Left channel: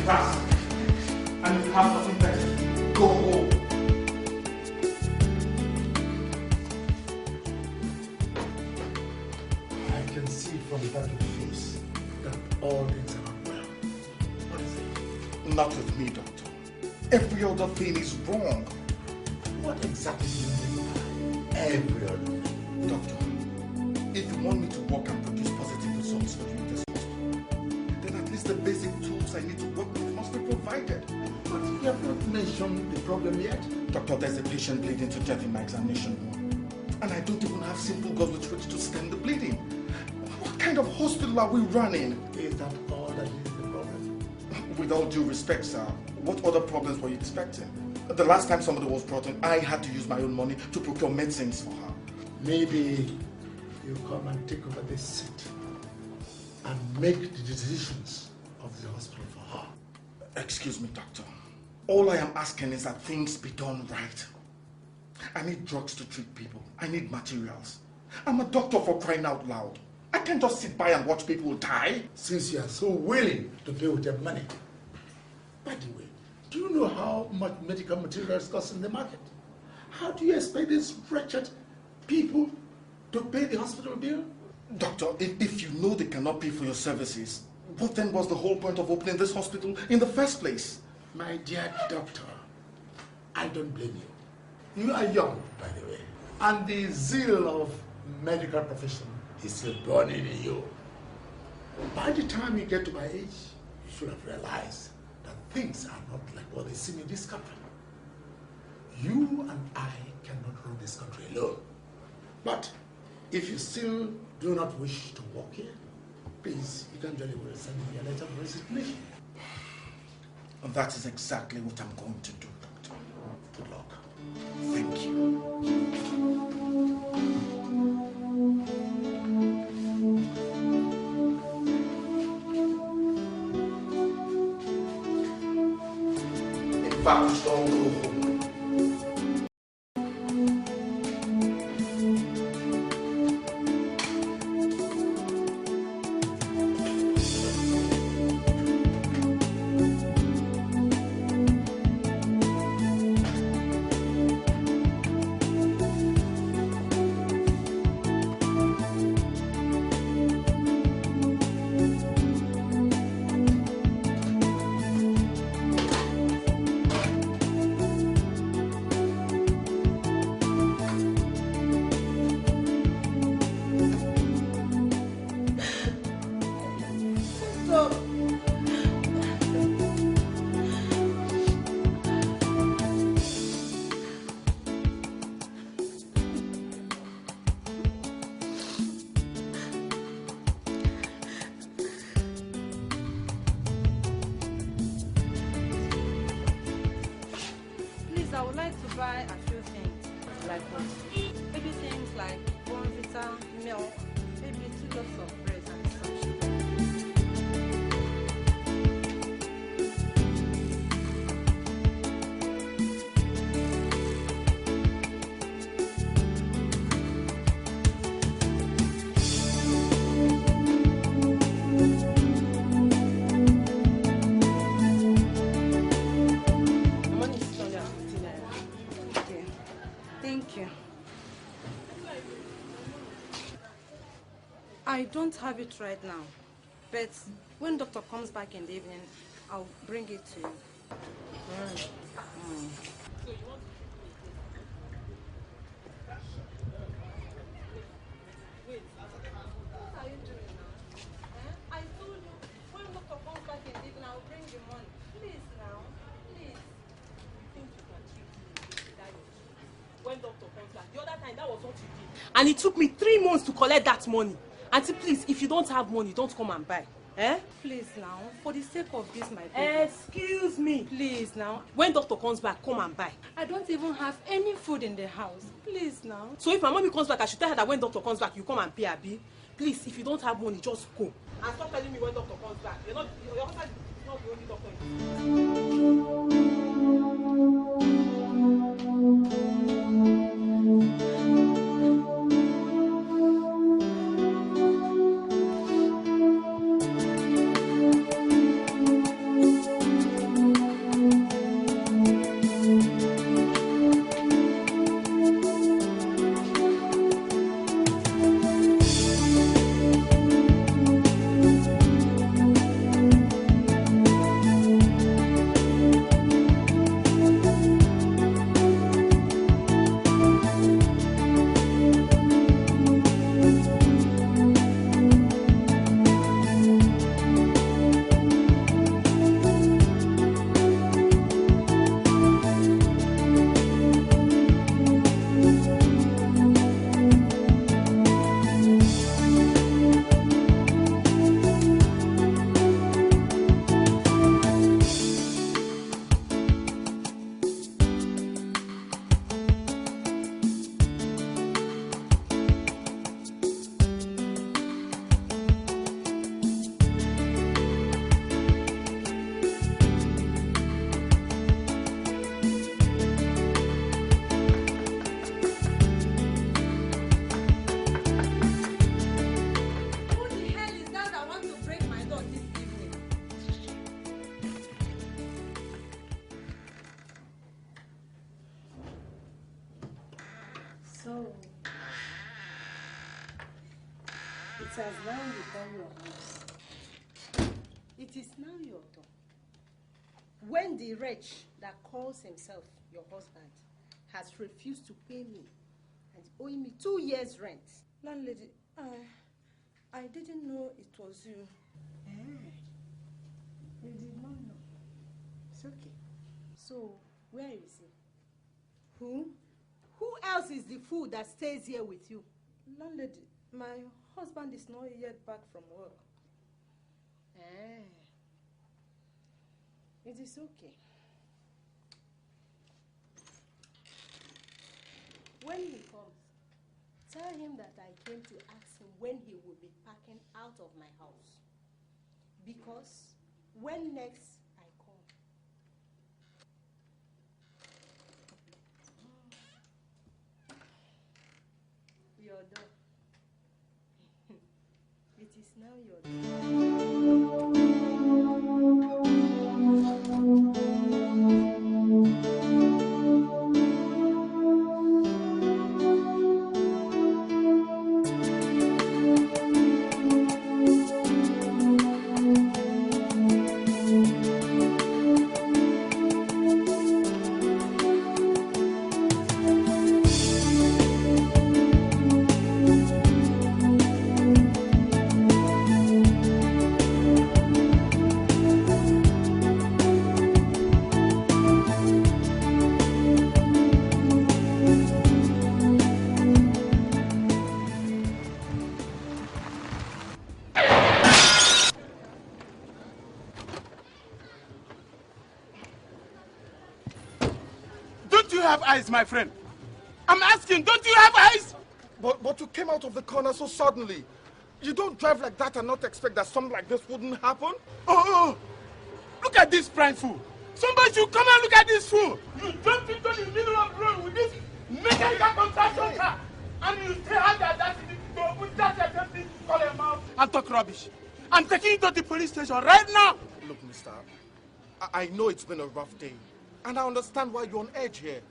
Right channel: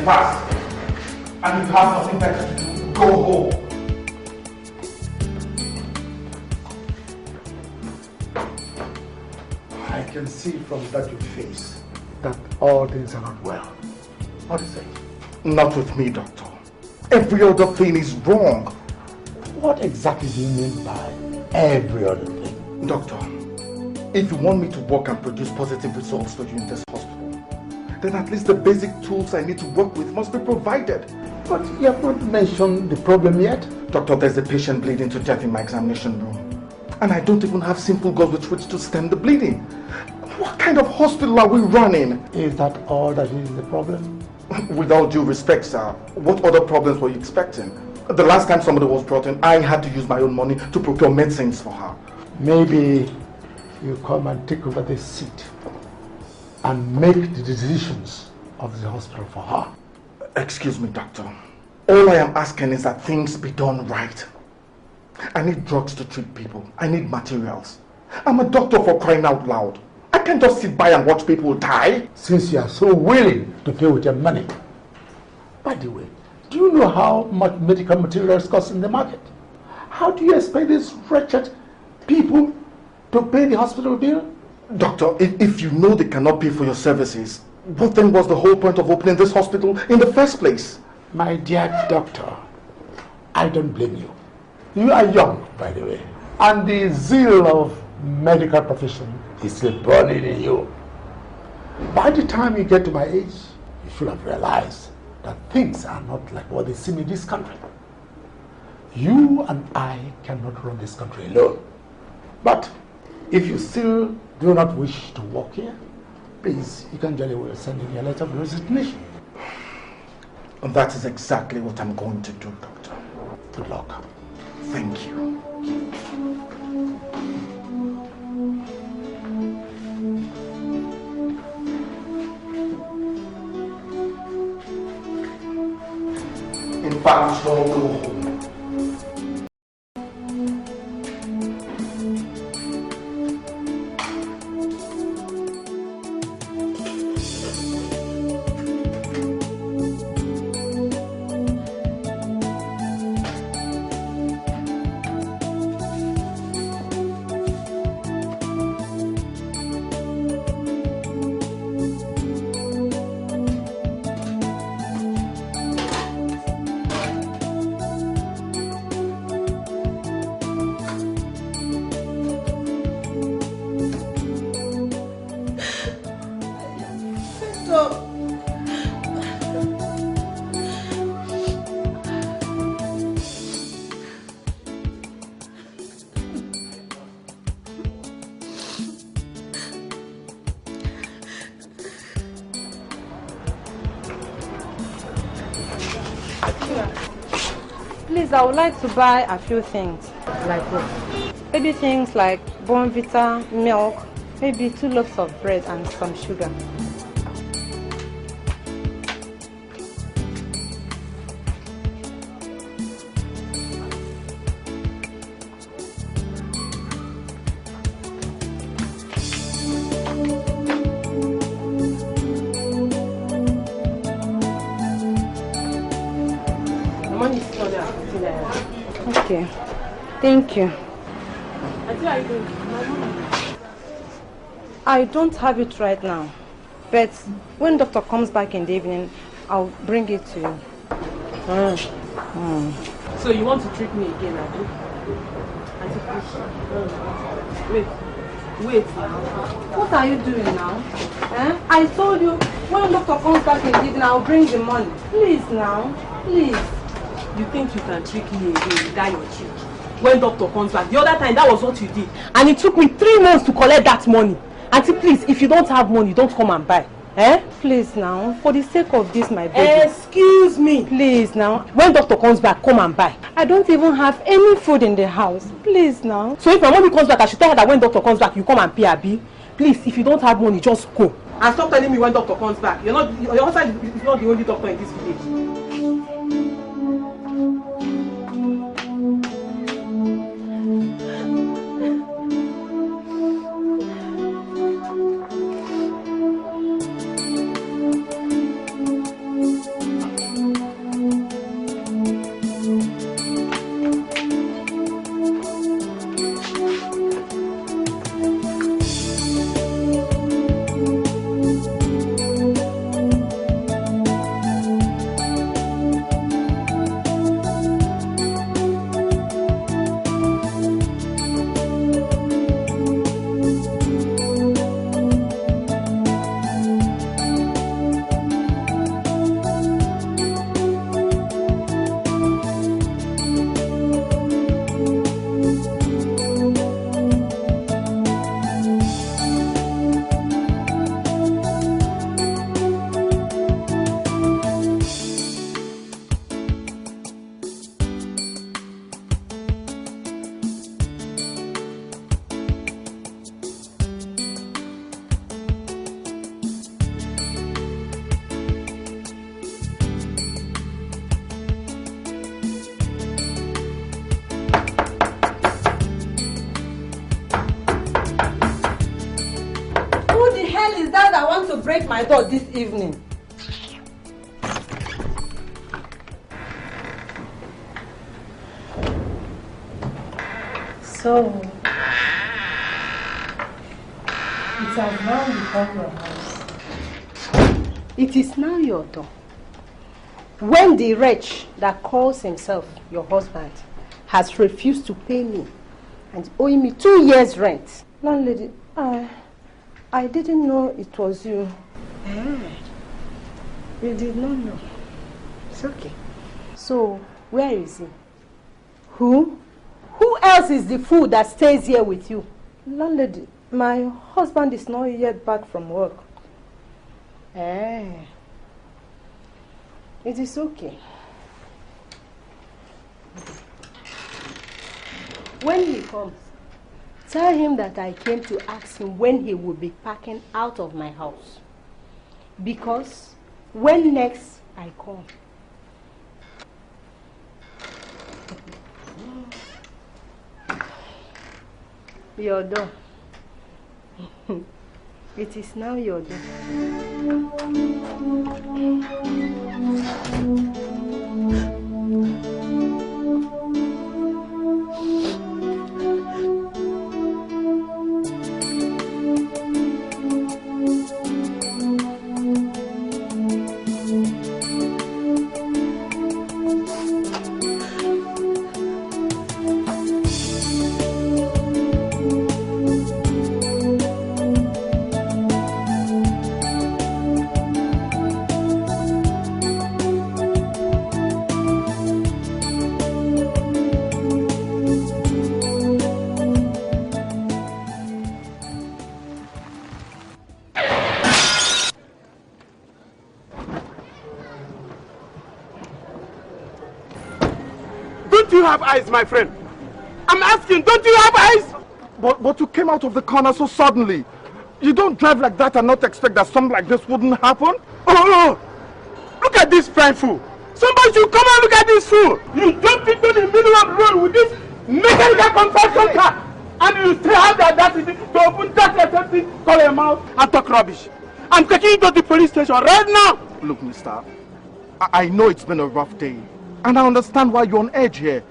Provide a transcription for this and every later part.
the past. And you have nothing better to do. Go home. I can see from that your face that all things are not well. What is it? Not with me, doctor. Every other thing is wrong. What exactly do you mean by every other thing? Doctor, if you want me to work and produce positive results for you in this hospital, then at least the basic tools I need to work with must be provided. But you have not mentioned the problem yet. Doctor, there's a patient bleeding to death in my examination room. And I don't even have simple gauze with which to stem the bleeding. What kind of hospital are we running? Is that all that is the problem? With all due respect, sir, what other problems were you expecting? The last time somebody was brought in, I had to use my own money to procure medicines for her. Maybe you come and take over this seat and make the decisions of the hospital for her. Excuse me, doctor. All I am asking is that things be done right. I need drugs to treat people. I need materials. I'm a doctor, for crying out loud. I can't just sit by and watch people die. Since you are so willing to pay with your money. By the way, do you know how much medical materials cost in the market? How do you expect these wretched people to pay the hospital bill? Doctor, if you know they cannot pay for your services, what then was the whole point of opening this hospital in the first place? My dear doctor, I don't blame you. You are young, by the way, and the zeal of medical profession is still burning in you. By the time you get to my age, you should have realized that things are not like what they seem in this country. You and I cannot run this country alone. But if you still do not wish to work here, please, you can jolly well send in your letter of resignation. And that is exactly what I'm going to do, doctor. Good luck. Thank you. In fact, I'll go home. I would like to buy a few things. Like what? Maybe things like Bonvita, milk, maybe 2 loaves of bread and some sugar. Thank you. I don't have it right now, but when doctor comes back in the evening, I'll bring it to you. So you want to trick me again, Auntie? Wait now. What are you doing now? I told you, when doctor comes back in the evening, I'll bring the money. Please now, please. You think you can trick me again with that your trick? When doctor comes back, the other time that was what you did, and it took me 3 months to collect that money. Auntie, please, if you don't have money, don't come and buy. Please now, for the sake of this, my baby. Excuse me. Please now. When doctor comes back, come and buy. I don't even have any food in the house. Please now. So if my mommy comes back, I should tell her that when doctor comes back, you come and pay Abi. Please, if you don't have money, just go. And stop telling me when doctor comes back. Your husband is not the only doctor in this village. door this evening. So, it has now become your house. It is now your door. When the wretch that calls himself your husband has refused to pay me and owing me 2 years' rent. Landlady, I didn't know it was you. You did not know. It's okay. So, where is he? Who? Who else is the fool that stays here with you? Landlady, my husband is not yet back from work. It is okay. When he comes, tell him that I came to ask him when he will be packing out of my house. Because when next I come, your door. It is now your door. Eyes, my friend. I'm asking, don't you have eyes? But you came out of the corner so suddenly. You don't drive like that and not expect that something like this wouldn't happen? Oh, look at this fine fool. Somebody should come and look at this fool. You jump into the middle of the road with this mechanical construction car, and you still have the audacity to open that assembly, call him out, and talk rubbish. I'm taking you to the police station right now. Look, mister, I know it's been a rough day, and I understand why you're on edge here.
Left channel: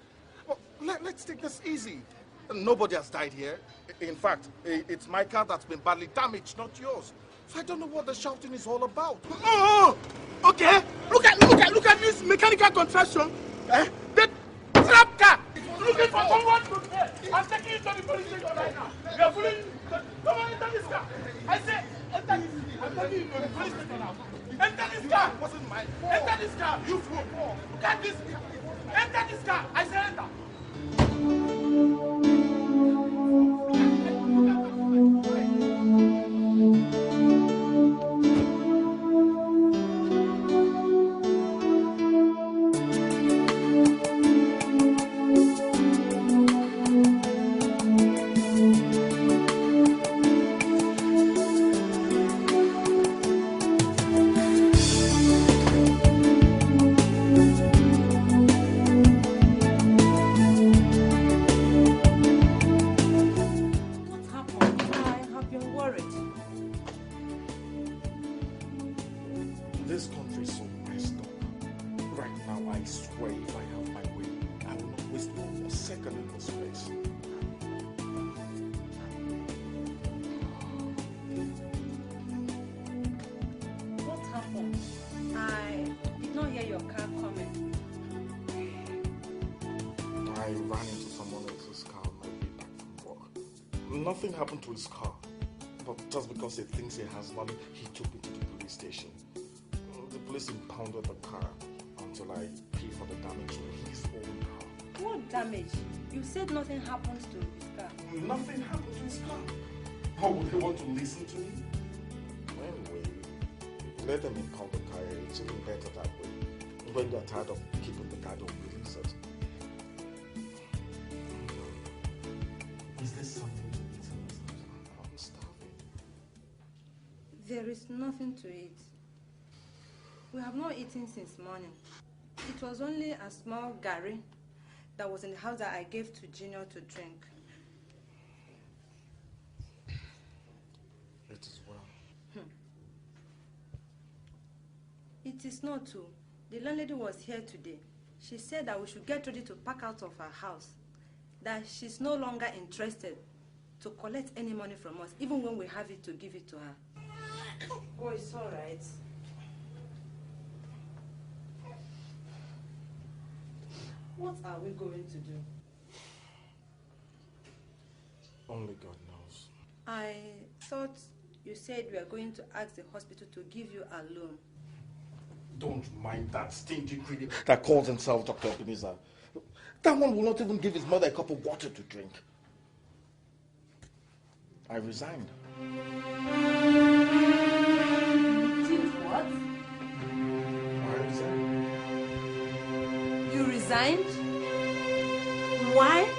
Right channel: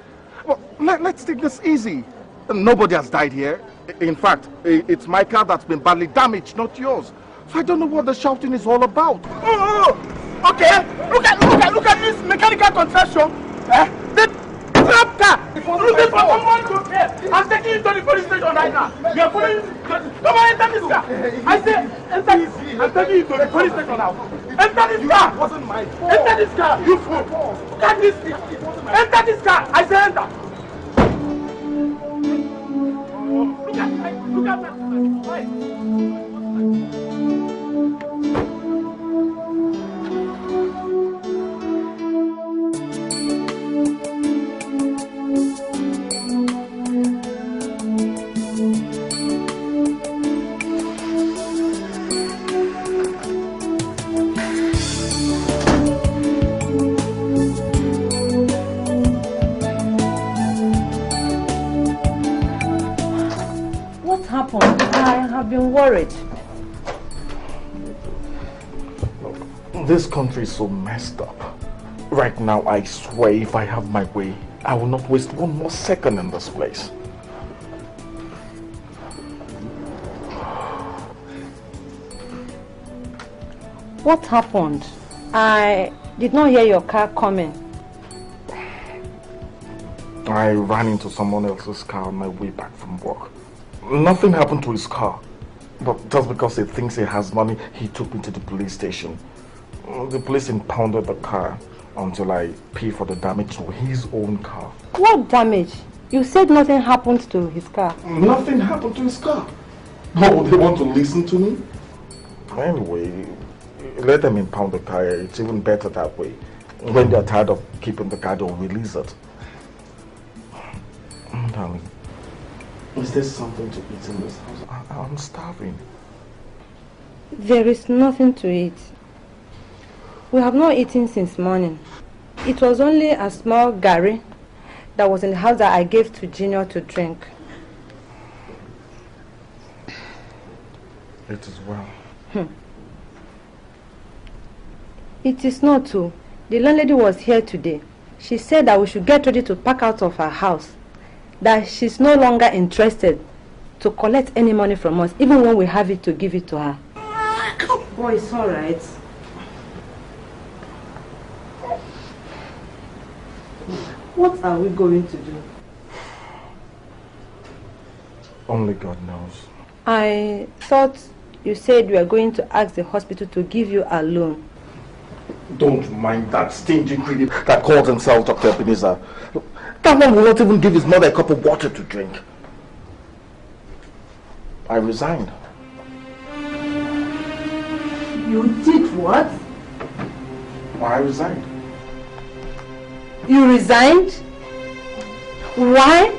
Well, let's take this easy. Nobody has died here. In fact, it's my car that's been badly damaged, not yours. So I don't know what the shouting is all about. Oh, okay. Look at this mechanical construction. The trap car. Looking for someone to pay. I'm taking you to the police station right now. You're pulling. Come on, enter this car. I say, enter this. I'm taking you to the police station now. Enter this car. It wasn't my fault. Enter this car, you fool. Look at this. Enter this car. I say enter. Look at that. This country is so messed up. Right now, I swear if I have my way, I will not waste one more second in this place. What happened? I did not hear your car coming. I ran into someone else's car on my way back from work. Nothing happened to his car. But just because he thinks he has money, he took me to the police station. The police impounded the car until I pay for the damage to his own car. What damage? You said nothing happened to his car. Nothing happened to his car. Oh, they want to listen to me? Anyway, let them impound the car. It's even better that way. When they're tired of keeping the car, they'll release it. Darling, is there something to eat in this house? I'm starving. There is nothing to eat. We have not eaten since morning. It was only a small gari that was in the house that I gave to Junior to drink. It is well. It is not true. The landlady was here today. She said that we should get ready to pack out of her house. That she's no longer interested to collect any money from us, even when we have it to give it to her. Oh, it's all right. What are we going to do? Only God knows. I thought you said you were going to ask the hospital to give you a loan. Don't mind that stingy creep that calls himself Dr. Ebenezer. That one will not even give his mother a cup of water to drink. I resigned. You did what? I resigned. You resigned? Why?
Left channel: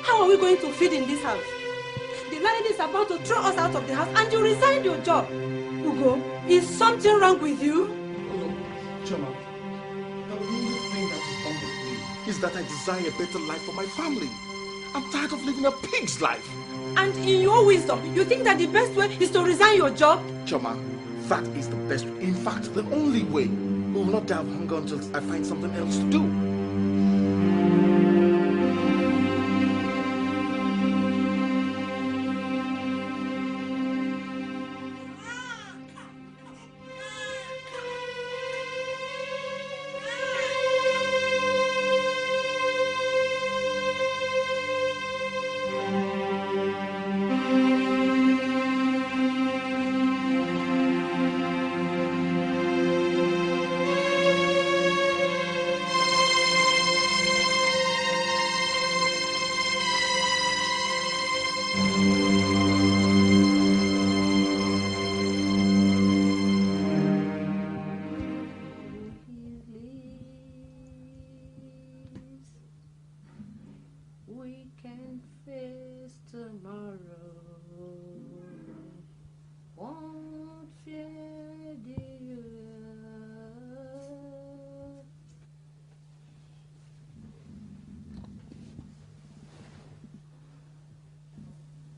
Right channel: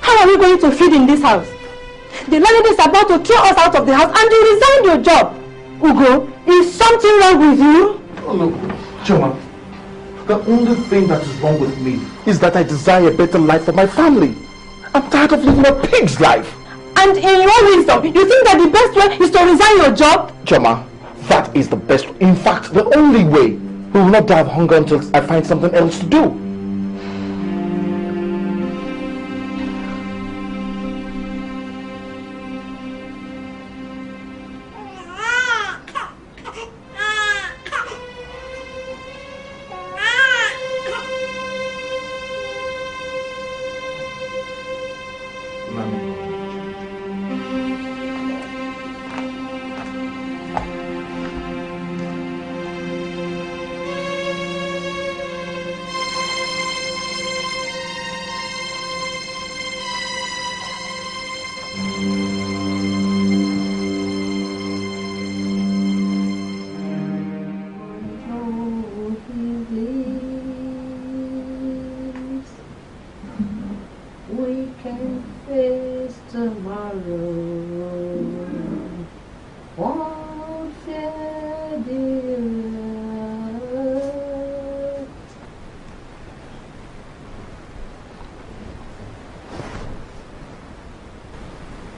How are we going to feed in this house? The landlady is about to throw us out of the house and you resigned your job. Ugo, is something wrong with you? Oh no, Choma. The only thing that is wrong with me is that I desire a better life for my family. I'm tired of living a pig's life. And in your wisdom, you think that the best way is to resign your job? Choma, that is the best. In fact, the only way. We will not die of hunger until I find something else to do.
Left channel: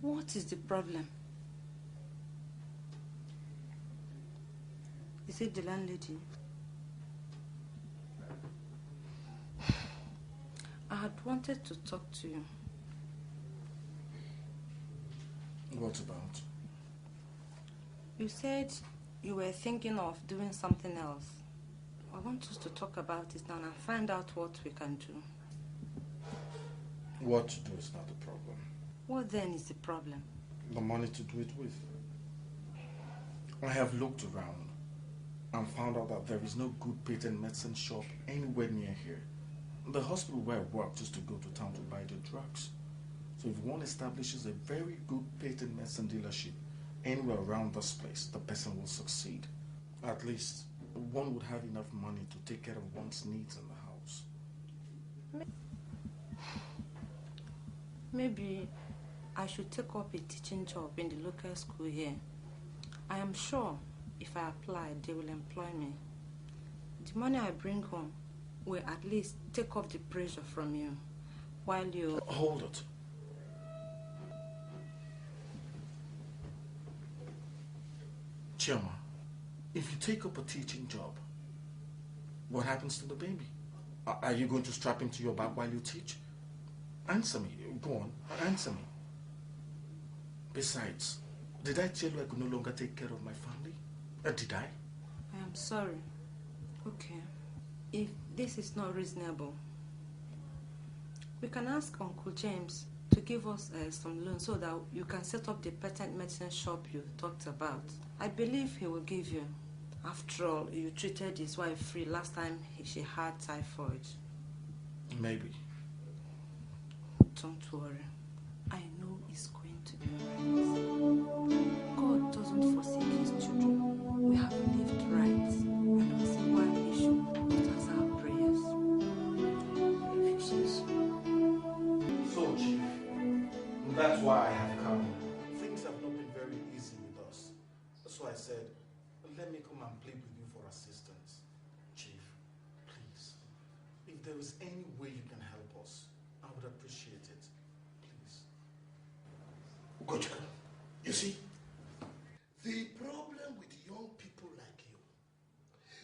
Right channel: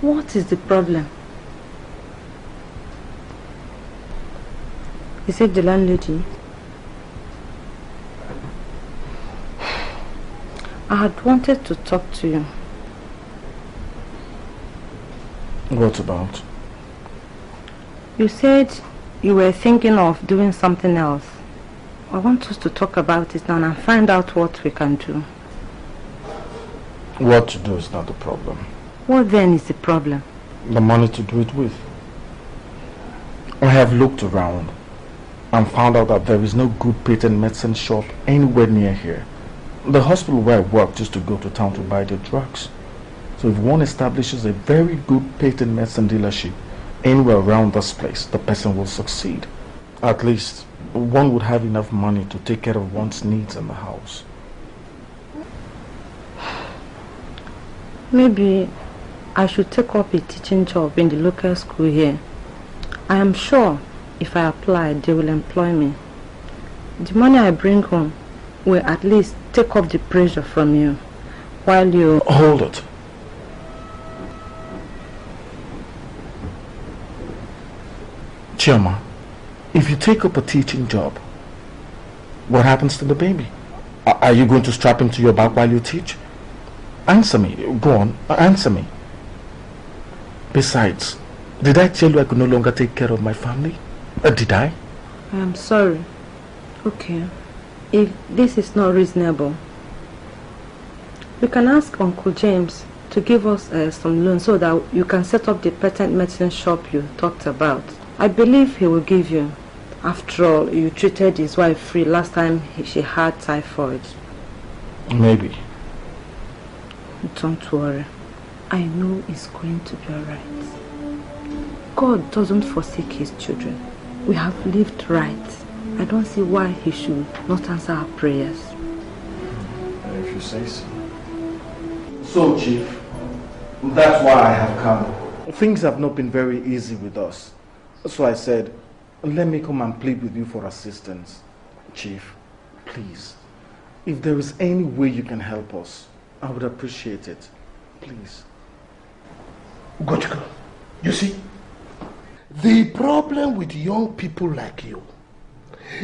What is the problem? Is it the landlady? I had wanted to talk to you. What about? You said you were thinking of doing something else. I want us to talk about it now and find out what we can do. What to do is not the problem. What then is the problem? The money to do it with. I have looked around and found out that there is no good patent medicine shop anywhere near here. The hospital where I work used to go to town to buy their drugs. So if one establishes a very good patent medicine dealership anywhere around this place, the person will succeed. At least one would have enough money to take care of one's needs in the house. Maybe I should take up a teaching job in the local school here. I am sure if I apply, they will employ me. The money I bring home will at least take off the pressure from you while you... Hold it. Chioma, if you take up a teaching job, what happens to the baby? Are you going to strap him to your back while you teach? Answer me. Go on, answer me. Besides, did I tell you I could no longer take care of my family? Did I? I am sorry. Okay. If this is not reasonable, we can ask Uncle James to give us some loan so that you can set up the patent medicine shop you talked about. I believe he will give you. After all, you treated his wife free last time she had typhoid. Maybe. Don't worry. I know it's going to be alright. God doesn't forsake his children. We have lived right. I don't see why he should not answer our prayers. If you say so. So, Chief, that's why I have come. Things have not been very easy with us. So I said, let me come and plead with you for assistance. Chief, please, if there is any way you can help us, I would appreciate it. Please. Gochiko, you see, the problem with young people like you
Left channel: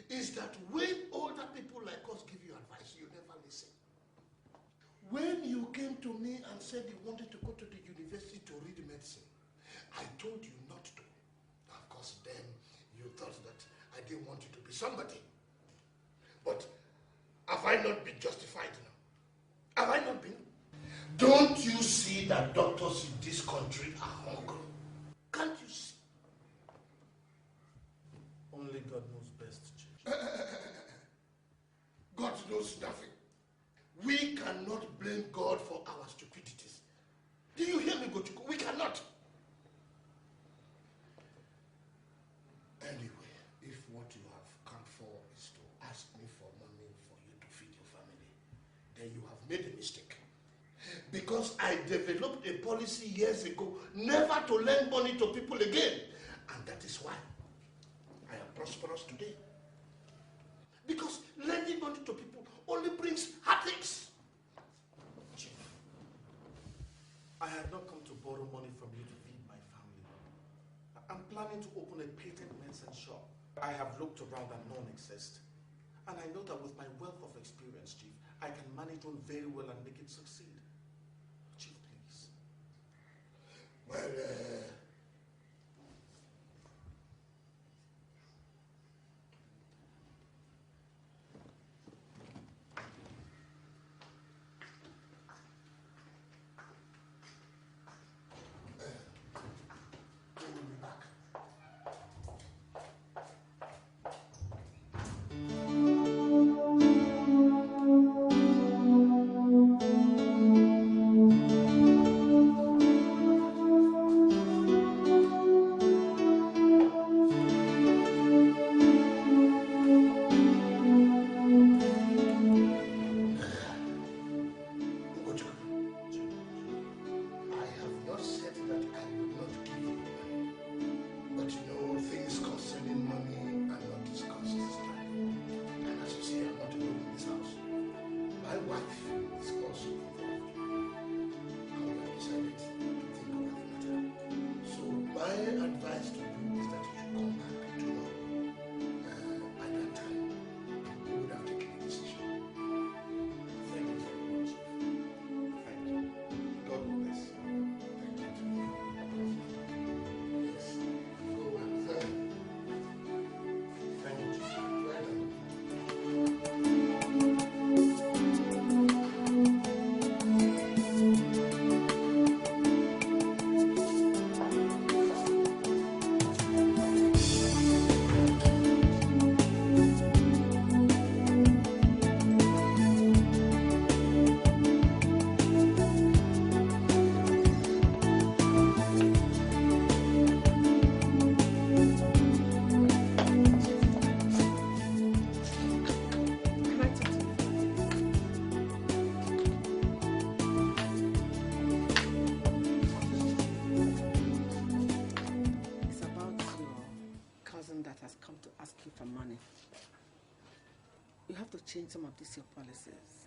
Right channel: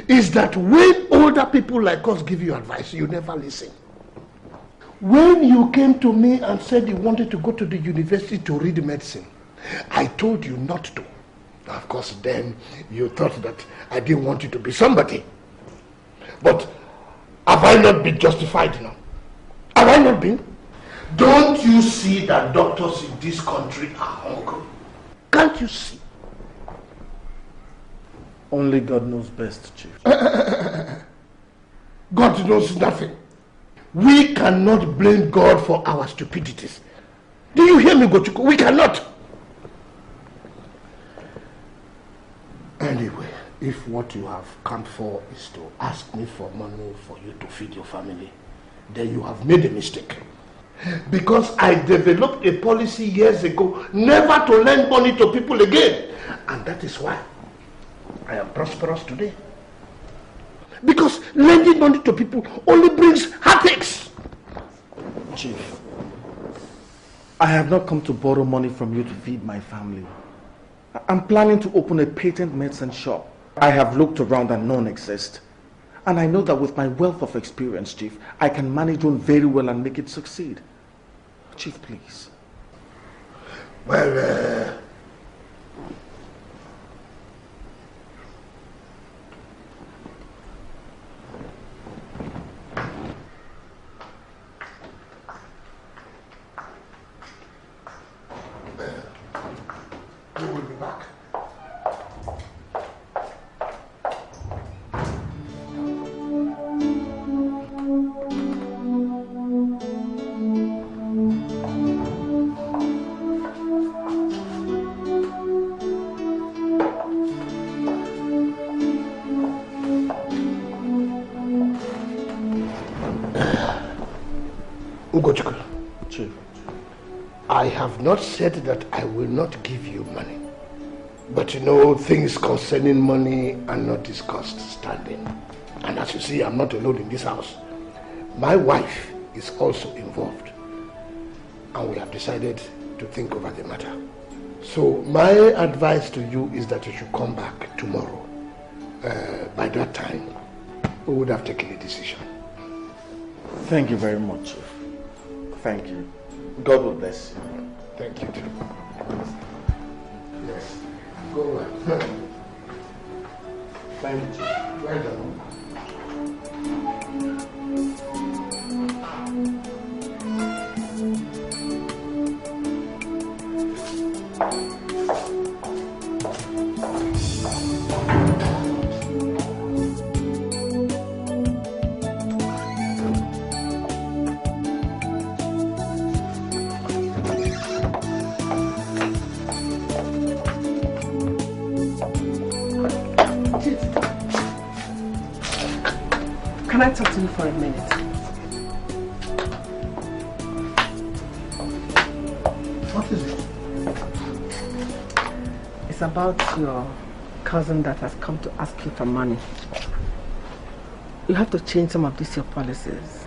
is that when older people like us give you advice, you never listen. When you came to me and said you wanted to go to the university to read medicine, I told you not to. Of course, then you thought that I didn't want you to be somebody. But have I not been justified now? Have I not been? Don't you see that doctors in this country are hungry? Can't you see? Only God knows best, Chief. God knows nothing. We cannot blame God for our stupidities. Do you hear me, Gochuko? We cannot. Anyway, if what you have come for is to ask me for money for you to feed your family, then you have made a mistake. Because I developed a policy years ago never to lend money to people again. And that is why I am prosperous today. Because lending money to people only brings heartaches. Chief, I have not come to borrow money from you to feed my family. I'm planning to open a patent medicine shop. I have looked around and none exist. And I know that with my wealth of experience, Chief, I can manage one very well and make it succeed. Chief, please. Well, we will be back. I have not said that I will not give you money. But you know, things concerning money are not discussed standing. And as you see, I'm not alone in this house. My wife is also involved. And we have decided to think over the matter. So my advice to you is that you should come back tomorrow. By that time, we would have taken a decision. Thank you very much, Chief. Thank you. God will bless you. Thank you too. Yes. Go on. Thank you. Well done. Can I talk to you for a minute? What is it? It's about your cousin that has come to ask you for money. You have to change some of these your policies.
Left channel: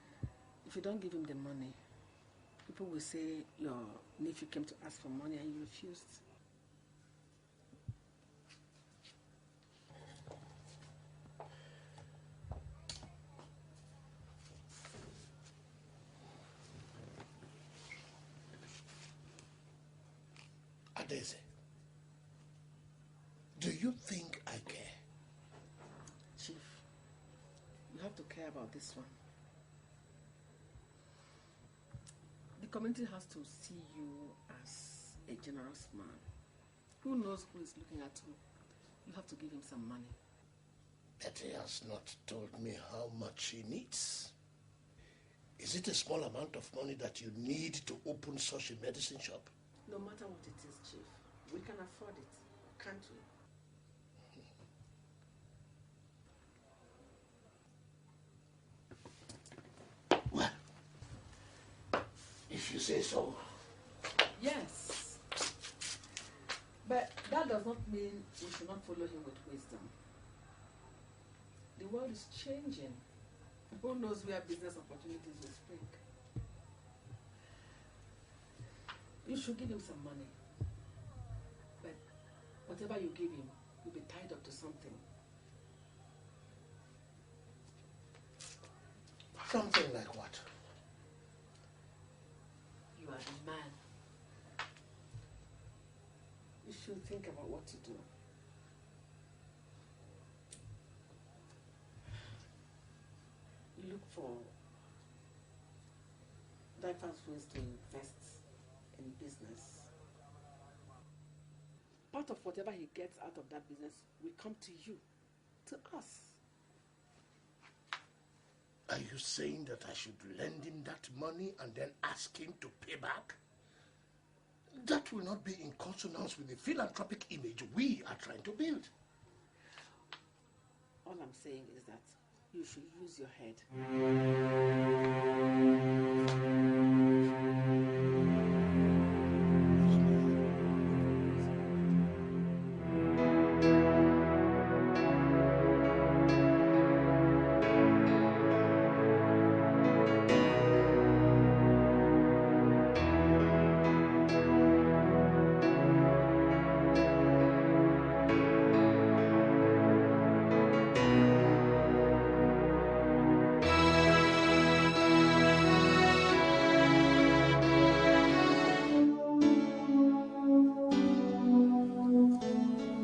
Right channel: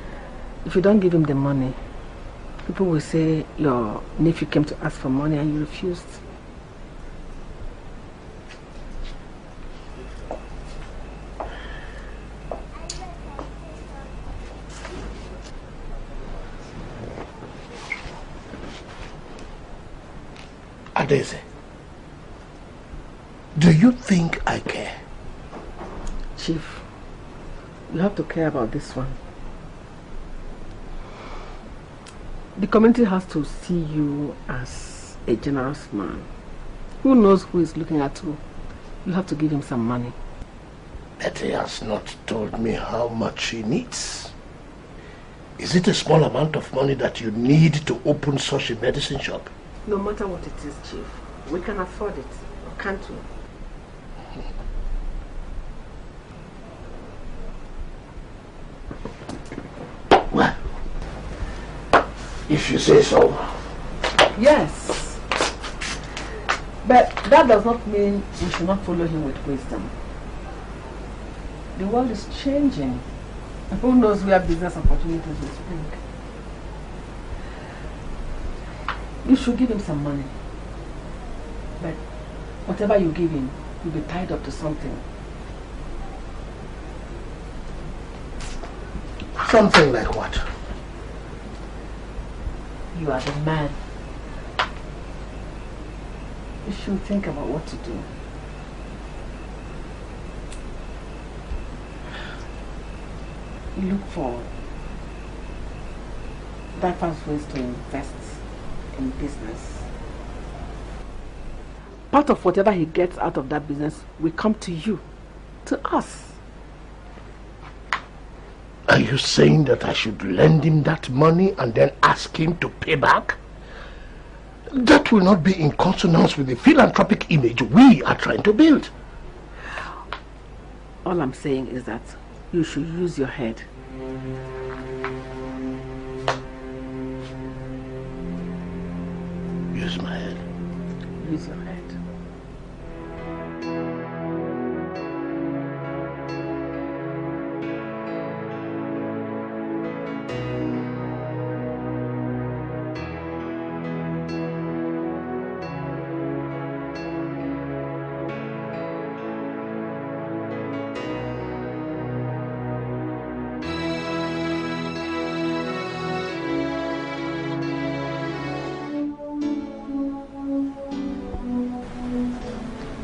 If you don't give him the money, people will say your nephew came to ask for money and you refused. Adeze, do you think I care? Chief, you have to care about this one. The community has to see you as a generous man. Who knows who is looking at you? You have to give him some money. But he has not told me how much he needs. Is it a small amount of money that you need to open such a medicine shop? No matter what it is, Chief, we can afford it, or can't we? Well, if you say so. Yes. But that does not mean we should not follow him with wisdom. The world is changing. And who knows where business opportunities will spring. You should give him some money. But whatever you give him, you'll be tied up to something. Something like what? You are the man. You should think about what to do. You look for diverse ways to invest in business. Part of whatever he gets out of that business will come to you, to us. Are you saying that I should lend him that money and then ask him to pay back? That will not be in consonance with the philanthropic image we are trying to build. All I'm saying is that you should use your head. Use my head. Use your head.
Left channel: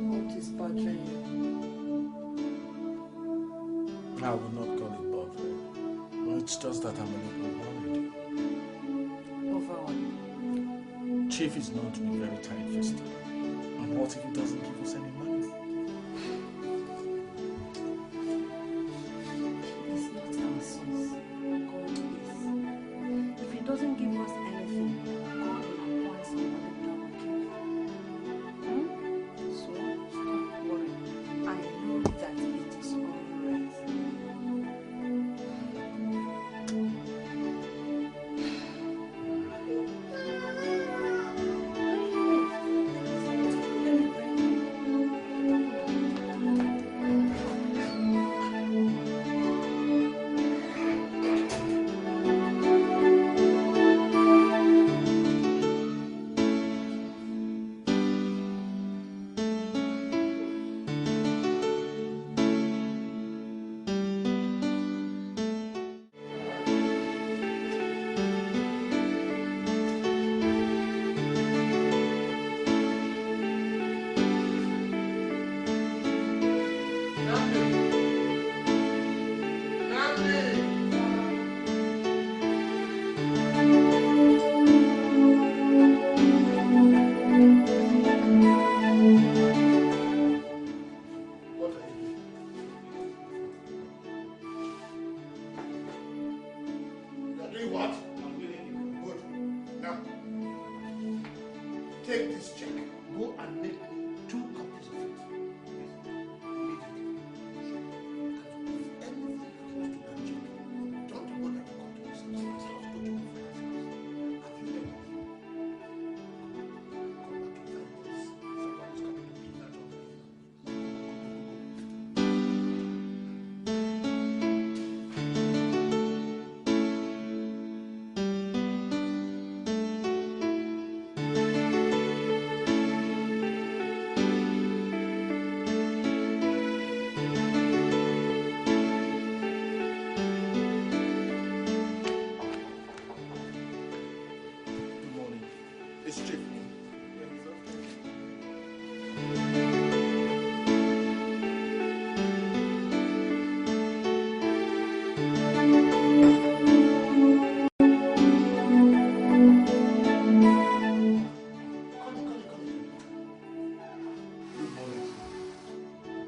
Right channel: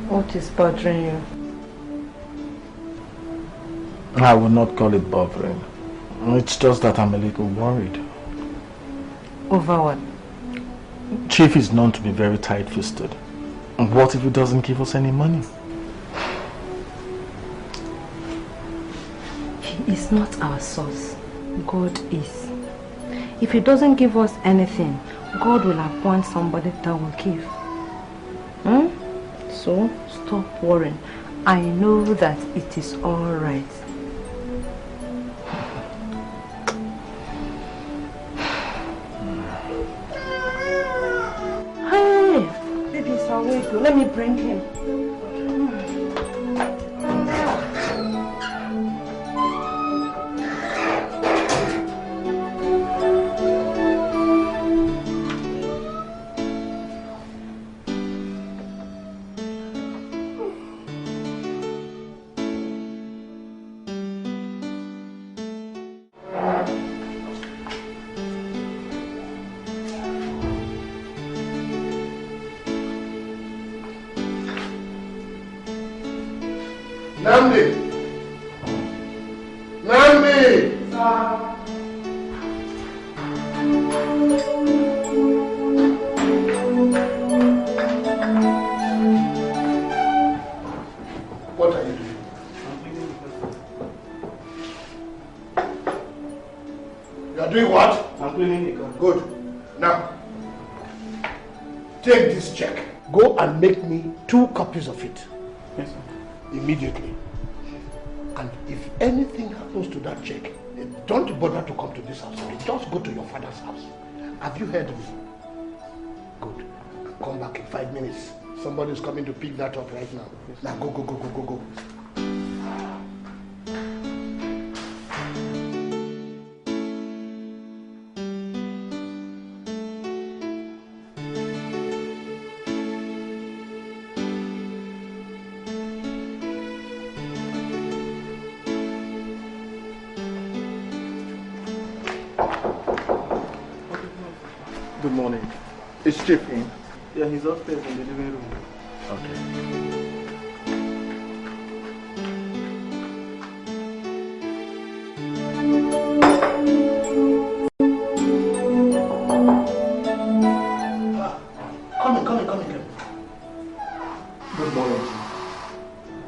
What is bothering you? I would not call it bothering. It's just that I'm a little worried. Over what? Chief is known to be very tight-fisted. And what if he doesn't give us any money? He is not our source. God is. If he doesn't give us anything, God will appoint somebody that will give. So, stop worrying. I know that it is all right. Hey, baby's awake. Let me bring him. Make me 2 copies of it. Yes, sir. Immediately. And if anything happens to that check, don't bother to come to this house. Just go to your father's house. Have you heard me? Good. Come back in 5 minutes. Somebody's coming to pick that up right now. Yes. Now go. Is Chief in? Yeah, he's upstairs in the living room. Okay. Come in. Good morning.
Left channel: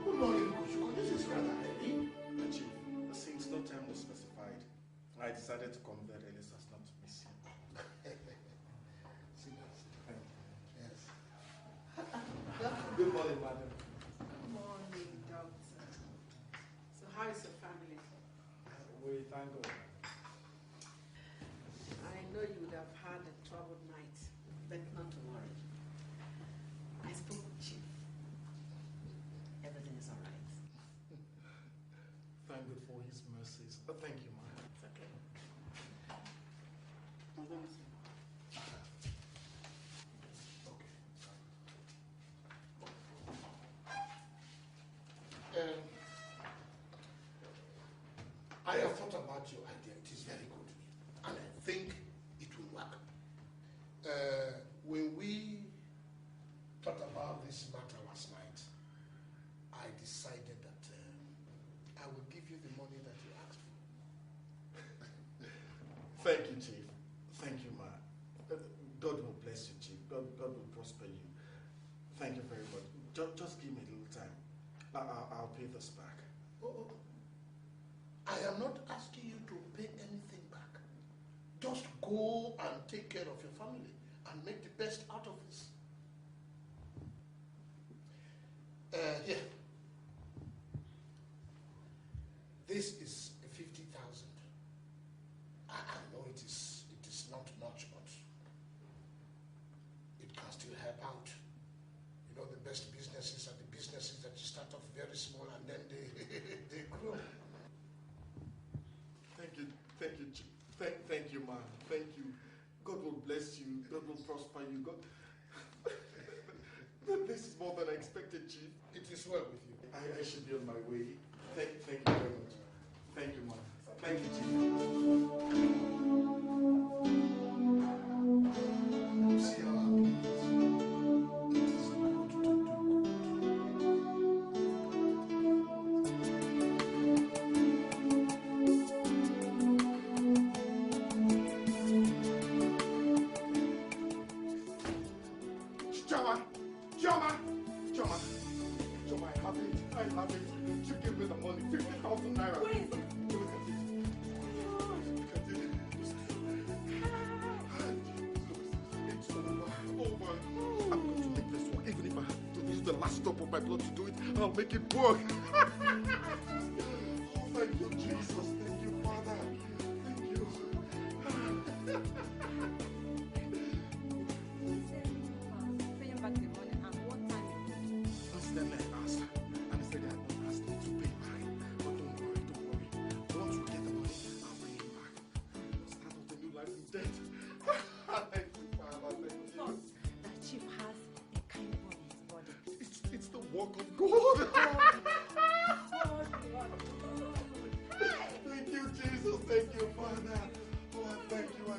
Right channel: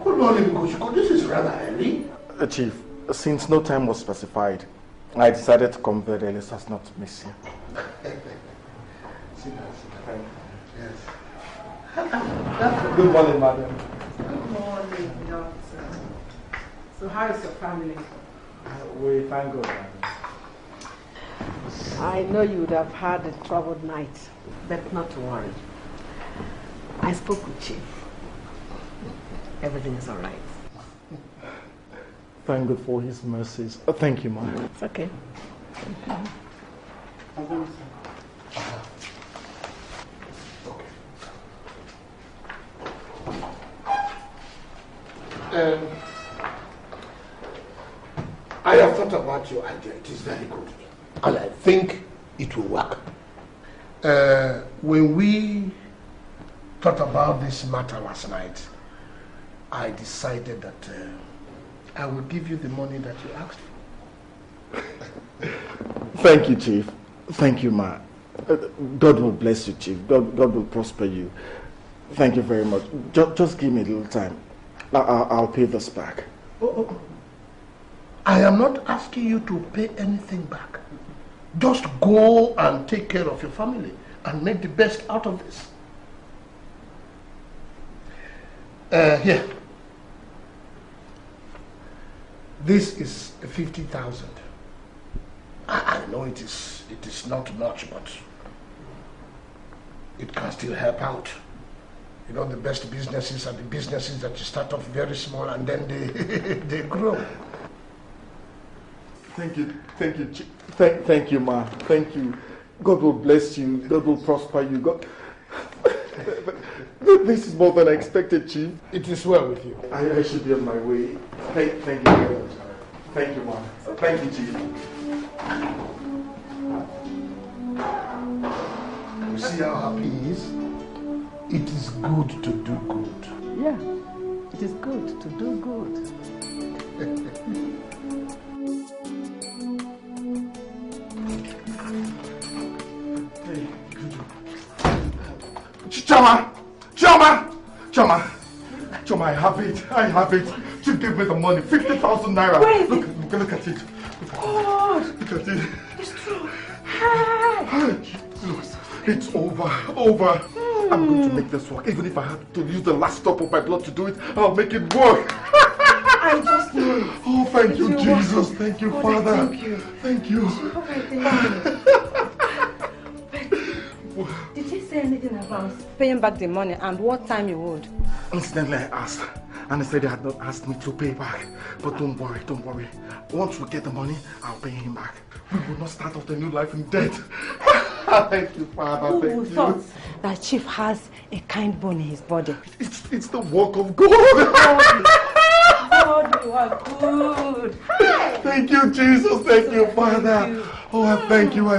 Good morning, Kushiko. This is rather early. Chief, since no time was specified, I decided to come very early so as not to miss you. Good morning, madam. Good morning, doctor. So how is your family? We thank God, madam. I know you would have had a troubled night, but not to worry. I spoke with Chief. Everything is all right. Thank God for his mercies. Thank you, ma'am. It's okay. I have thought about about your idea. It is very good. And I think it will work. When we thought about this matter last night, I decided that I will give you the money that you asked for. Thank you, Chief. Thank you, Ma. God will bless you, Chief. God will prosper you. Thank you very much. Just give me a little time. I'll pay this back. Oh. I am not asking you to pay anything back. Just go and take care of your family and make the best out of this. Here. This is 50,000. I know it is not much, but it can still help out. You know, the best businesses are the businesses that you start off very small and then they grow. Thank you, Chief. Thank you, Ma. Thank you. God will bless you. God will prosper you. God. This is more than I expected, Chief. It is well with you. I should be on my way. Thank you very much. Thank you, Ma. Thank you, Chief. You see how happy he is? It is good to do good. Yeah, it is good to do good. Choma, I have it. Chief gave me the money, 50,000 naira. Look at it. God. Look at it. It's true. Hi. It's over. I'm going to make this work. Even if I have to use the last drop of my blood to do it, I'll make it work. I just know. Oh, thank you, Jesus. Thank you, Father. Thank you. Did he say anything about paying back the money and what time you would? Incidentally, I asked, and he said they had not asked me to pay back. But don't worry. Once we get the money, I'll pay him back. We will not start off a new life in debt. Thank you, Father. Thank you. Thought that Chief has a kind bone in his body. It's the work of God. God, you are good. Thank you, Jesus. Thank you, Father. Oh, I thank you.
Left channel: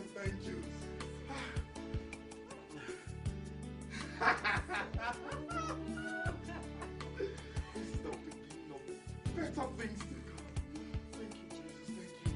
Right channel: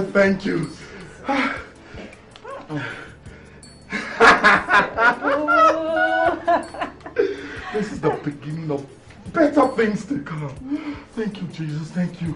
This is the beginning of better things to come. Thank you, Jesus. Thank you.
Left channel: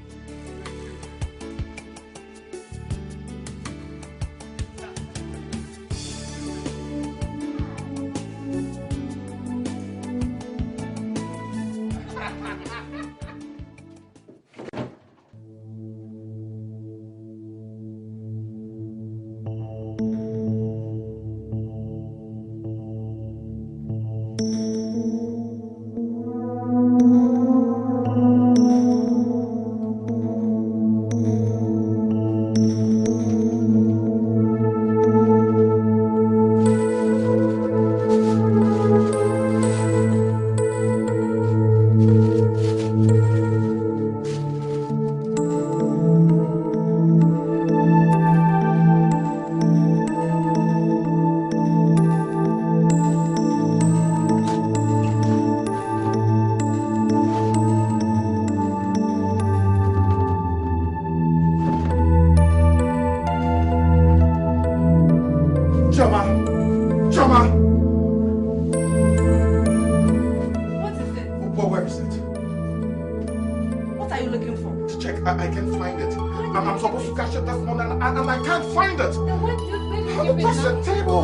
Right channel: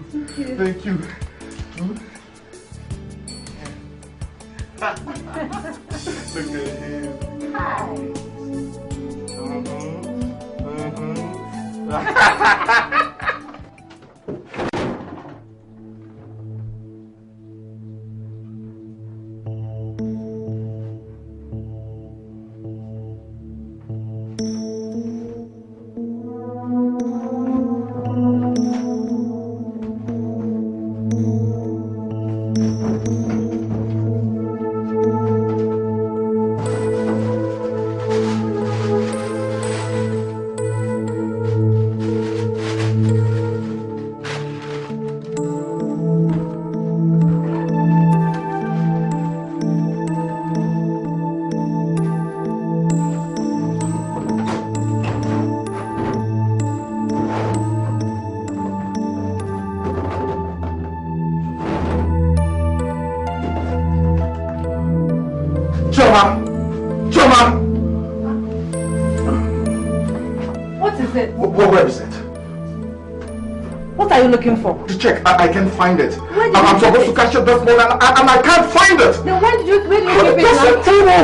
Looking for? To check, I can't find it. And I'm supposed to catch it this morning and I can't find it. Then where did you keep it? That's the table.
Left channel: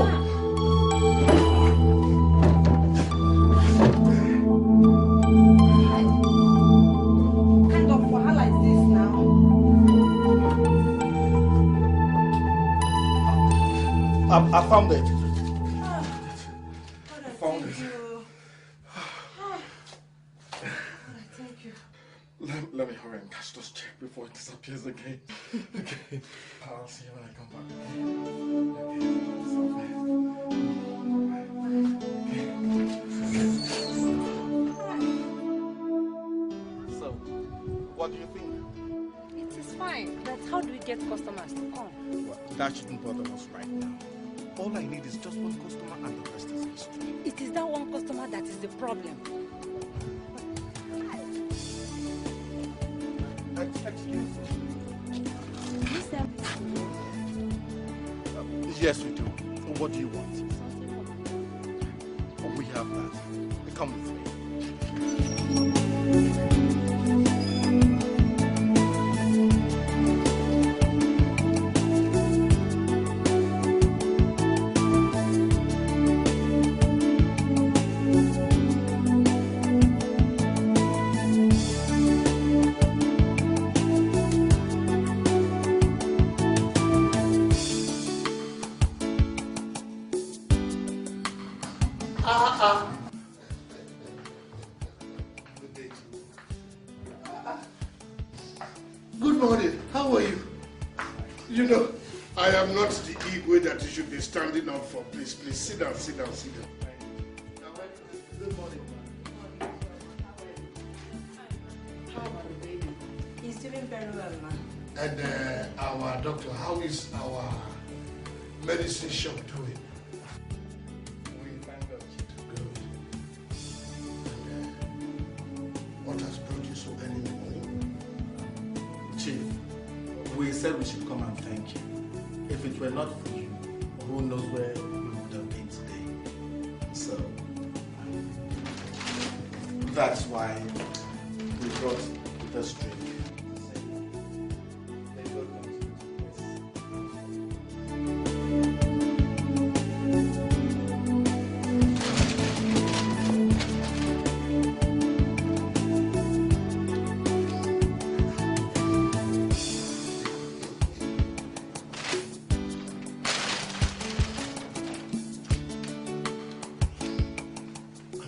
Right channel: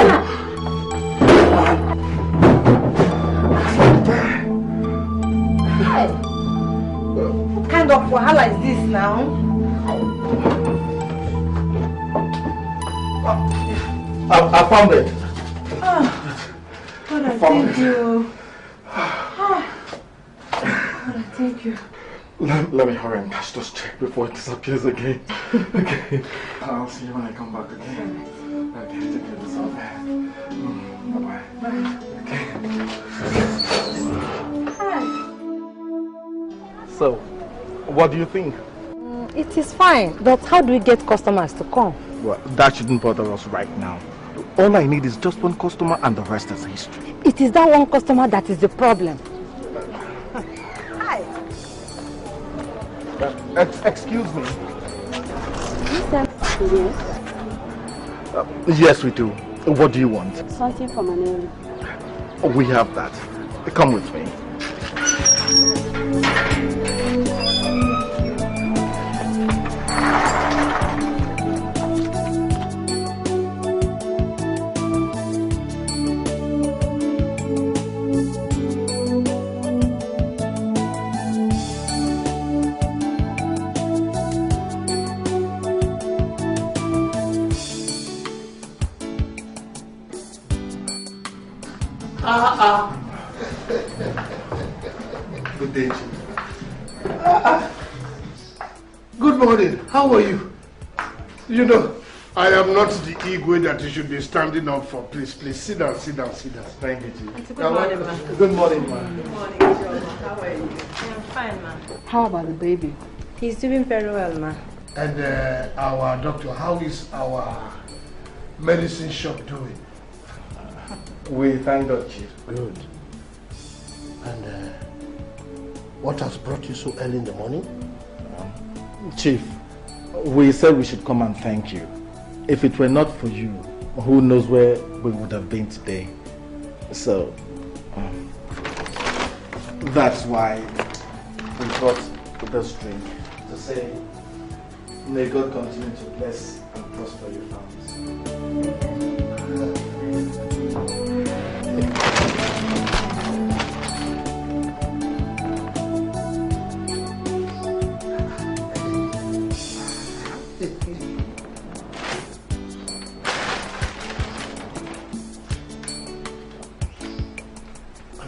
What kind of wahala is this now? I found it. God, I thank you. God, I thank you. Let me hurry and catch this check before it disappears again. Okay. I'll see you when I come back again. Okay, take care of yourself. Bye-bye. Okay. So, what do you think? It is fine, but how do we get customers to come? Well, that shouldn't bother us right now. All I need is just one customer and the rest is history. It is that one customer that is the problem. Hi. Excuse me. You sent to me? Yes, we do. What do you want? Something for my name. We have that. Come with me. Good day, Chief. Good morning. How are you? You know, I am not the Igwe that you should be standing up for. Please, please, sit down, sit down, sit down. Thank you, Chief. Good morning, ma. Good morning, ma. Good morning, Joe. How are you? I'm fine, ma. How about the baby? He's doing very well, ma. And our doctor, how is our medicine shop doing? We thank God, Chief. Good. And what has brought you so early in the morning? Chief, we said we should come and thank you. If it were not for you, who knows where we would have been today. So, that's why we brought this drink to say, may God continue to bless and prosper your families.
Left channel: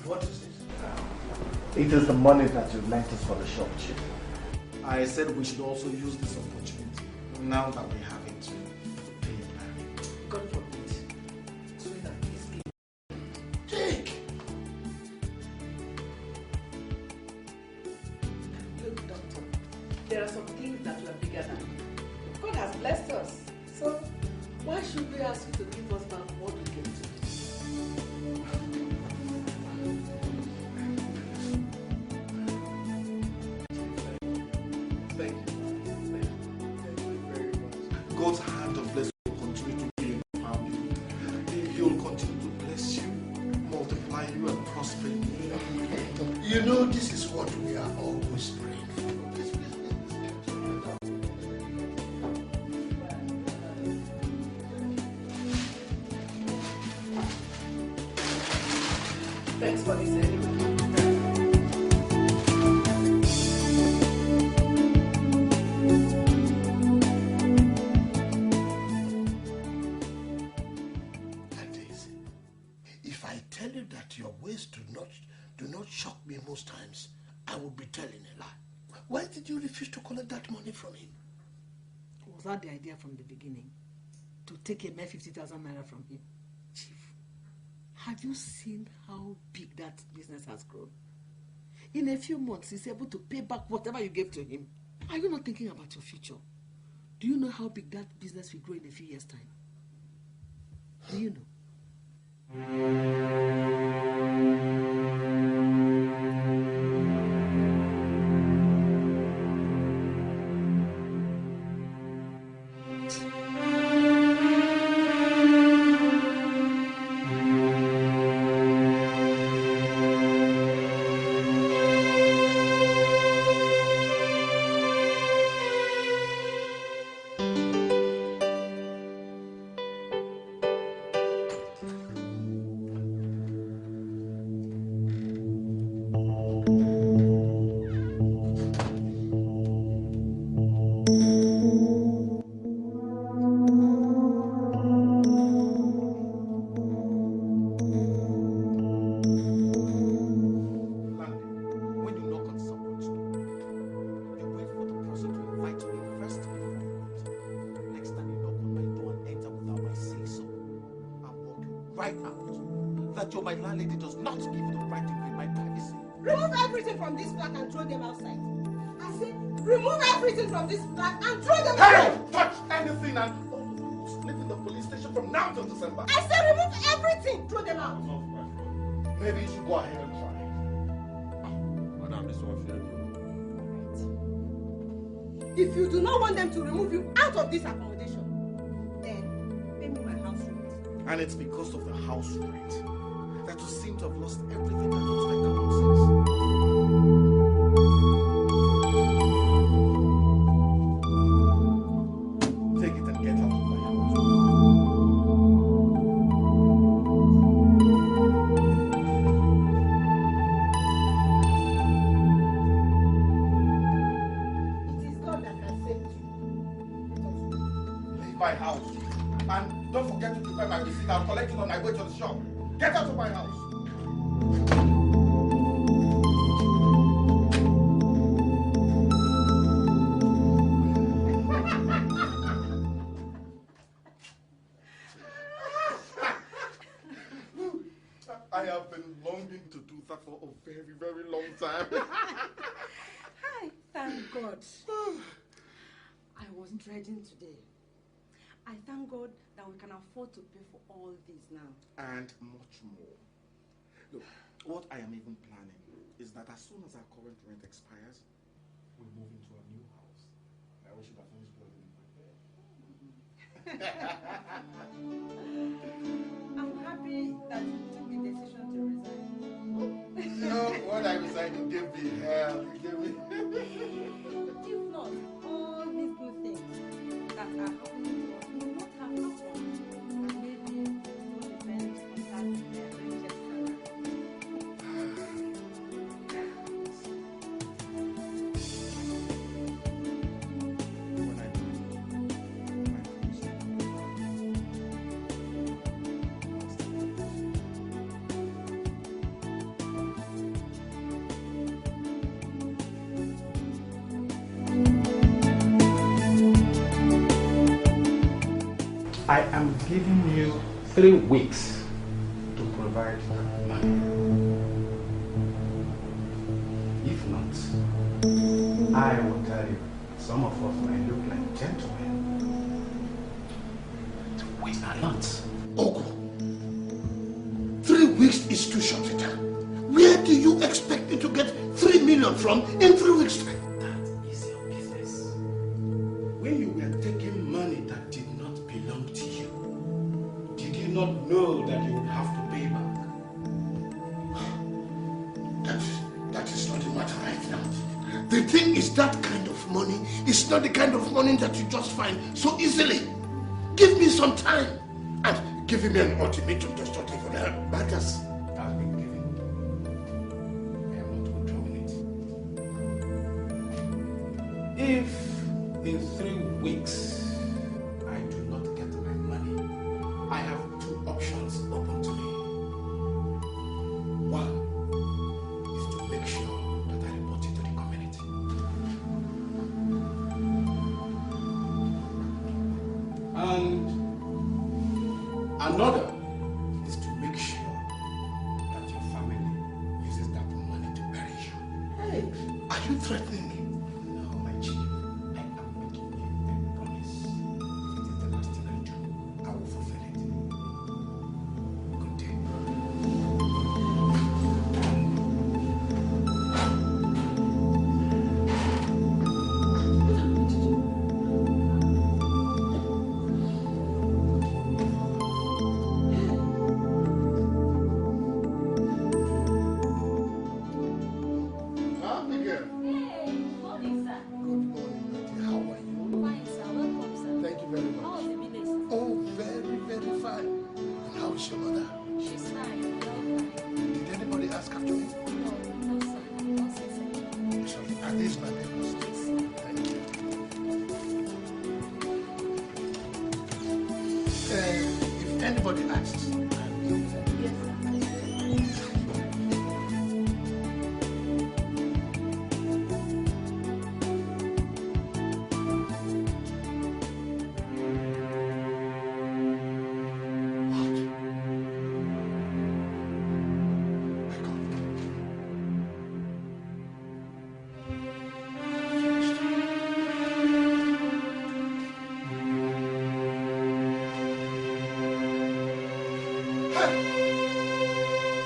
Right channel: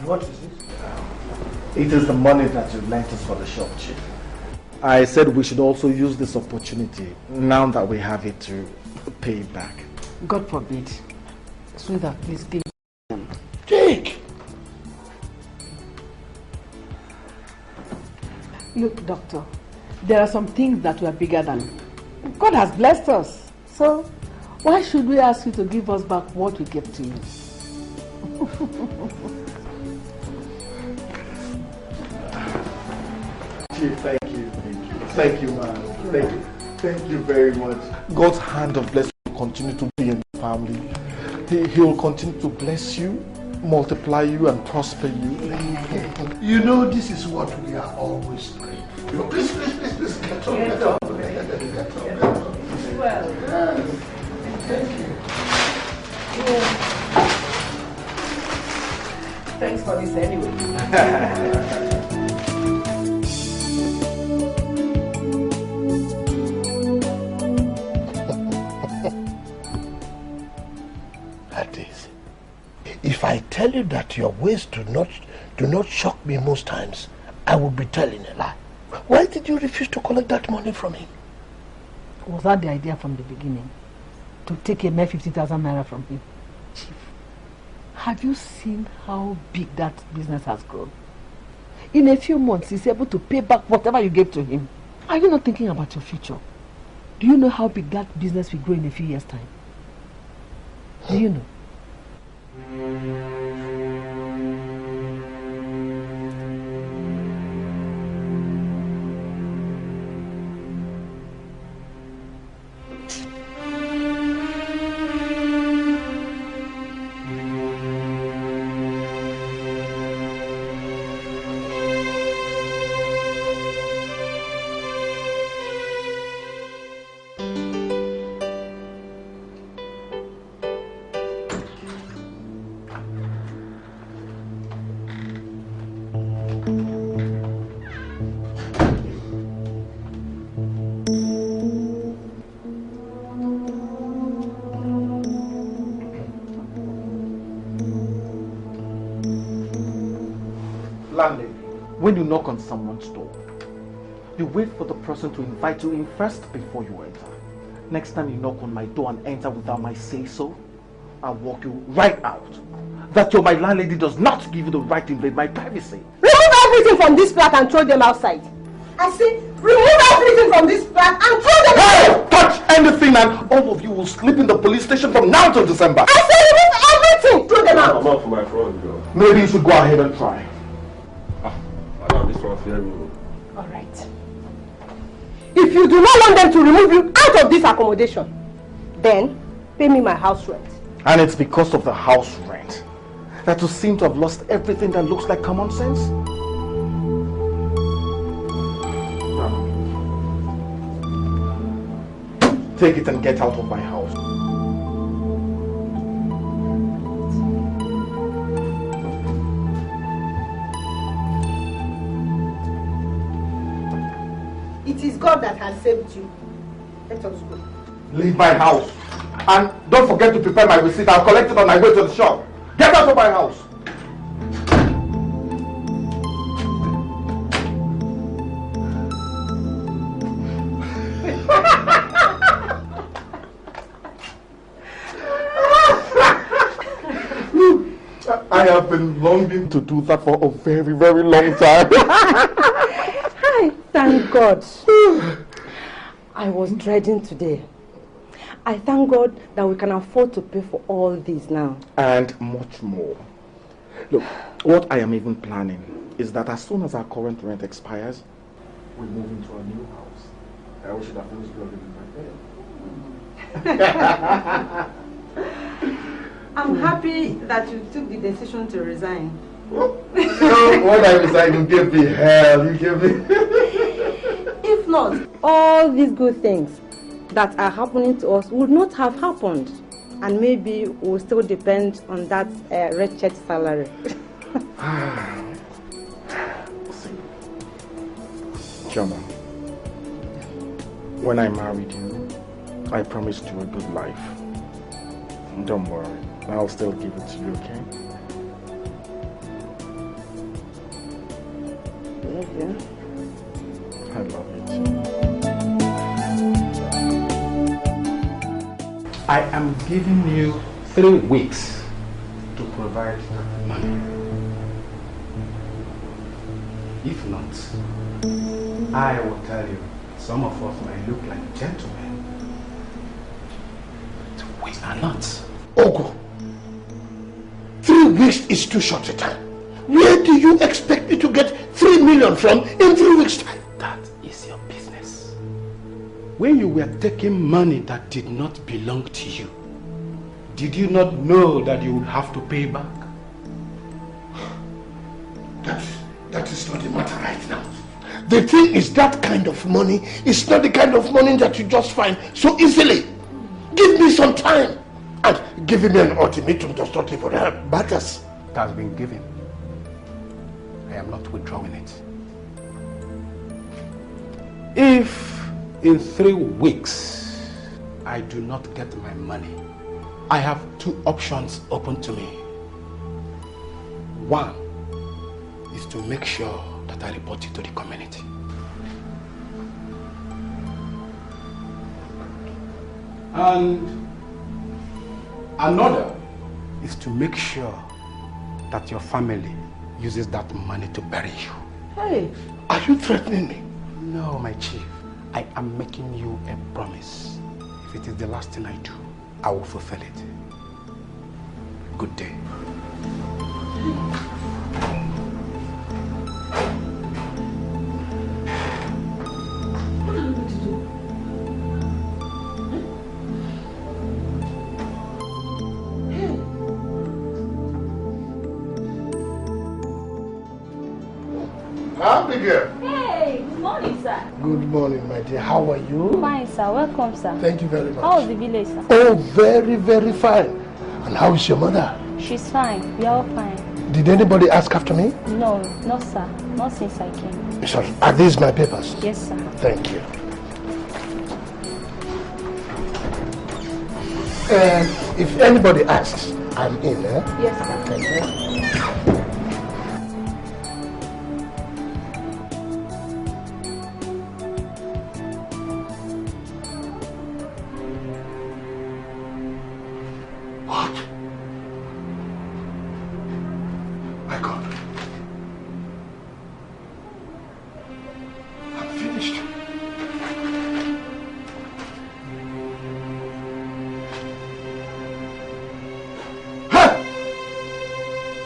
What is it? It is the money that you lent us for the shop, Chief. I said we should also use this opportunity, now that we have it, to pay it back. God forbid. Sweetheart, please give me. Take! Look, doctor, there are some things that were bigger than. God has blessed us. So, why should we ask you to give us back what we gave to you? Chief, thank you. Thank you, man. Thank you. Thank you very much. God's hand of blessing will continue to be in the family. He will continue to bless you, multiply you, and prosper you. You know, this is what we are always praying for. Please, please, please, please, get on. Well, Thank you. Thanks for this anyway. If I tell you that your ways do not shock me most times, I would be telling a lie. Why did you refuse to collect that money from him? Was that the idea from the beginning? To take a mere 50,000 naira from him? Chief, have you seen how big that business has grown? In a few months, he's able to pay back whatever you gave to him. Are you not thinking about your future? Do you know how big that business will grow in a few years' time? Do you know? When you knock on someone's door, you wait for the person to invite you in first before you enter. Next time you knock on my door and enter without my say-so, I'll walk you right out. That your my landlady does not give you the right to invade my privacy. remove everything from this flat and throw them outside. I say, remove everything from this flat and throw them outside. Hey! Touch anything and all of you will sleep in the police station from now till December. I say, remove everything. Throw them out. I'm out for my front door. Maybe you should go ahead and try. Madam, this one fair rule. All right. If you do not want them to remove you out of this accommodation, then pay me my house rent. And it's because of the house rent that you seem to have lost everything that looks like common sense? Take it and get out of my house. It is God that has saved you. Let us go. Leave my house. And don't forget to prepare my receipt. I'll collect it on my way to the shop. Get out of my house. I have been longing to do that for a very, very long time. Hi, thank God. I was dreading today. I thank God that we can afford to pay for all this now. And much more. Look, what I am even planning is that as soon as our current rent expires, we move into a new house. We should have finished living right there. I'm happy that you took the decision to resign. No, when I resign, you give me hell. You give me... If not, all these good things that are happening to us would not have happened. And maybe we'll still depend on that wretched salary. Chama, when I married you, I promised you a good life. Don't worry, I'll still give it to you, okay? I love you. I am giving you 3 weeks to provide that money. If not, I will tell you, some of us might look like gentlemen, but we are not. Ogo, 3 weeks is too short a time. Where do you expect me to get 3 million from in 3 weeks' time? That is your business. When you were taking money that did not belong to you, did you not know that you would have to pay back? That is not the matter right now. The thing is, that kind of money is not the kind of money that you just find so easily. Give me some time. And giving me an ultimatum does not even help matters. It has been given. I am not withdrawing it. If in 3 weeks I do not get my money, I have 2 options open to me. One is to make sure that I report you to the community. And another is to make sure that your family uses that money to bury you. Hey, are you threatening me? No, my chief. I am making you a promise. If it is the last thing I do, I will fulfill it. Good day. Hey, good morning, sir. Good morning, my dear. How are you? Fine, sir. Welcome, sir. Thank you very much. How was the village, sir? Oh, very, very fine. And how is your mother? She's fine. We are all fine. Did anybody ask after me? No, no, sir. Not since I came. Sorry. Are these my papers? Yes, sir. Thank you. If anybody asks, I'm in, eh? Yes, sir. Thank you.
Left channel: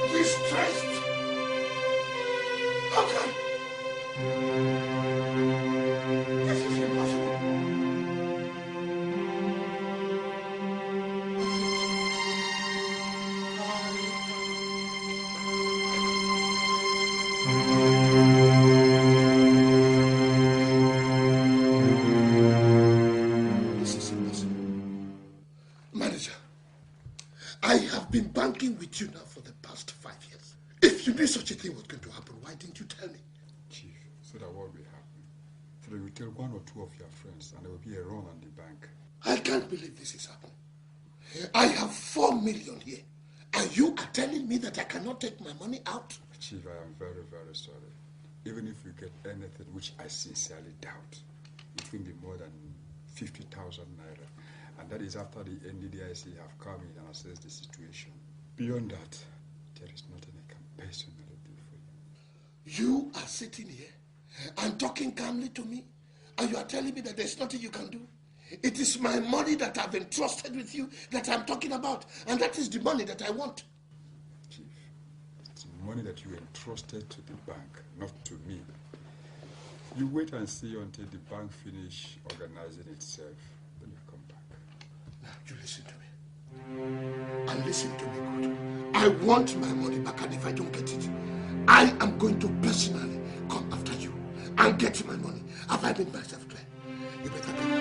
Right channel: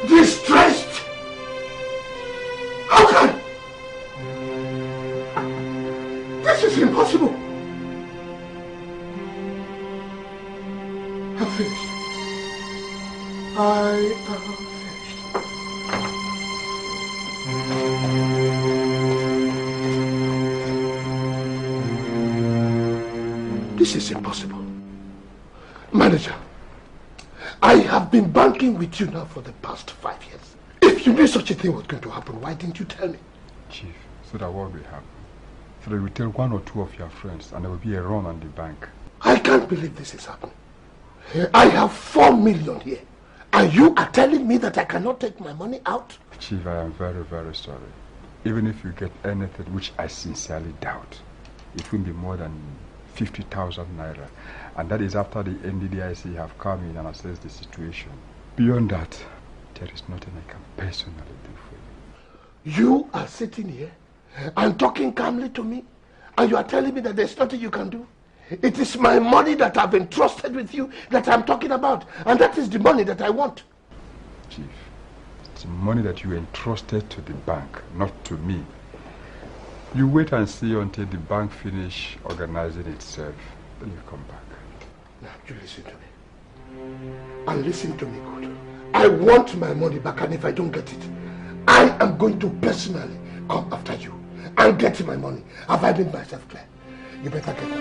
This I'm finished. I am finished. This is impossible. Manager, I have been banking with you now for the past 5 years. If you knew such a thing was going to happen, why didn't you tell me? Chief, so that what will happen? So that you will tell 1 or 2 of your friends and there will be a run on the bank. I can't believe this is happening. I have 4 million here. And you are telling me that I cannot take my money out? Chief, I am very, very sorry. Even if you get anything, which I sincerely doubt, it will be more than 50,000 naira. And that is after the NDDIC have come in and assessed the situation. Beyond that, there is nothing I can personally do for you. You are sitting here and talking calmly to me, and you are telling me that there's nothing you can do? It is my money that I've entrusted with you that I'm talking about, and that is the money that I want. Chief, it's money that you entrusted to the bank, not to me. You wait and see until the bank finish organizing itself, then you come back. Now, you listen to me. And listen to me good. I want my money back, and if I don't get it, I am going to personally come after you and get my money. Have I made myself clear? You better get it.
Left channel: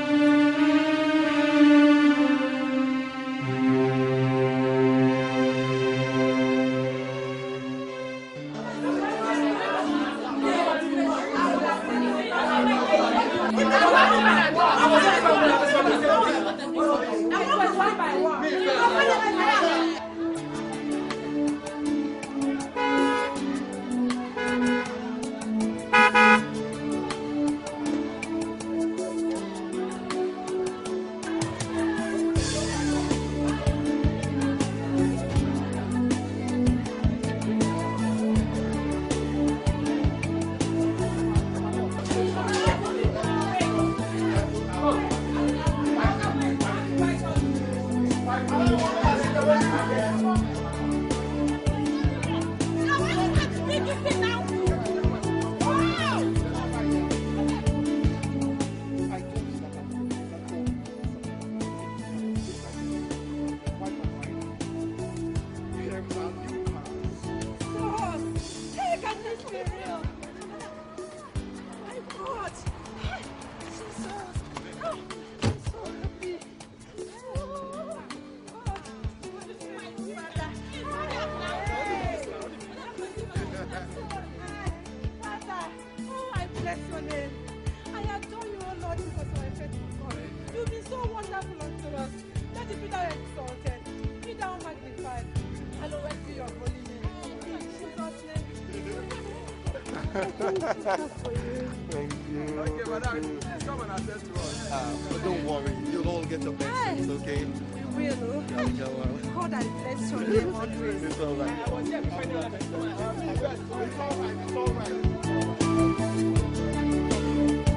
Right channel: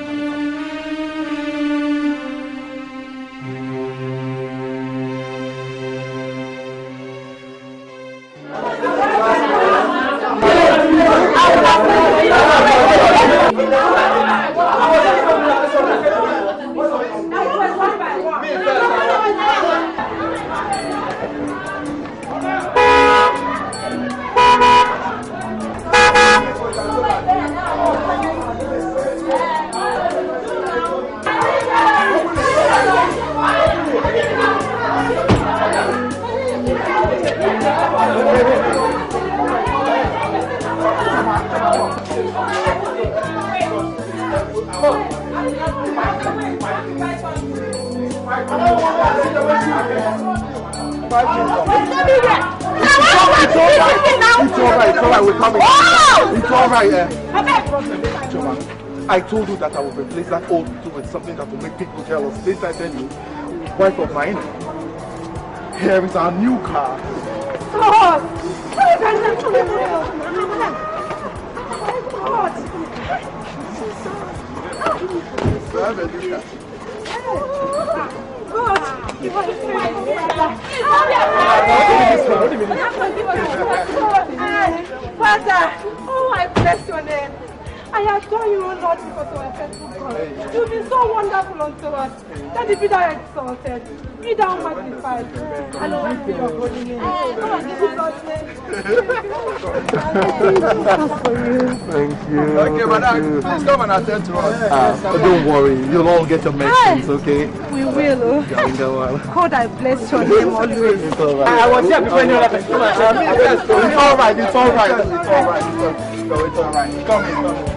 I told you that I will replace that old tool with something that will make people jealous. This I tell you, wife of mine. Here is our new car. Father, oh, I bless your name. I adore you, O Lord, because of my faithful God. You've been so wonderful unto us. Let it be thou exalted, be thou magnified, and always be your holy name. Oh, this is God's name. Thank you. Okay, madam, please come and attend to us. Don't worry, you'll all get your medicines, okay? We will. God, I bless your name always. It's all right. I was here before you left. It's all right, it's all right. It's all right. It's all right. Come in.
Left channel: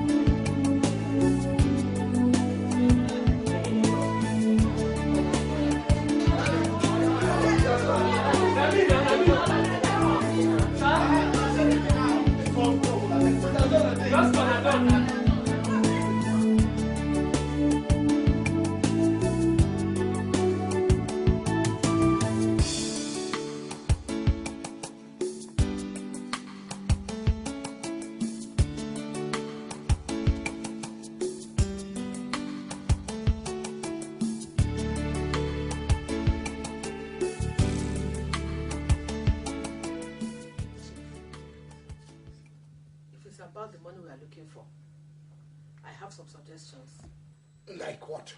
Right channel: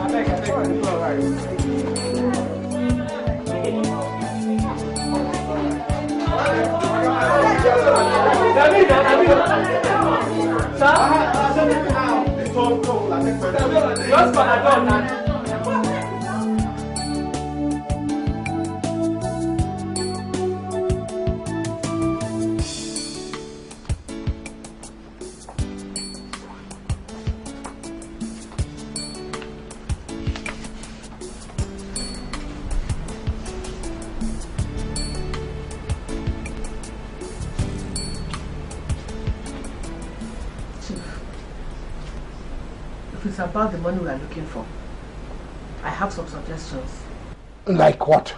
About the money we are looking for, I have some suggestions. Like what?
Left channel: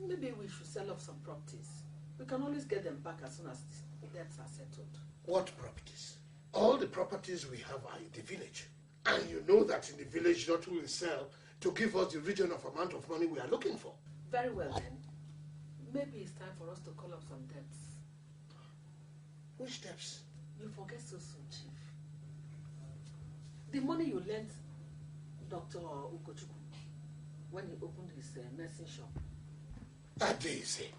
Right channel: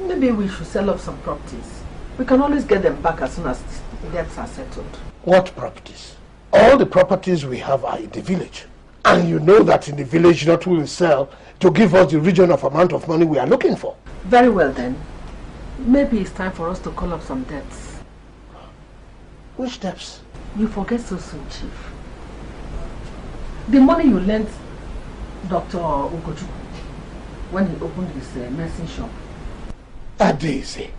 Maybe we should sell off some properties. We can always get them back as soon as the debts are settled. What properties? All the properties we have are in the village. And you know that in the village not will sell to give us the region of amount of money we are looking for. Very well then. Maybe it's time for us to call up some debts. Which debts? You forget so soon, Chief. The money you lent Dr. Ugochukwu when he opened his medicine shop. Daisy,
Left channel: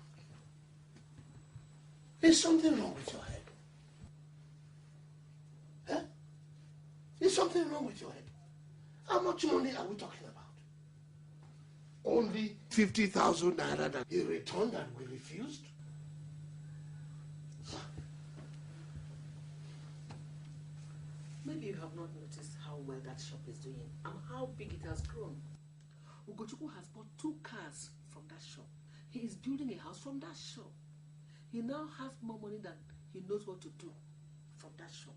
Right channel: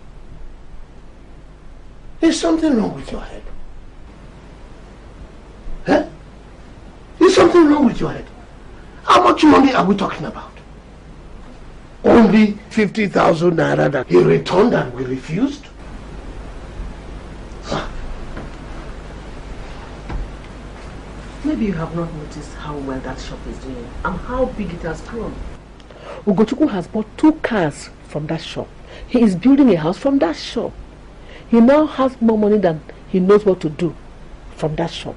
is something wrong with your head? Huh? Is something wrong with your head? How much money are we talking about? Only 50,000 naira that he returned and we refused? Maybe you have not noticed how well that shop is doing and how big it has grown. Ugochukwu has bought 2 cars from that shop. He is building a house from that shop. He now has more money than he knows what to do from that shop.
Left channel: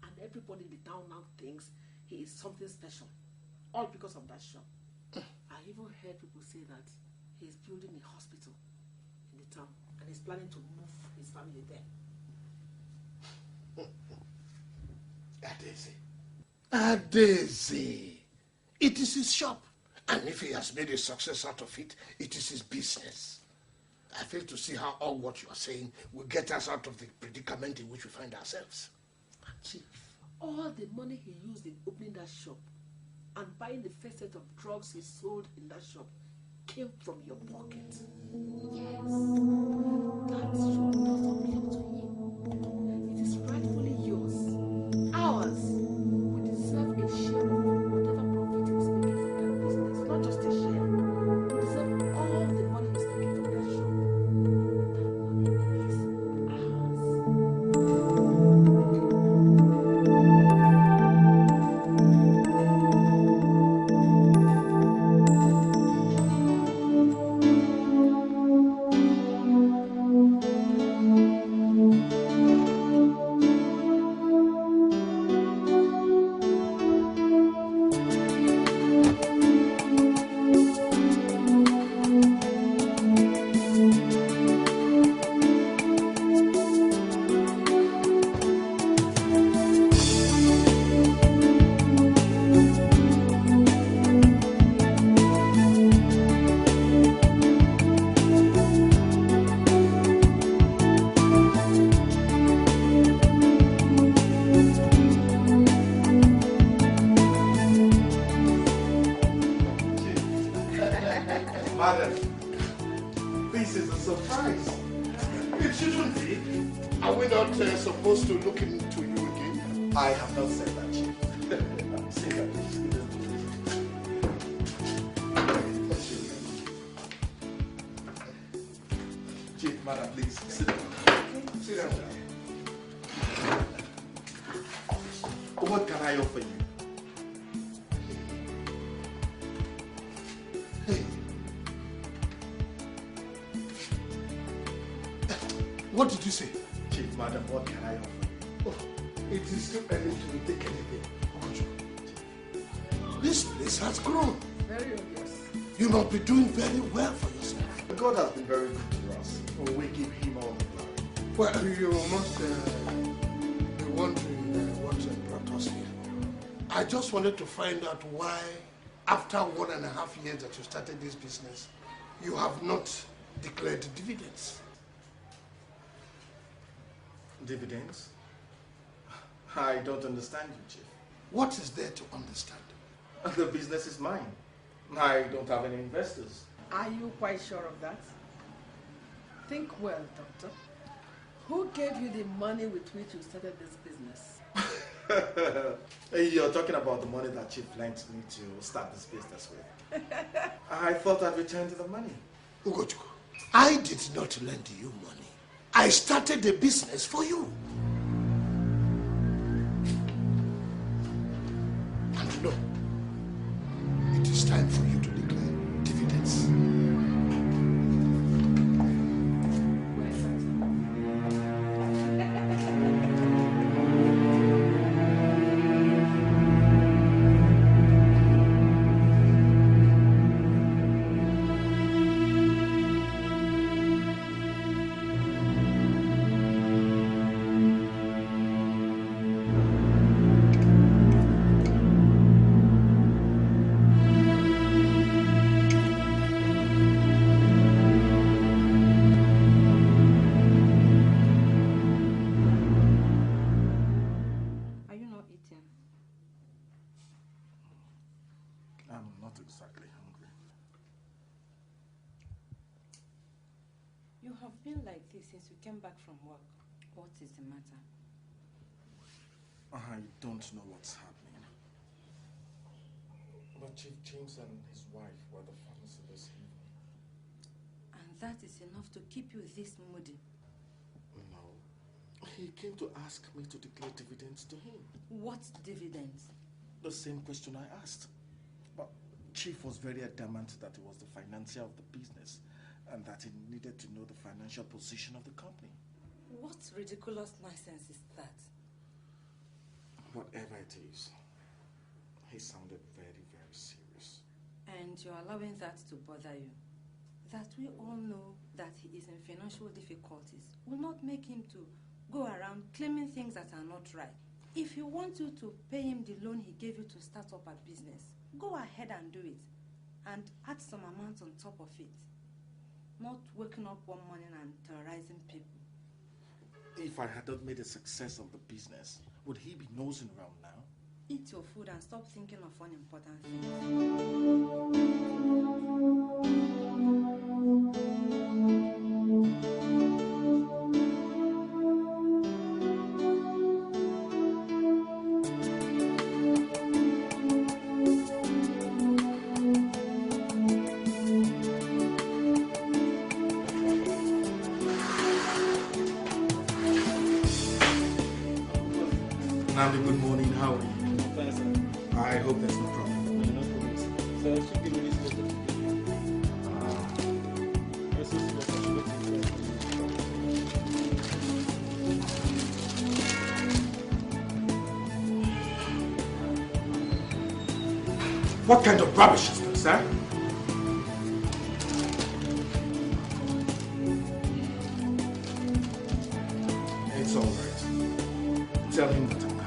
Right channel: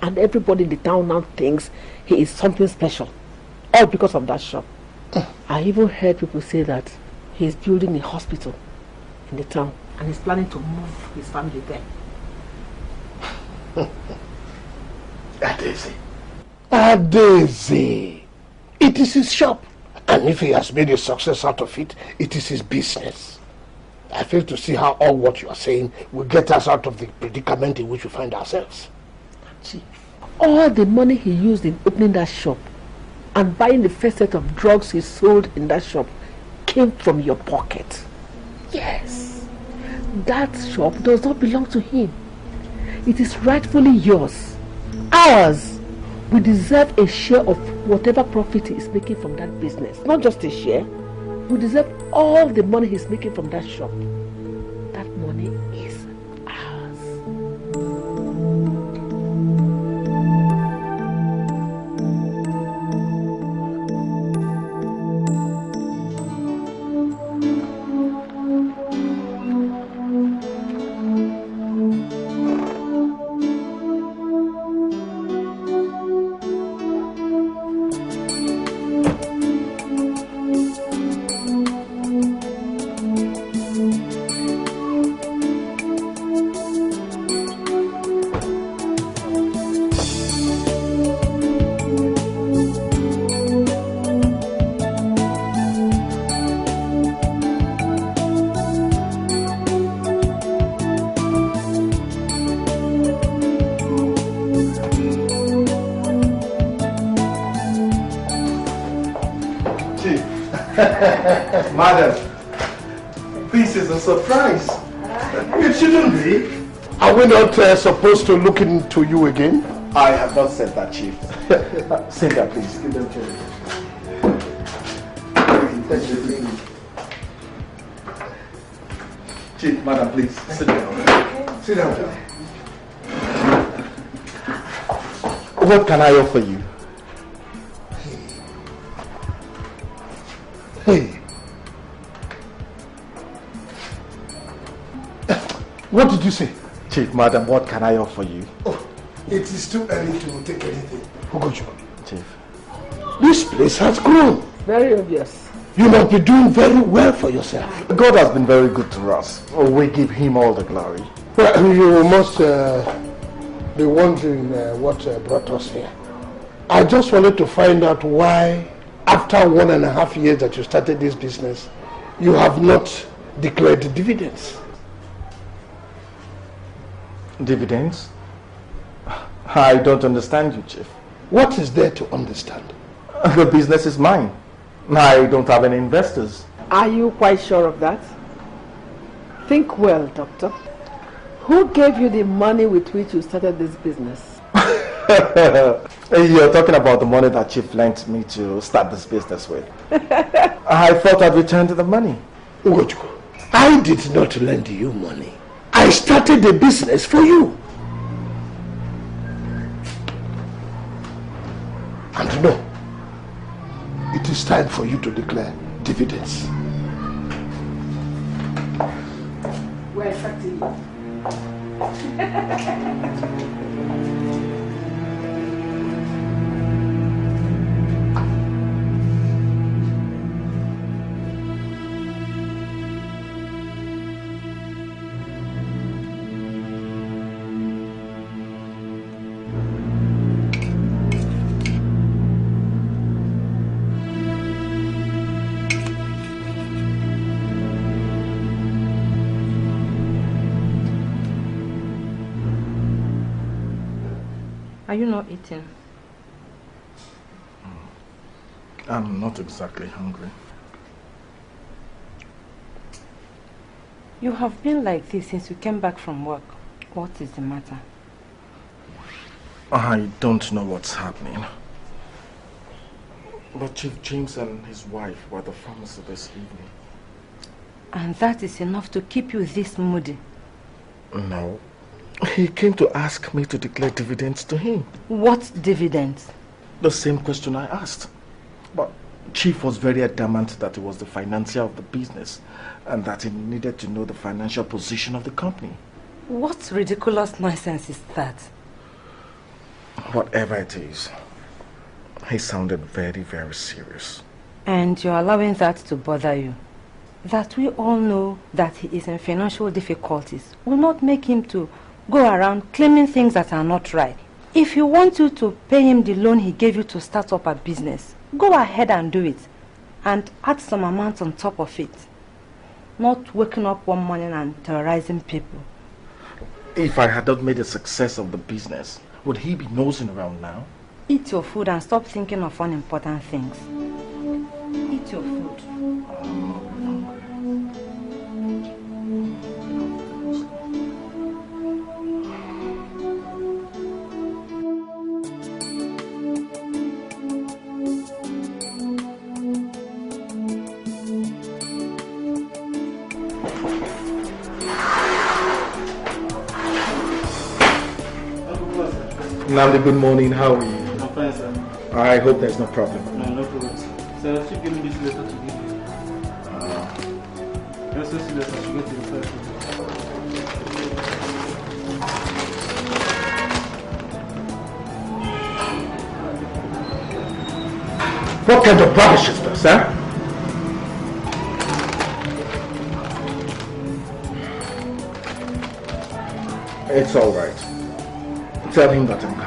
And everybody in the town now thinks he is something special. All because of that shop. I even heard people say that he is building a hospital in the town and he's planning to move his family there. Adeze. It is his shop. And if he has made a success out of it, it is his business. I fail to see how all what you are saying will get us out of the predicament in which we find ourselves. Chief, all the money he used in opening that shop and buying the first set of drugs he sold in that shop came from your pocket. Yes. That shop does not belong to him. It is rightfully yours. Ours. We deserve a share of whatever profit he is making from that business. Not just a share. We deserve all the money he's making from that shop. That money is ours. Madam, this is a surprise. It shouldn't be. Are we not supposed to look into you again? I have not said that, Chief. Sit down, please. Chief, Madam, please. Sit down. Sit down. What can I offer you? Hey. What did you say? Chief, Madam, what can I offer you? Oh, it is too early to take anything. Ogochukwu. Chief. This place has grown. Very obvious. You must be doing very well for yourself. God has been very good to us. Oh, we give him all the glory. Well, you must be wondering what brought us here. I just wanted to find out why, after 1.5 years that you started this business, you have not declared dividends. Dividends? I don't understand you, Chief. What is there to understand? The business is mine. I don't have any investors. Are you quite sure of that? Think well, Doctor. Who gave you the money with which you started this business? You're talking about the money that Chief lent me to start this business with. I thought I'd return to the money. Ugochukwu, I did not lend you money. I started the business for you. And no, it is time for you to declare dividends. We're expecting you. Are you not eating? I'm not exactly hungry. You have been like this since you came back from work. What is the matter? I don't know what's happening. But Chief James and his wife were at the pharmacy this evening. And that is enough to keep you this moody? No. He came to ask me to declare dividends to him. What dividends? The same question I asked. But Chief was very adamant that he was the financier of the business and that he needed to know the financial position of the company. What ridiculous nonsense is that? Whatever it is, he sounded very, very serious. And you're allowing that to bother you? That we all know that he is in financial difficulties will not make him to go around claiming things that are not right. If you want you to pay him the loan he gave you to start up a business, go ahead and do it. And add some amount on top of it. Not waking up one morning and terrorizing people. If I had not made a success of the business, would he be nosing around now? Eat your food and stop thinking of unimportant things. Eat your food. Landlady, good morning. How are you? I'm fine, sir. I hope there's no problem. No problem. Sir, I should give me this letter to give you. Yes, this letter should get to the What kind of rubbish is this, huh? It's all right. Tell him that I'm coming.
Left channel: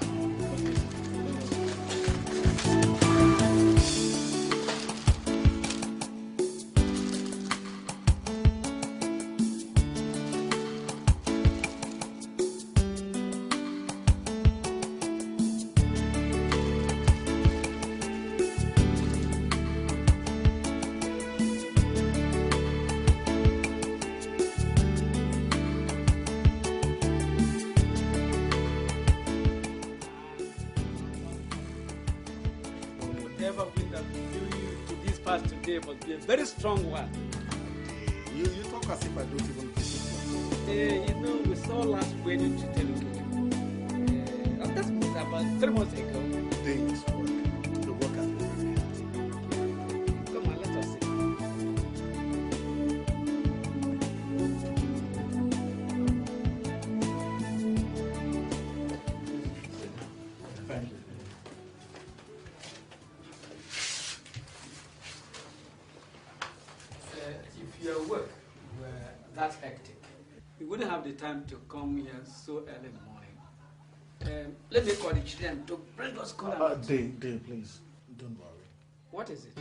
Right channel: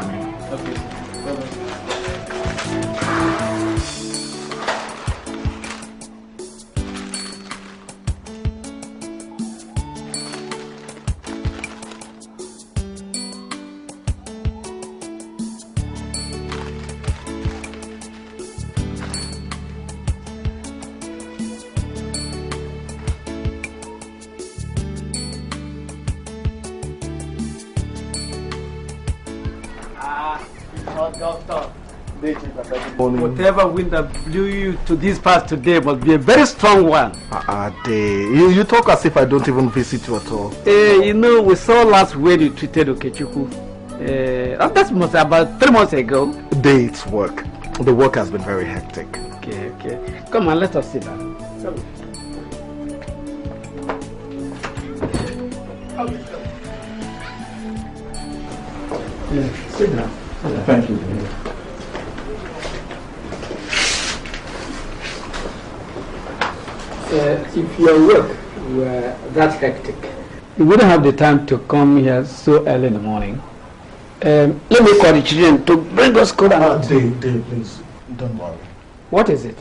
Whatever wind that blew you to this part today must be a very strong one. You talk as if I don't even visit you at all. You know, we saw last way you treated Okechukwu. That's about 3 months ago. Day, it's work. The work has been very hectic. Okay. Come on, let us sit down. Sit down. Thank you. If your work were that hectic, you wouldn't have the time to come here so early in the morning. Let me call the children to bring us cold and Dave, please, don't worry. What is it?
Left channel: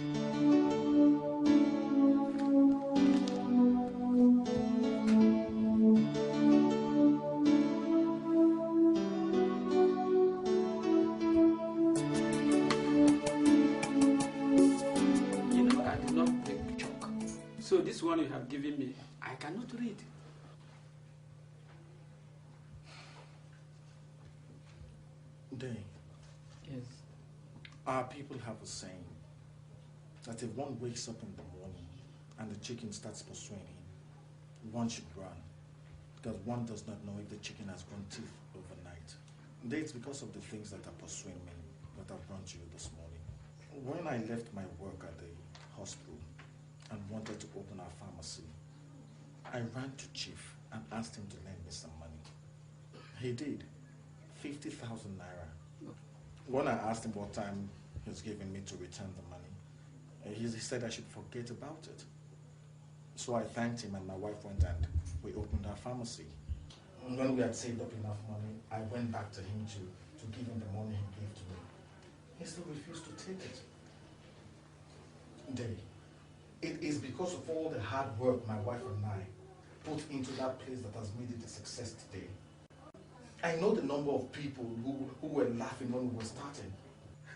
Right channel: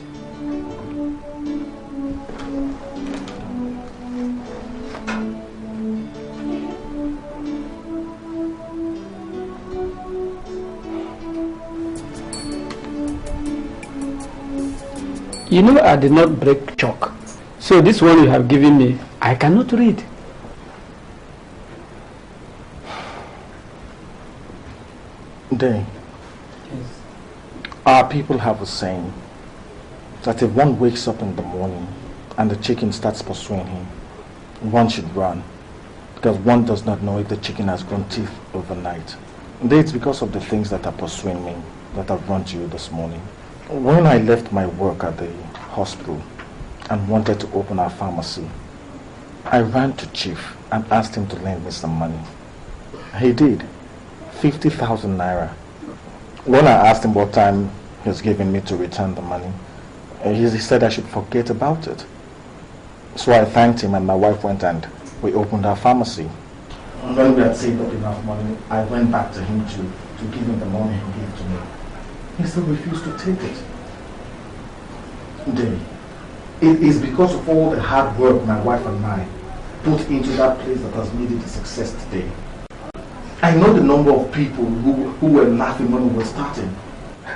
You know, I did not break chalk. So this one you have given me, I cannot read. Day. Yes. Our people have a saying that if one wakes up in the morning and the chicken starts pursuing him, one should run, because one does not know if the chicken has grown teeth overnight. Day, it's because of the things that are pursuing me that I've run to you this morning. When I left my work at the hospital and wanted to open our pharmacy, I ran to Chief and asked him to lend me some money. He did. 50,000 naira. When I asked him what time he was giving me to return the money, he said I should forget about it. So I thanked him and my wife went and we opened our pharmacy. And when we had saved up enough money, I went back to him to give him the money he gave to me. He still refused to take it. Day, it is because of all the hard work my wife and I put into that place that has made it a success today. I know the number of people who were laughing when we were starting.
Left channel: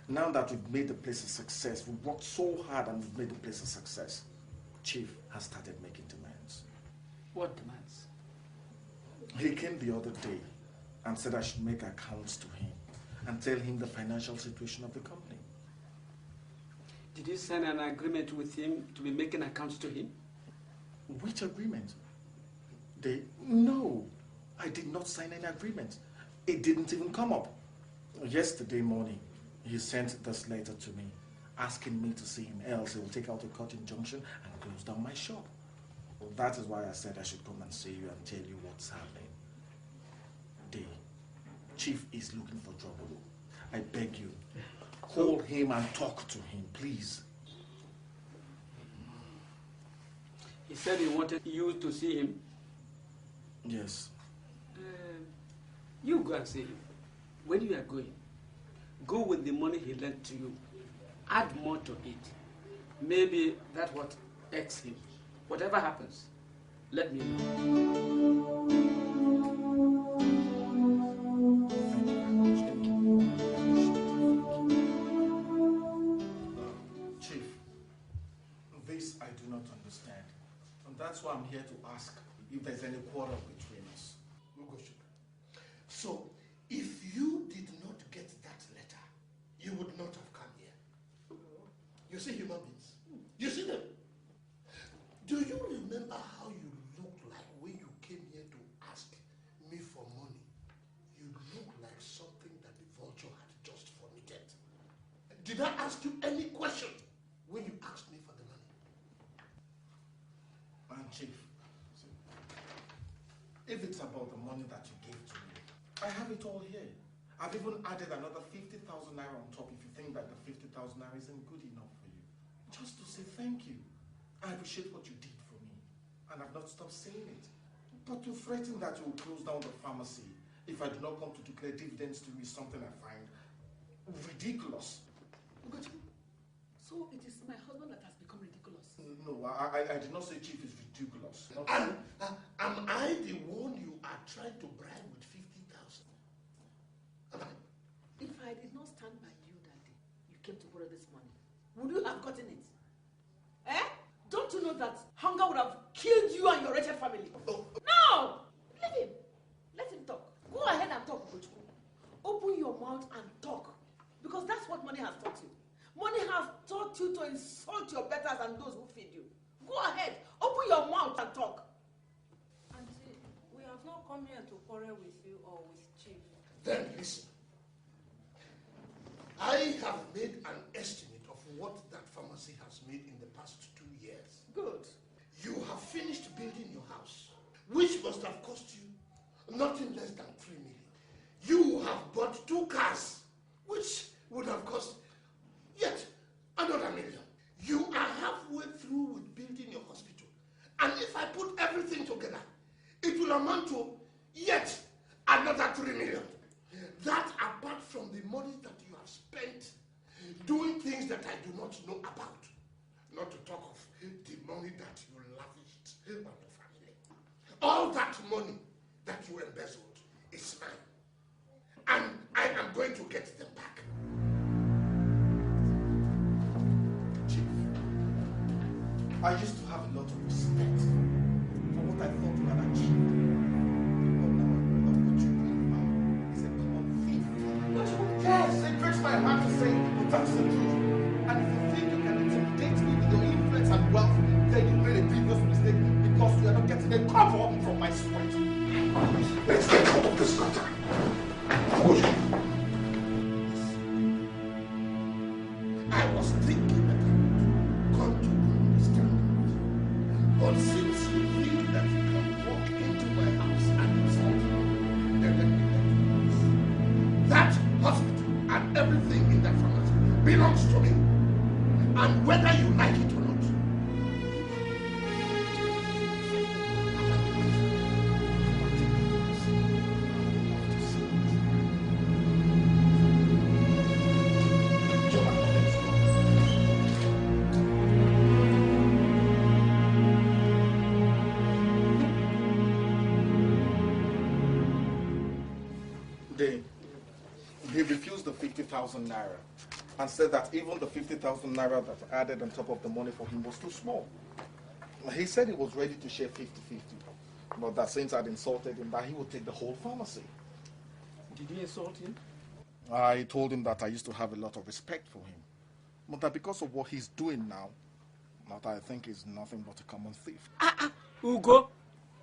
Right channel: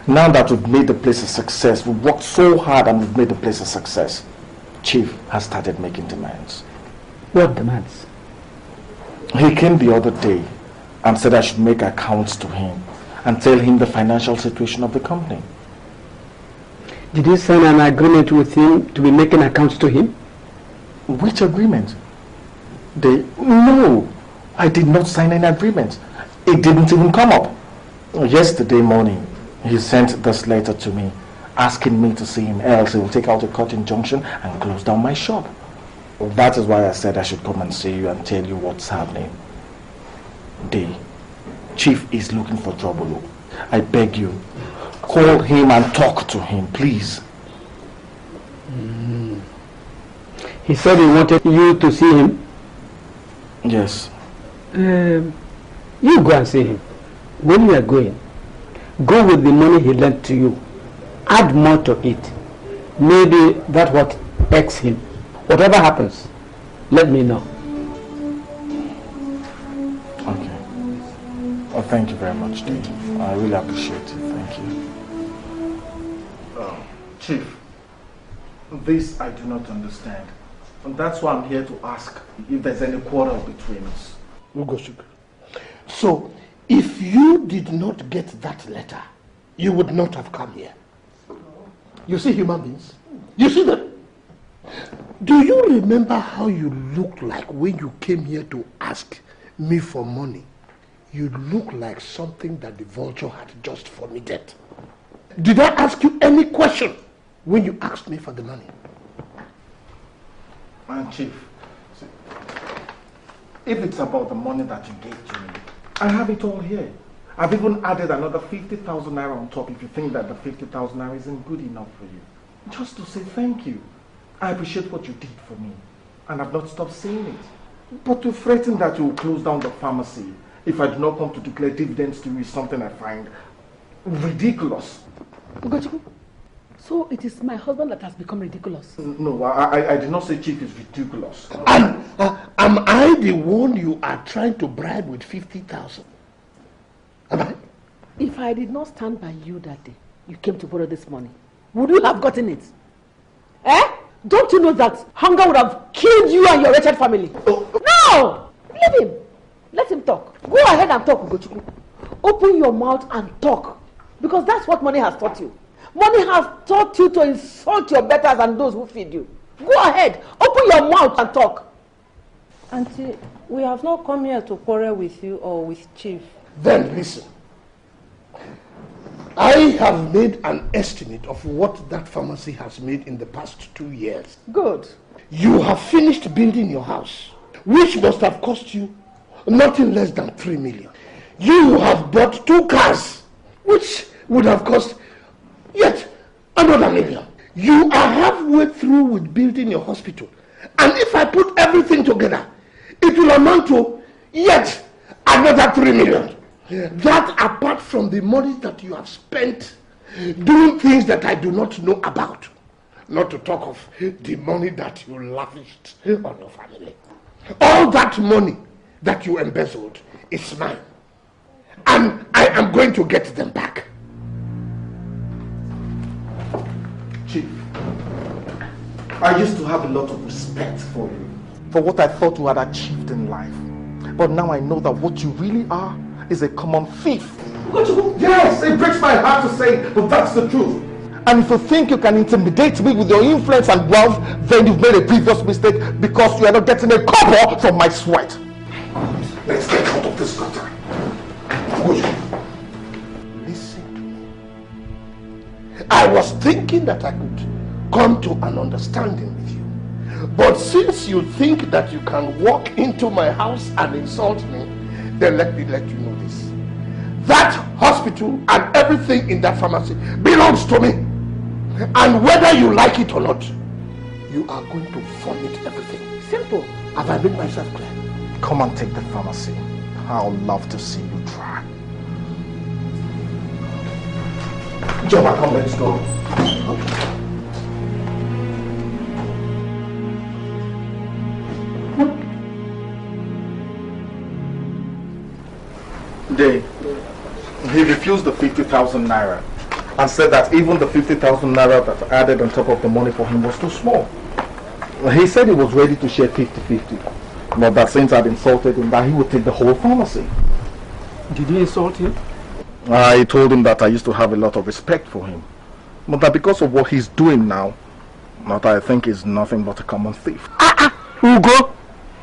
Now that we've made the place a success, we've worked so hard and we've made the place a success, Chief has started making demands. What demands? He came the other day and said I should make accounts to him and tell him the financial situation of the company. Did you sign an agreement with him to be making accounts to him? Which agreement? No, I did not sign any agreement. It didn't even come up. Yesterday morning, he sent this letter to me, asking me to see him, else he will take out a court injunction and close down my shop. Well, that is why I said I should come and see you and tell you what's happening. The chief is looking for trouble. I beg you, call him and talk to him, please. He said he wanted you to see him? Yes. You go and see him. When you are going, go with the money he lent to you. Add more to it. Maybe that's what irks him. Whatever happens, let me know. Okay. Well, thank you very much, Dave. I really appreciate it. Thank you. Chief, this I do not understand. And that's why I'm here to ask if there's any quarrel between us. So, if you did not get that letter, you would not have come here. You see human beings? You see them? Do you remember how you looked like when you came here to ask me for money? You look like something that the vulture had just vomited. Did I ask you any question when you asked me for the money? And Chief, see, if it's about the money that you gave to me, I have it all here. I've even added another 50,000 naira on top if you think that the 50,000 naira isn't good enough for you. Just to say thank you. I appreciate what you did for me, and I've not stopped saying it. But to threaten that you will close down the pharmacy if I do not come to declare dividends to you is something I find ridiculous. Ugochukwu, so it is my husband that has become ridiculous? No, I did not say Chief is ridiculous. And am I the one you are trying to bribe with 50,000? Am I? If I did not stand by you that day, you came to borrow this money, would you have gotten it? Eh? Don't you know that hunger would have killed you and your wretched family? No! Leave him. Let him talk. Go ahead and talk, Ugochukwu. Open your mouth and talk. Because that's what money has taught you. Money has taught you to insult your betters and those who feed you. Go ahead. Open your mouth and talk. Auntie, we have not come here to quarrel with you or with Chief. Then listen. I have made an estimate of what that pharmacy has made in the past 2 years. Good. You have finished building your house, which must have cost you nothing less than 3 million. You have bought 2 cars, which would have cost yet another million. You are halfway through with building your hospital. And if I put everything together, it will amount to yet another 3 million. That apart from the money that you have spent doing things that I do not know about. Not to talk of the money that you lavished on your family. All that money that you embezzled is mine. And I am going to get them back. Chief, I used to have a lot of respect for you, for what I thought you had achieved in life. But now I know that what you really are is a common thief. Yes, it breaks my heart to say, but that's the truth. And if you think you can intimidate me with your influence and wealth, then you've made a grievous mistake because you are not getting a copper from my sweat. Let's get out of this gutter. I was thinking that I could come to an understanding with you. But since you think that you can walk into my house and insult me, then let me let you know this. That hospital and everything in that pharmacy belongs to me. And whether you like it or not, you are going to forfeit everything. Simple. Have I made myself clear? Come and take the pharmacy. I would love to see you try. Joma, come, let's go. He refused the 50,000 naira and said that even the 50,000 naira that I added on top of the money for him was too small. He said he was ready to share 50-50, but that since I'd insulted him, that he would take the whole pharmacy. Did you insult him? I told him that I used to have a lot of respect for him, But that because of what he's doing now, that I think is nothing but a common thief. Ugo,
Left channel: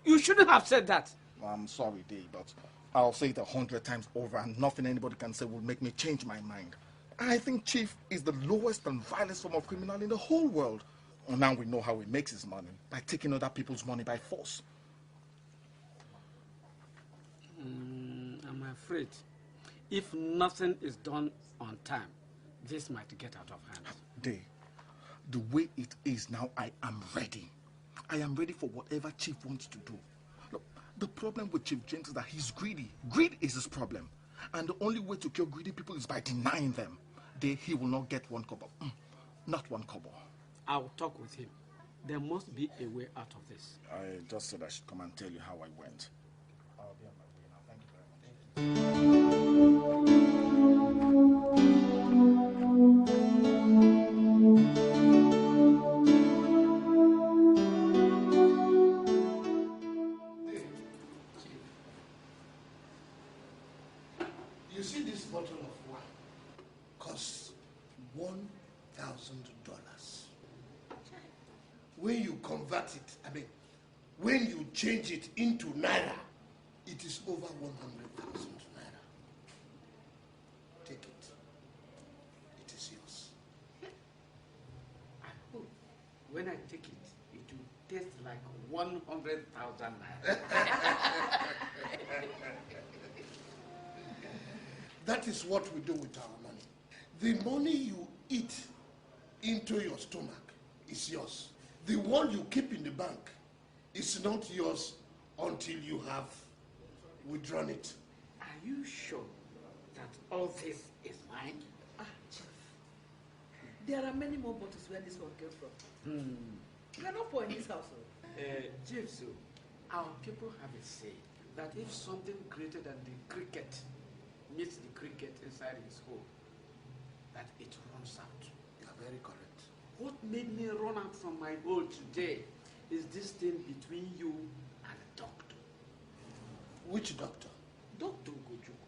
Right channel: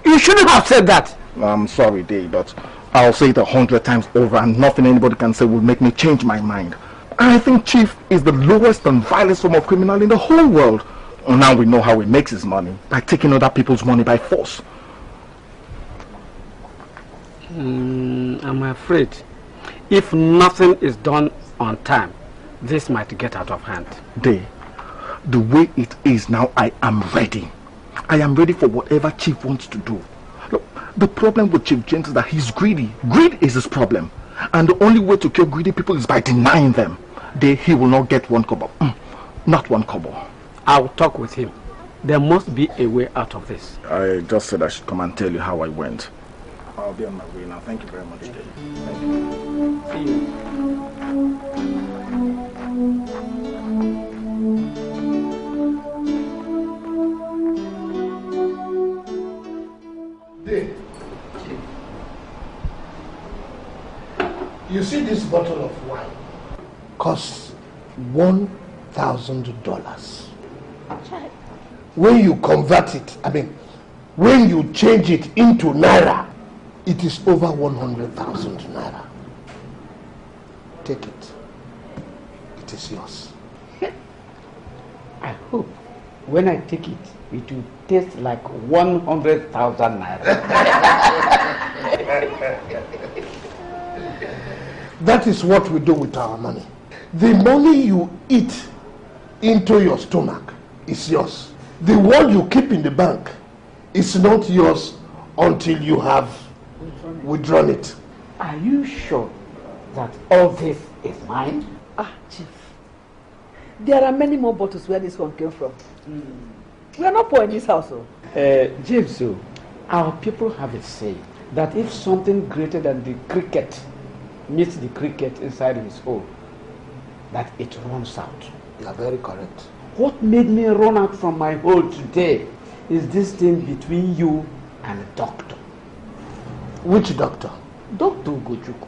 you shouldn't have said that. I'm sorry, Dave, but I'll say it 100 times over and nothing anybody can say will make me change my mind. I think Chief is the lowest and vilest form of criminal in the whole world. Now we know how he makes his money, by taking other people's money by force. I'm afraid if nothing is done on time, this might get out of hand. Dave, the way it is now, I am ready. I am ready for whatever Chief wants to do. Look, the problem with Chief James is that he's greedy. Greed is his problem. And the only way to cure greedy people is by denying them. He will not get one kobo. Not one kobo. I'll talk with him. There must be a way out of this. I just said I should come and tell you how I went. I'll be on my way now. Thank you very much, Dave. You see this bottle of wine costs $1,000. When you convert it, when you change it into naira, it is over 100,000 naira. Take it. It is yours. I hope when I take it, it will taste like 100,000 naira. That is what we do with our money. The money you eat into your stomach is yours. The one you keep in the bank is not yours until you have withdrawn it. Are you sure that all this is mine? Chief, there are many more bottles where this one came from. We are not poor in this house. James, our people have a saying that if something greater than the cricket meets the cricket inside his hole, that it runs out. You are very correct. What made me run out from my hole today is this thing between you and the doctor. Which doctor? Dr. Ugochukwu.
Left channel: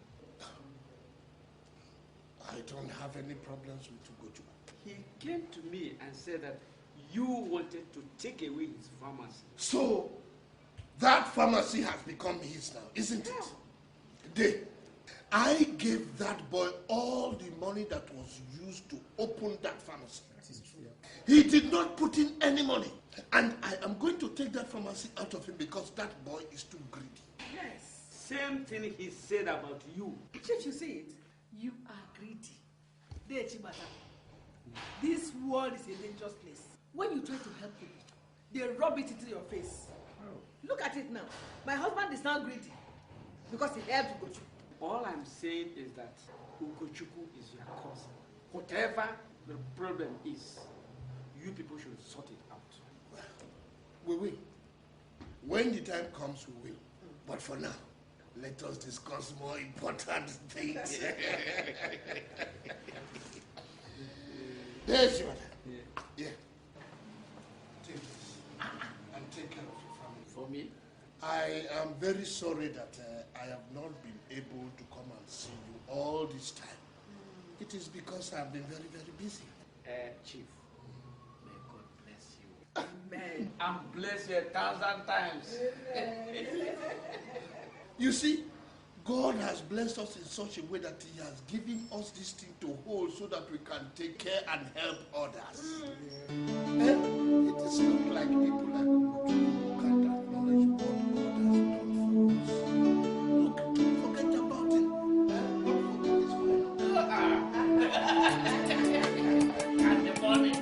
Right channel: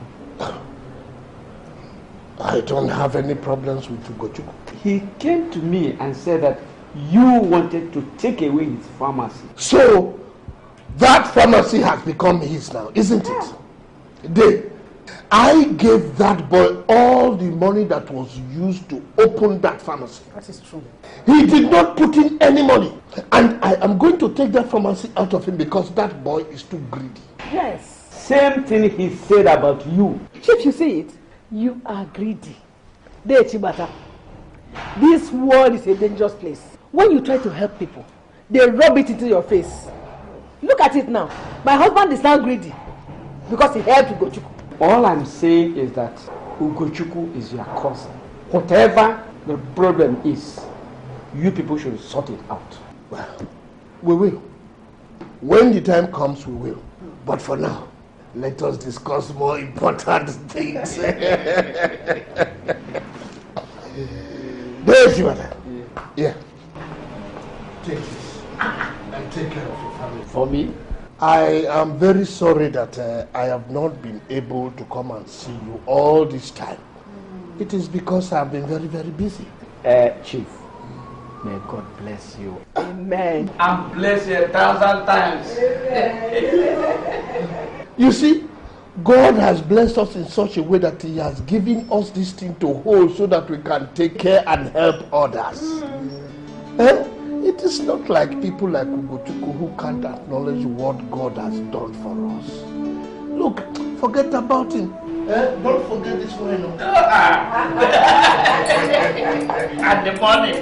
I don't have any problems with Ugochukwu. He came to me and said that you wanted to take away his pharmacy. So, that pharmacy has become his now, isn't it? I gave that boy all the money that was used to open that pharmacy. That is true. He did not put in any money. And I am going to take that pharmacy out of him because that boy is too greedy. Yes. Same thing he said about you. Chief, you see it? You are greedy. This world is a dangerous place. When you try to help people, they rub it into your face. Look at it now. My husband is now greedy because he helped Ugochukwu. All I'm saying is that Ugochukwu is your cousin. Whatever the problem is, you people should sort it out. Well, we will. When the time comes, we will. But for now, let us discuss more important things. There's your mother. Yeah. Take this and take care of your family. For me? I am very sorry that I have not been able to come and see you all this time. It is because I have been very, very busy. Chief, may God bless you. Amen. And bless you 1,000 times. You see, God has blessed us in such a way that He has given us this thing to hold so that we can take care and help others. It is not like people like Ugochukwu who can't acknowledge what God has done for us. Look, forget about him. Don't forget this one. And the money.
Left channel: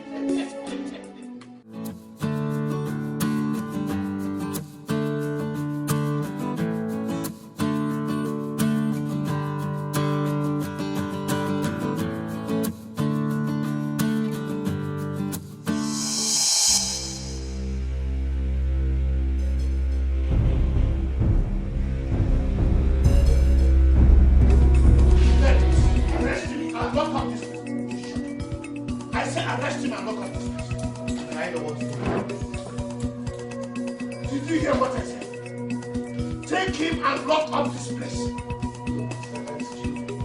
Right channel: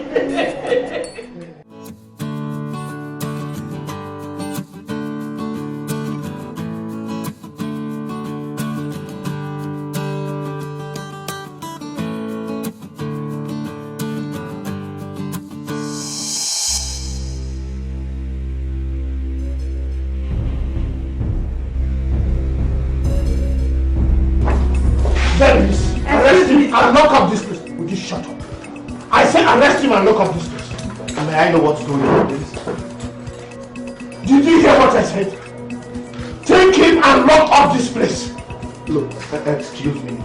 Arrest him and lock up this place. Would you shut up? I said arrest him and lock up this place. May I know what's going on with this? Did you hear what I said? Take him and lock up this place. Look, excuse me.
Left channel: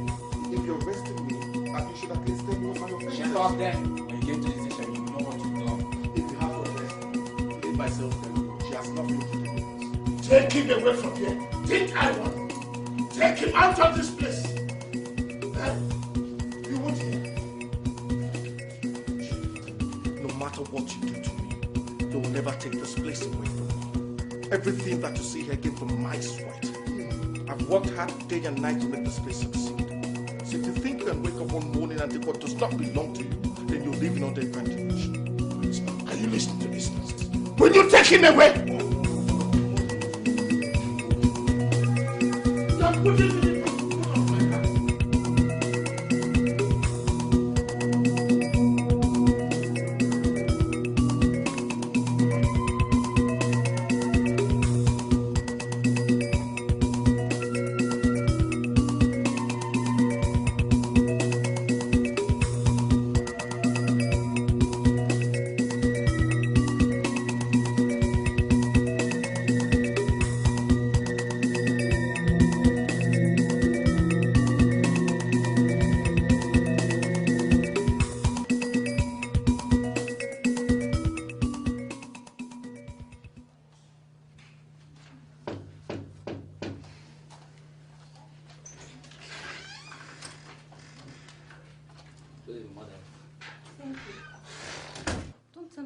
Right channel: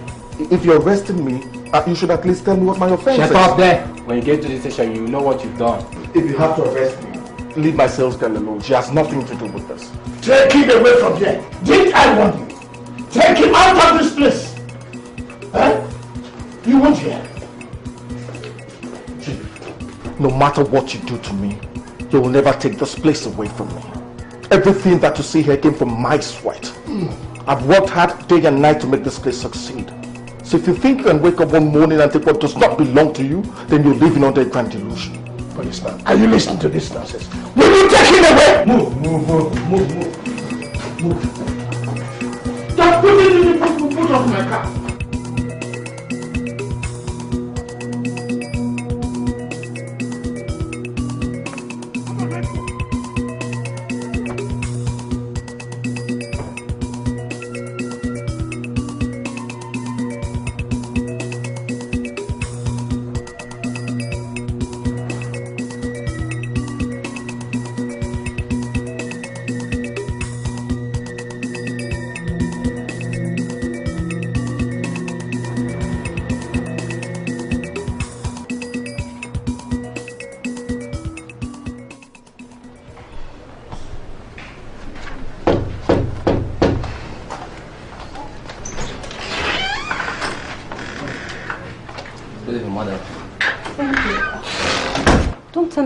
If you're arresting me, You should at least tell me what my offense is. Shut up there. When you get to the station, you know what you've done. If you have to arrest me, leave my sales girl alone. She has nothing to do with this. Take him away from here. Didn't I want you? Take him out of this place. Huh? You won't hear. No matter what you do to me, you will never take this place away from me. Everything that you see here came from my sweat. I've worked hard day and night to make this place succeed. So if you think you can wake up one morning and take what does not belong to you, then you're living under a grand delusion. Policeman, are you listening to this nonsense? Will you take him away? Move. Just put it in the boot of my car.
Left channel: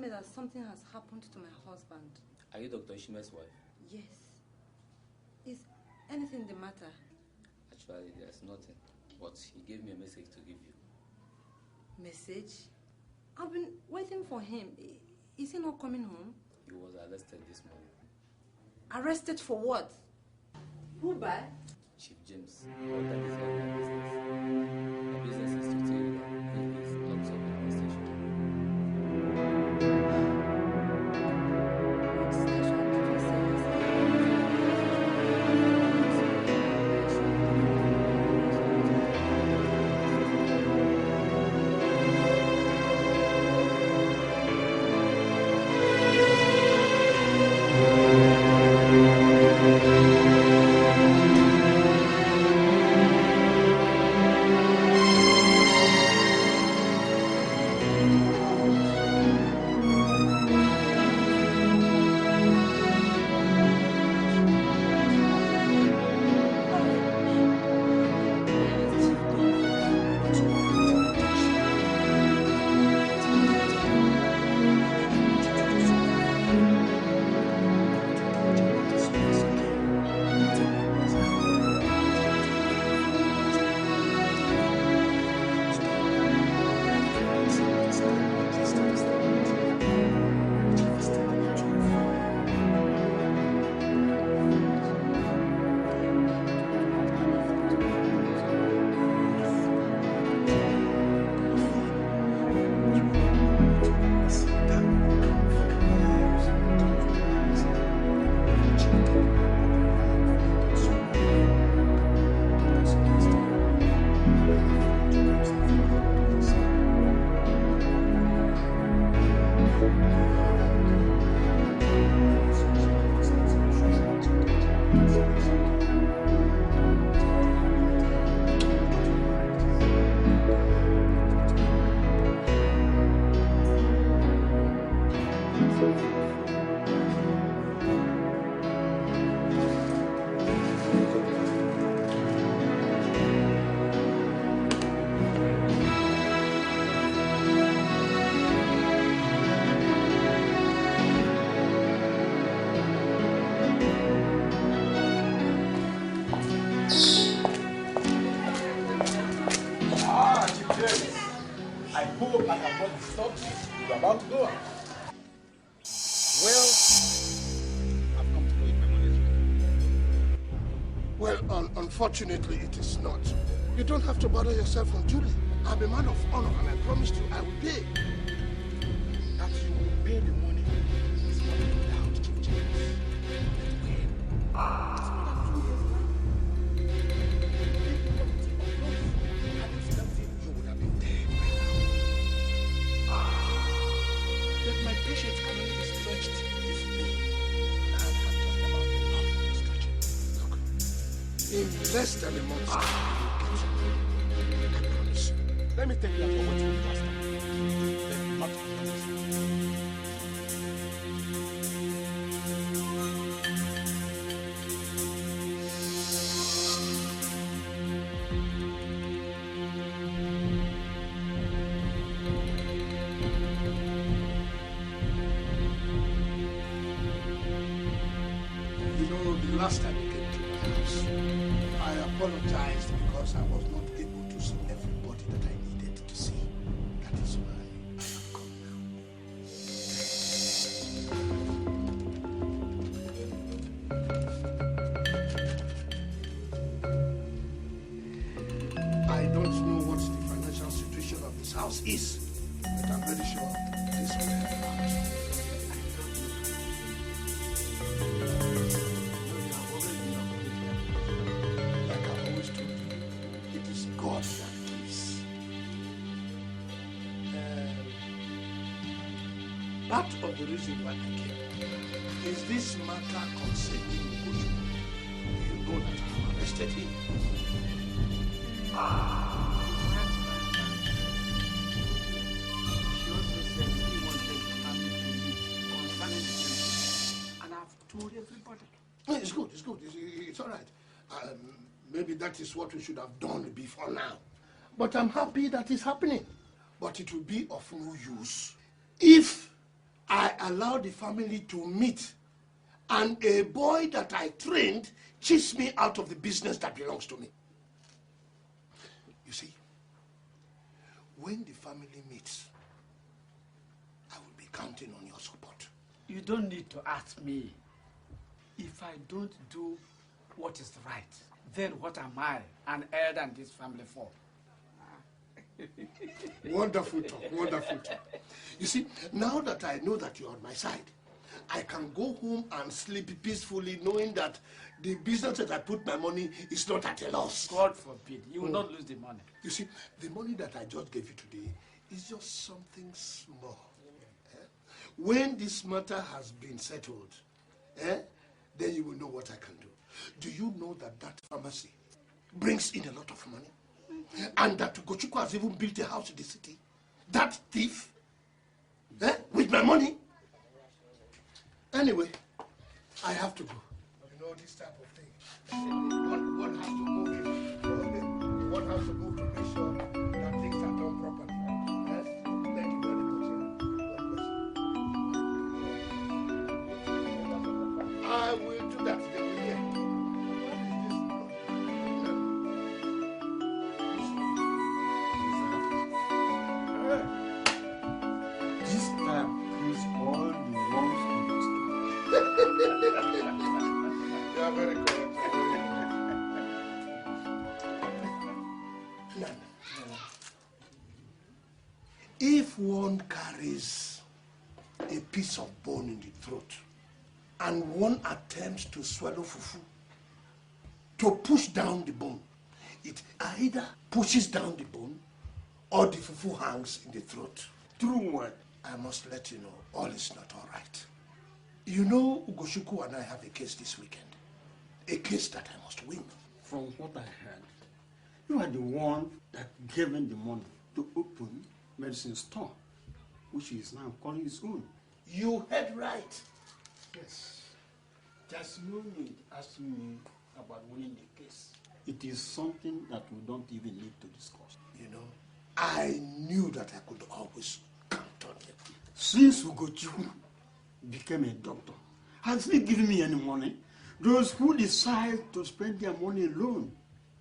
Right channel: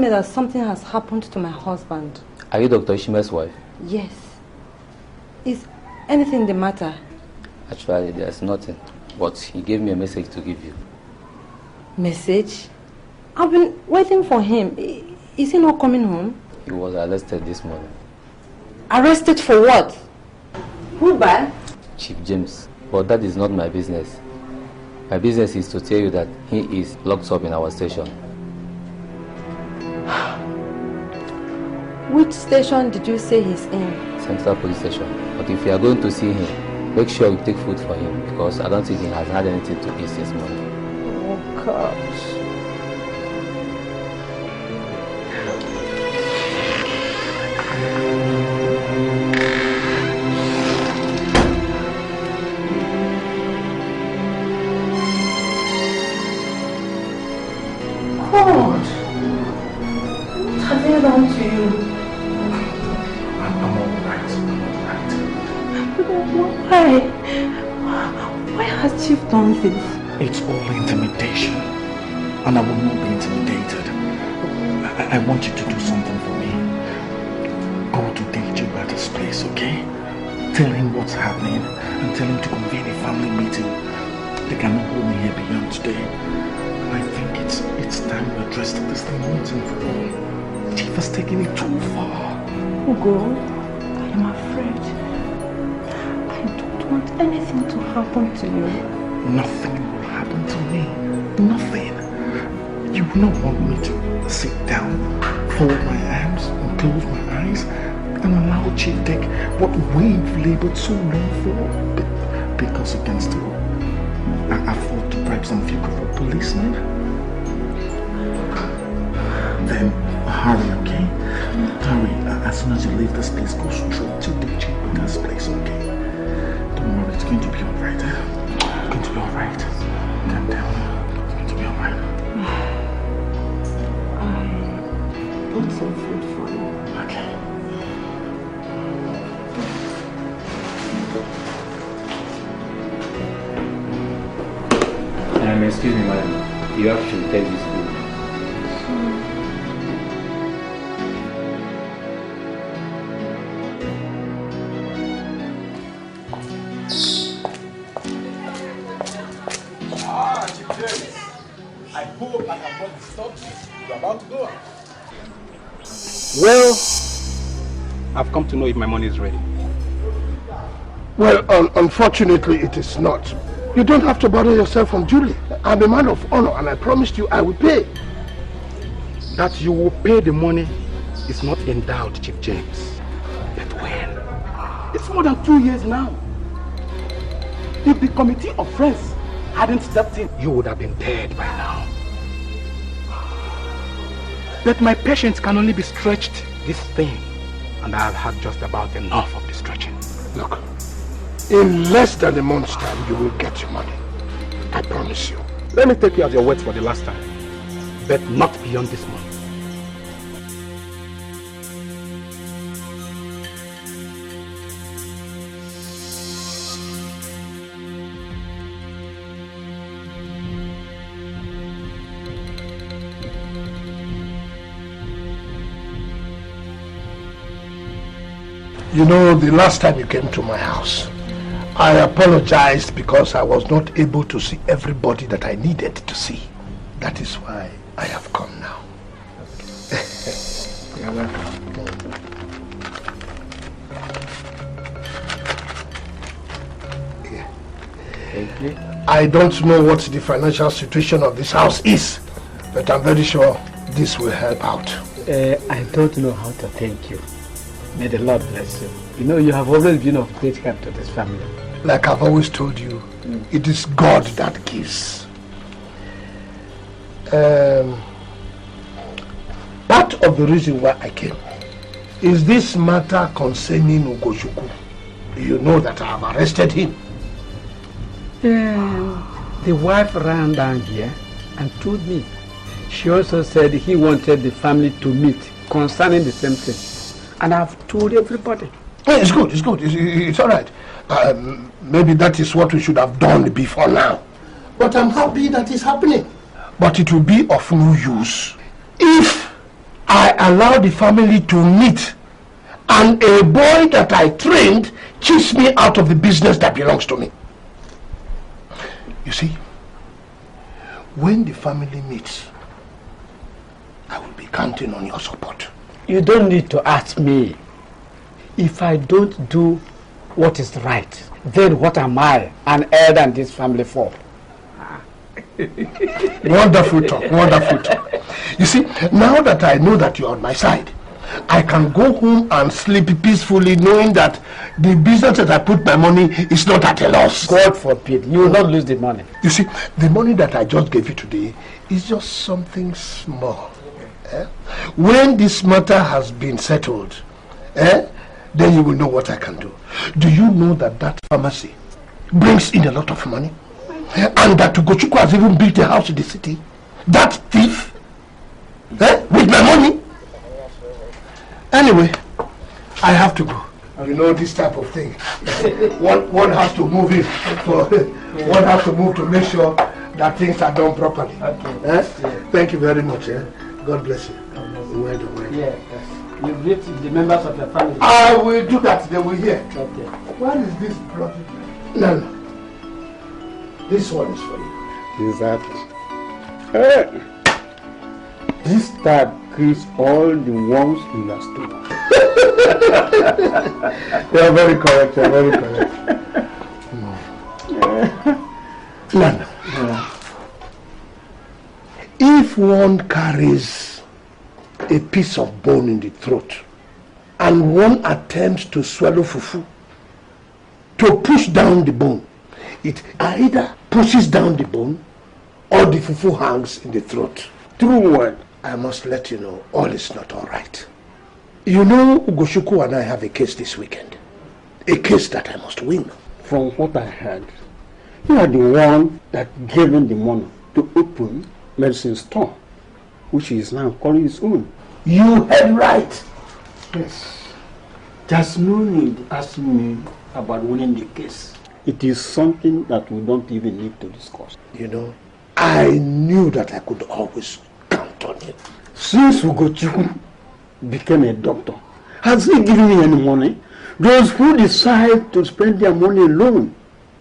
That something has happened to my husband. Are you Dr. Ishime's wife? Yes. Is anything the matter? Actually, there's nothing. But he gave me a message to give you. Message? I've been waiting for him. Is he not coming home? He was arrested this morning. Arrested for what? Who by? Chief James. But that is not my business. My business is to tell you that he is locked up in our station. Which station did you say he's in? Central Police Station. But if you are going to see him, make sure you take food for him, because I don't think he has had anything to eat this morning. Oh gosh. It's all intimidation, and I will not be intimidated. I want you to do something for me. Go to DJ at his place, okay? Tell him what's happening and tell him to convene a family meeting. They cannot hold me here beyond today. I think it's time we address this thing once and for all. Chief has taken it too far. Ugo, I'm afraid. I don't want anything to happen to you. Nothing will happen to me. Nothing. You will not want me to sit down, fold my arms, and close my eyes, and allow Chief take what we've labored so long for because against him. I fought to bribe some few couple policemen. Then hurry, okay? Hurry. As soon as you leave this place, go straight to DJ Becca's place, okay? Don't worry, it's going to be alright. Calm down. It's going to be alright. Put some food for you. Okay. Excuse me, madam. You have to take this food. I hope I have not disturbed you. You're about to go out. Well, I've come to know if my money is ready. Well, unfortunately, it is not. You don't have to bother yourself unduly. I'm a man of honor, and I promised you I will pay. That you will pay the money is not in doubt, Chief James. But when? It's more than 2 years now. If the committee of friends hadn't stepped in, you would have been dead by now. But my patience can only be stretched this thing, and I've had just about enough of the stretching. Look, in less than a month's time, you will get your money. I promise you. Let me take you at your words for the last time. But not beyond this month. You know, the last time you came to my house, I apologized because I was not able to see everybody that I needed to see. That is why I have come now. I don't know what the financial situation of this house is, but I'm very sure this will help out. I don't know how to thank you. May the Lord bless you. You know, you have always been of great help to this family. Like I've always told you, it is God that gives. Part of the reason why I came is this matter concerning Ozokwor. You know that I have arrested him. The wife ran down here and told me. She also said he wanted the family to meet concerning the same thing. And I've told everybody. Yeah, it's good, it's all right. Maybe that is what we should have done before now. But I'm happy that it's happening. But it will be of no use if I allow the family to meet and a boy that I trained cheats me out of the business that belongs to me. You see, when the family meets, I will be counting on your support. You don't need to ask me. If I don't do what is right, then what am I, an elder in this family, for? Wonderful talk, wonderful talk. You see, now that I know that you're on my side, I can go home and sleep peacefully knowing that the business that I put my money is not at a loss. God forbid, you will not lose the money. You see, the money that I just gave you today is just something small. When this matter has been settled, then you will know what I can do. Do you know that that pharmacy brings in a lot of money? And that Ozokwor has even built a house in the city? That thief? With my money? Anyway, I have to go. You know this type of thing. One has to move in. One has to move to make sure that things are done properly. Thank you very much. God bless you. Yes. You greet the members of the family. I will do that. They will hear. Okay. What is this bloody? No. This one is for you. Exactly. This tag creates all the worms in your stomach. You are very correct. You are very correct. Nana. If one carries a piece of bone in the throat and one attempts to swallow fufu, to push down the bone, it either pushes down the bone or the fufu hangs in the throat. True word. I must let you know, all is not all right. You know, Ozokwor and I have a case this weekend. A case that I must win. From what I heard, you are the one that gave him the money to open medicine store, which he is now calling his own. You heard right. Yes. There's no need asking me about winning the case. It is something that we don't even need to discuss. You know, I knew that I could always count on you. Since Ozokwor became a doctor, has he given me any money? Those who decide to spend their money alone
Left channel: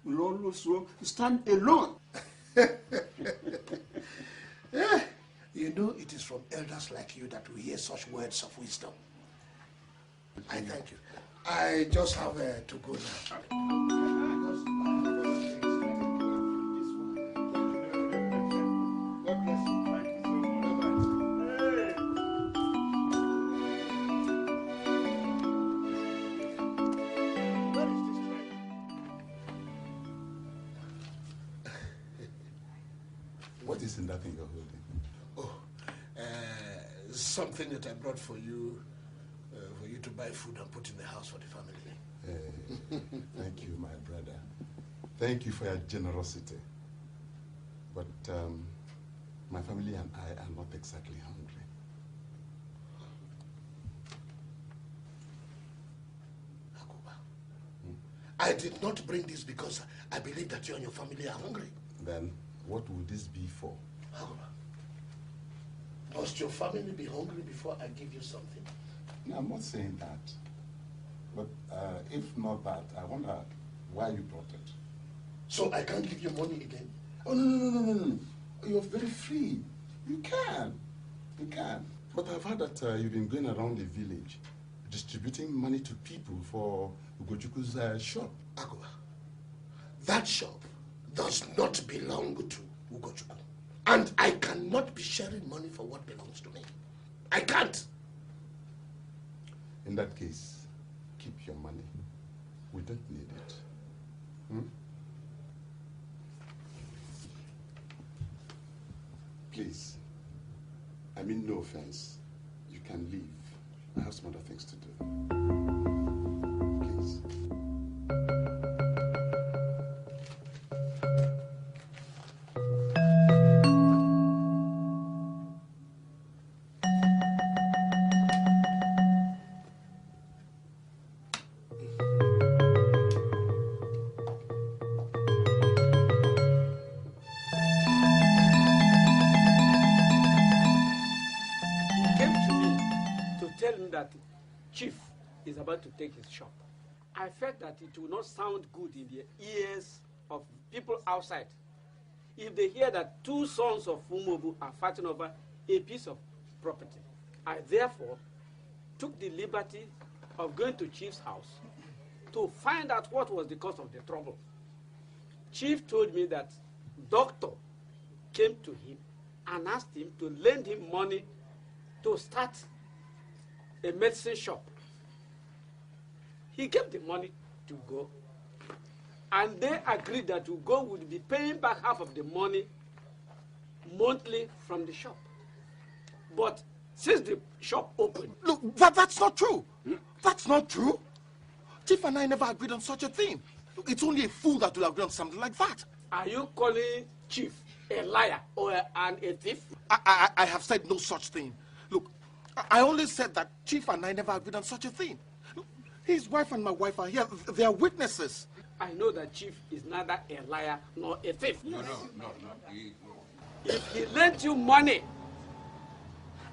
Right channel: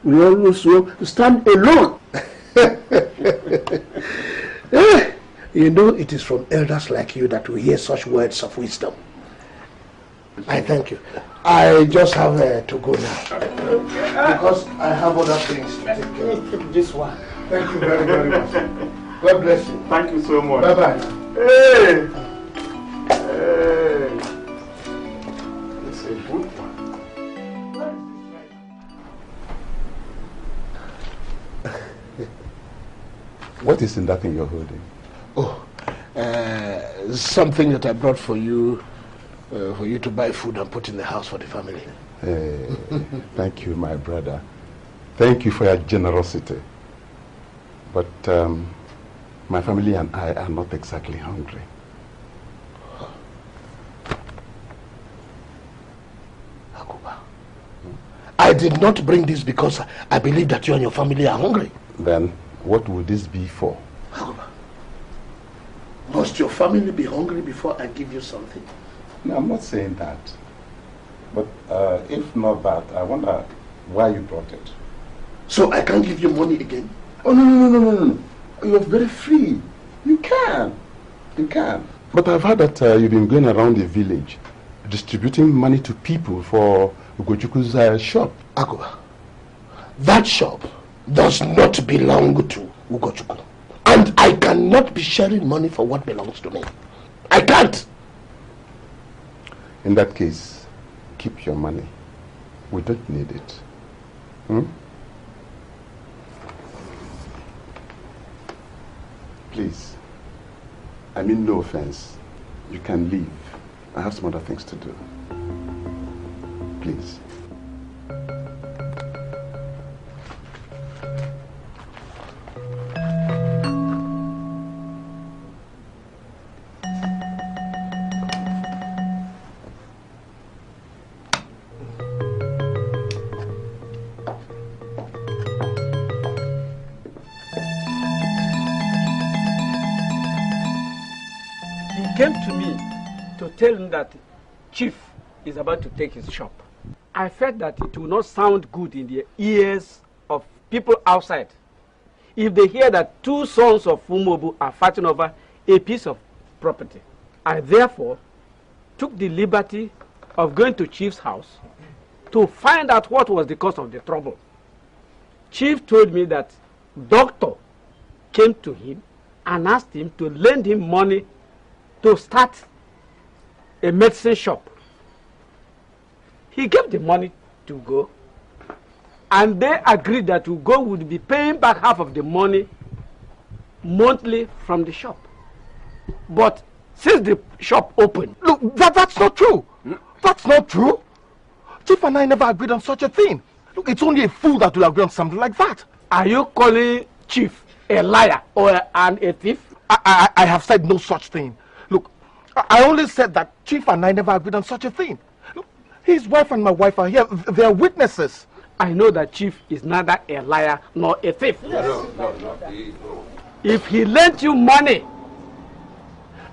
will also stand alone. You know, it is from elders like you that we hear such words of wisdom. I thank you. I just have to go now. Because I have other things to take care of. This one. Thank you very, very much. God bless you. Thank you so much. Bye-bye. Hey! It's a good one. What is in that thing you're holding? Oh, something that I brought for you to buy food and put in the house for the family. Thank you, my brother. Thank you for your generosity. But my family and I are not exactly hungry. I did not bring this because I believe that you and your family are hungry. Then what would this be for? Must your family be hungry before I give you something? No, I'm not saying that. But if not that, I wonder why you brought it. So I can't give you money again? Oh, no. You're very free. You can. You can. But I've heard that you've been going around the village distributing money to people for Ugochukwu's shop. Agoba, that shop does not belong to Ugochukwu. And I cannot be sharing money for what belongs to me. I can't. In that case, keep your money. We don't need it. Please. I mean no offense. You can leave. I have some other things to do. Please. Tell him that Chief is about to take his shop. I felt that it will not sound good in the ears of people outside if they hear that two sons of Umobu are fighting over a piece of property. I therefore took the liberty of going to Chief's house to find out what was the cause of the trouble. Chief told me that doctor came to him and asked him to lend him money to start a medicine shop. He gave the money to Ugo, and they agreed that Ugo would be paying back half of the money monthly from the shop. But since the shop opened... Look, that's not true. That's not true. Chief and I never agreed on such a thing. Look, it's only a fool that will agree on something like that. Are you calling Chief a liar or a thief? I have said no such thing. Look, I only said that Chief and I never agreed on such a thing. Look, his wife and my wife are here. They are witnesses. I know that Chief is neither a liar nor a thief. No. If he lent you money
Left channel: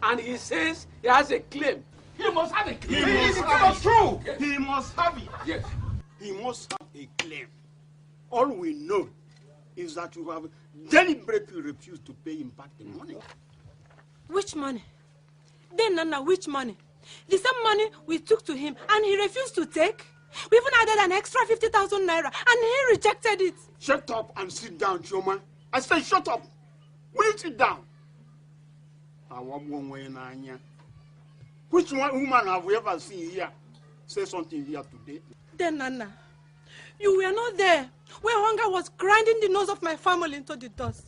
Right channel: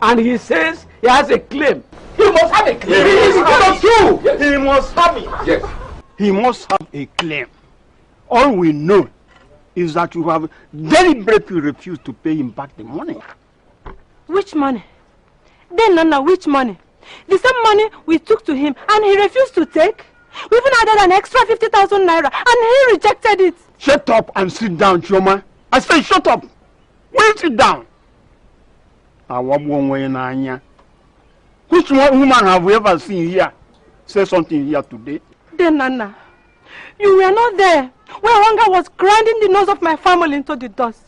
and he says he has a claim, he must have a claim. He must have it. Yes. He must have a claim. All we know is that you have deliberately refused to pay him back the money. Which money? Then, Nana, which money? The same money we took to him and he refused to take? We even added an extra 50,000 naira and he rejected it. Shut up and sit down, Choma. I say shut up. Will you sit down? Which woman have we ever seen here say something here today? Then, Nana, you were not there when hunger was grinding the nose of my family into the dust.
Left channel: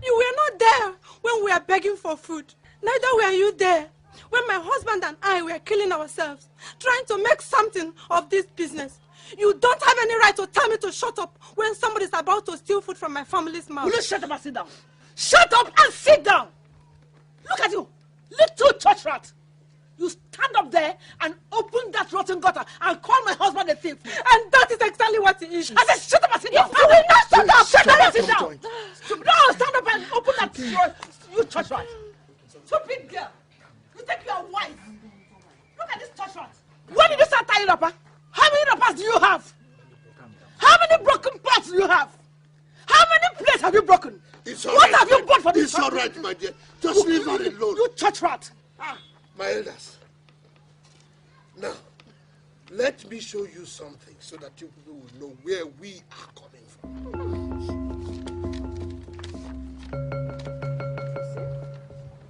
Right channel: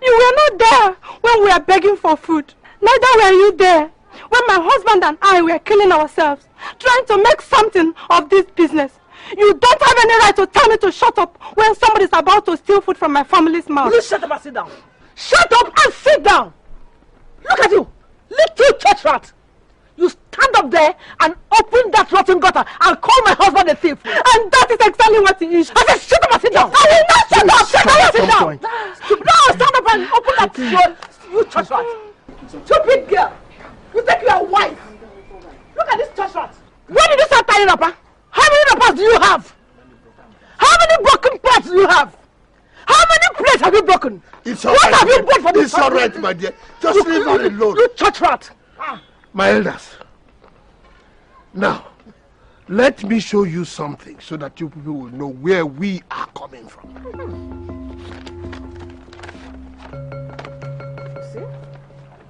You were not there when we were begging for food. Neither were you there when my husband and I were killing ourselves, trying to make something of this business. You don't have any right to tell me to shut up when somebody is about to steal food from my family's mouth. Will you shut up and sit down? Shut up and sit down! Look at you, little church rat! You stand up there and open that rotten gutter and call my husband a thief. And that is exactly what he is. I said shut up and sit down! I did not shut up! Shut up and sit down! No, stand up and open that door, you church rat! Stupid girl! You think you are wise? Look at this church rat! When did you start tying up, huh? How many rappers do you have? How many broken pots do you have? How many plates have you broken? It's all what right. Have you bought for this? It's all right, my dear. Just leave her alone. You church rat! My elders, now, let me show you something so that you people will know where we are coming from.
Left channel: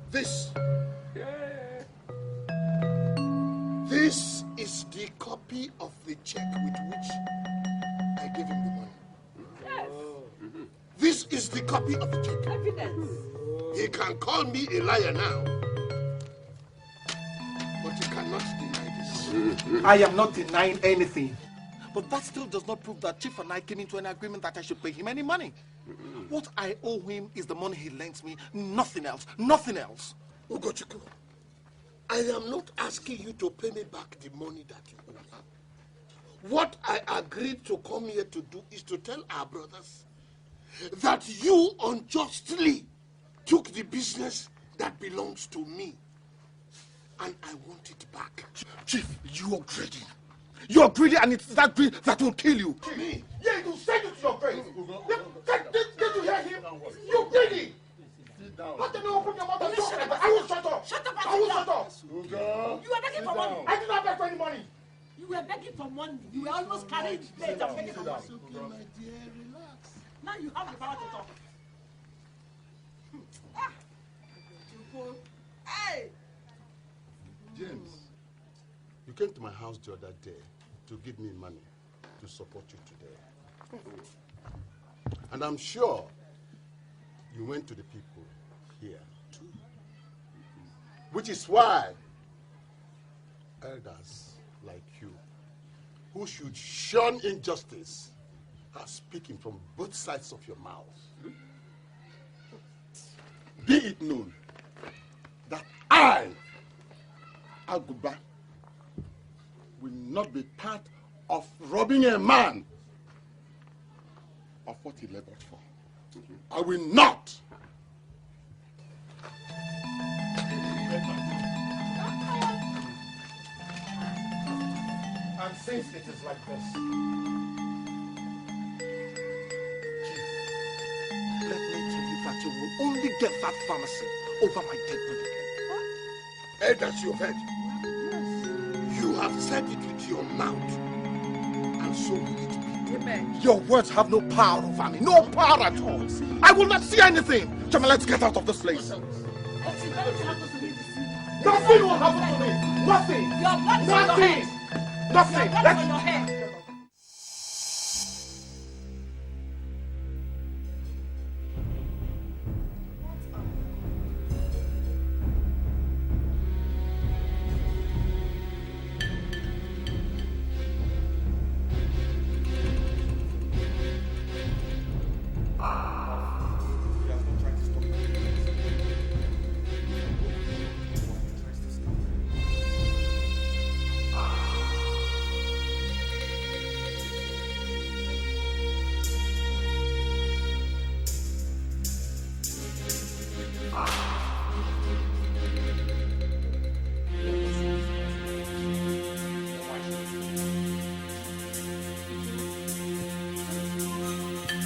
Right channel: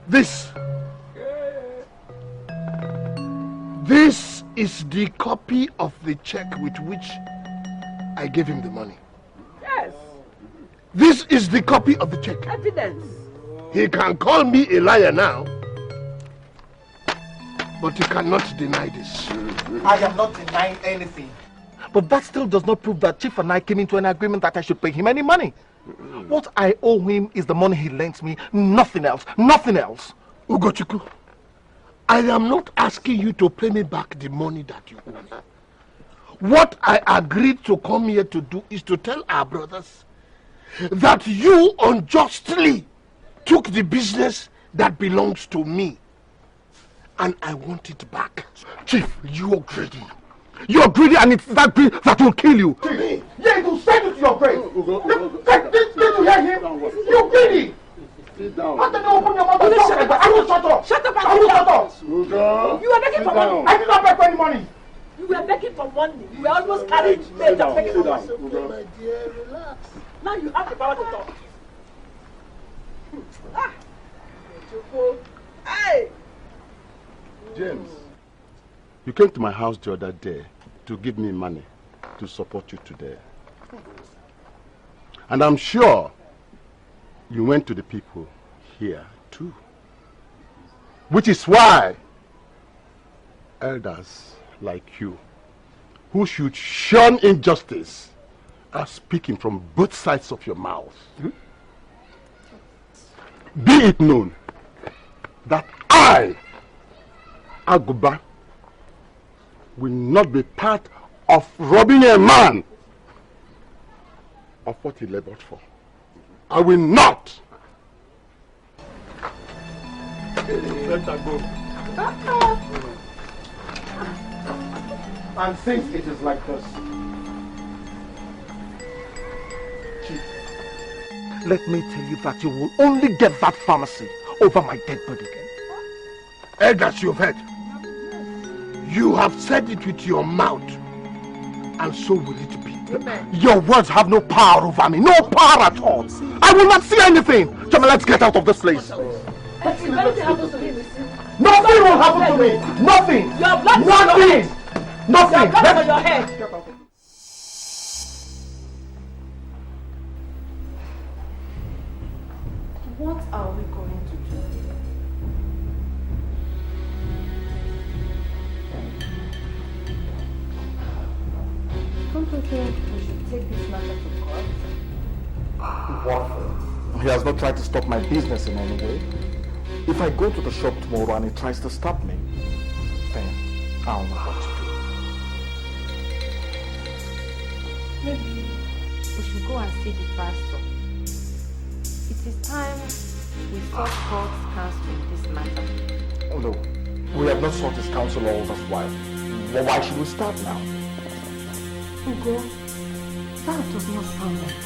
This is the copy of the check with which I gave him the money. Yes. This is the copy of the check. Evidence. He can call me a liar now, but he cannot deny this. I am not denying anything. But that still does not prove that Chief and I came into an agreement that I should pay him any money. What I owe him is the money he lent me, nothing else, nothing else. Ugochukwu, I am not asking you to pay me back the money that you owe me. What I agreed to come here to do is to tell our brothers that you unjustly took the business that belongs to me. And I want it back. Chief, you are greedy. You are greedy, and it's that greed that will kill you. Me? Yeah, it will send you to your grave. Did you hear him? You're greedy. Sit down. How did you open your mouth and talk like that? I will shut up. Shut up and I will shut up. You were begging for money. I did not beg for any money. You were begging for money. You were almost carrying weight of begging for money. My dear, relax. Now you have the power to talk. Hey! James, you came to my house the other day to give me money to support you today. And I'm sure you went to the people here too. Which is why elders like you, who should shun injustice, are speaking from both sides of your mouth. Be it known that I, Aguba, will not be part of robbing a man of what he labored for. I will not. And since it is like this, Chief, let me tell you that you will only get that pharmacy over my dead body again. Elders, you've heard. You have said it with your mouth, and so will it be. Your words have no power over me, no power at all. I will not see anything. Jama, let's get out of this place. But if anything happens to him, nothing will happen to me. Nothing. Your blood Nothing. Nothing. Your blood on your head. What are we going to do? Don't you think we should take this matter to court? What? He has not tried to stop my business in any way. If I go to the shop tomorrow and he tries to stop me, then I'll know what to do. Maybe we should go and see the pastor. It is time we sought God's counsel in this matter. Although we have not sought his counsel all this while. Well, why should we start now? Ugo, that does not sound like it.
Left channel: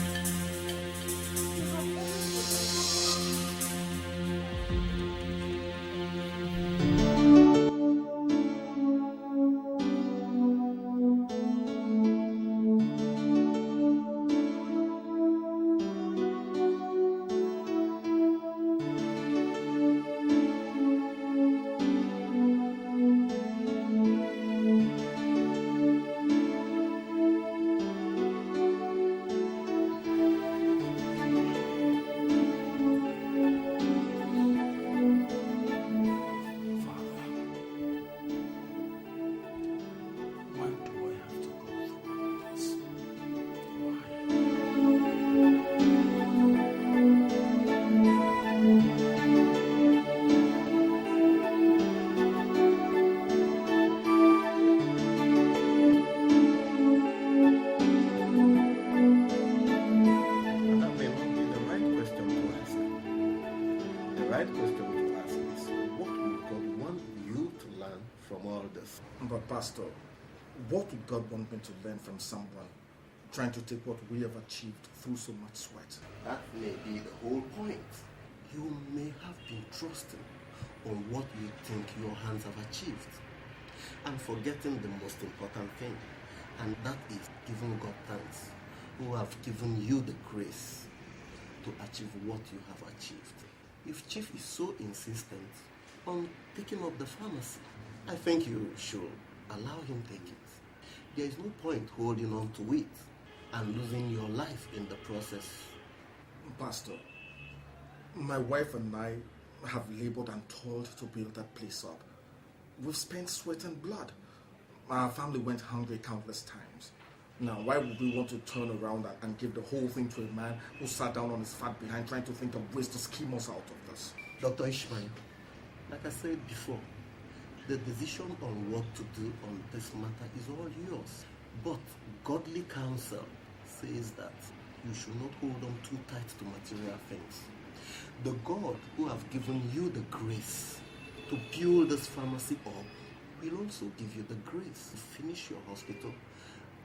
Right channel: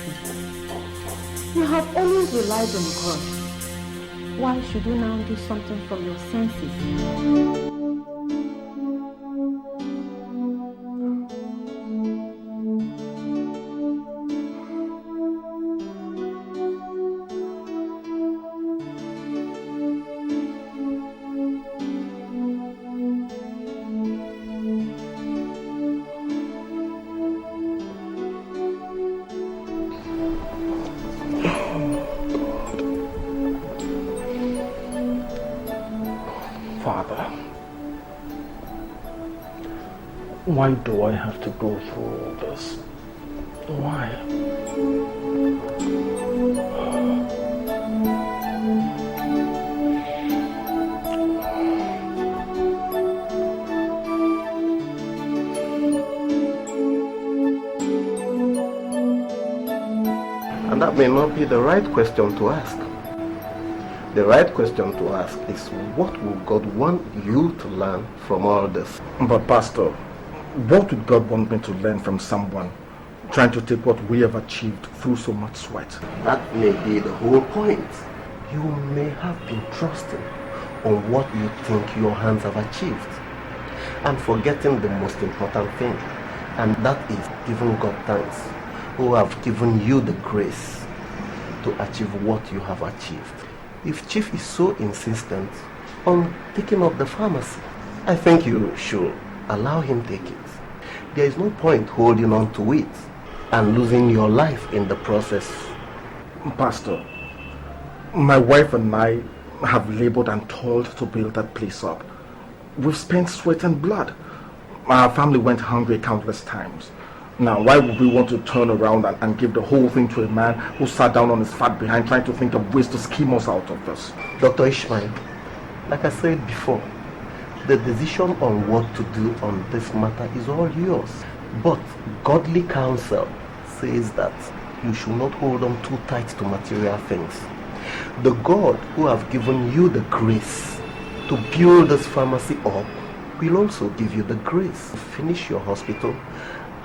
You have always relied on God. Why should you now do something from your senses? Why do I have to go through all this? Why? And that may not be the right question to ask. The right question to ask is, what will God want you to learn from all this? But Pastor, what would God want me to learn from someone trying to take what we have achieved through so much sweat? That may be the whole point. You may have been trusting on what you think your hands have achieved and forgetting the most important thing, and that is giving God thanks, who have given you the grace to achieve what you have achieved. If Chief is so insistent on taking up the pharmacy, I think you should allow him take it. There is no point holding on to it and losing your life in the process. Pastor, my wife and I have labored and toiled to build that place up. We've spent sweat and blood. Our family went hungry countless times. Now, why would we want to turn around and give the whole thing to a man who sat down on his fat behind trying to think of ways to scheme us out of this? Dr. Ishmael, like I said before, the decision on what to do on this matter is all yours. But godly counsel says that you should not hold on too tight to material things. The God who have given you the grace to build this pharmacy up will also give you the grace to finish your hospital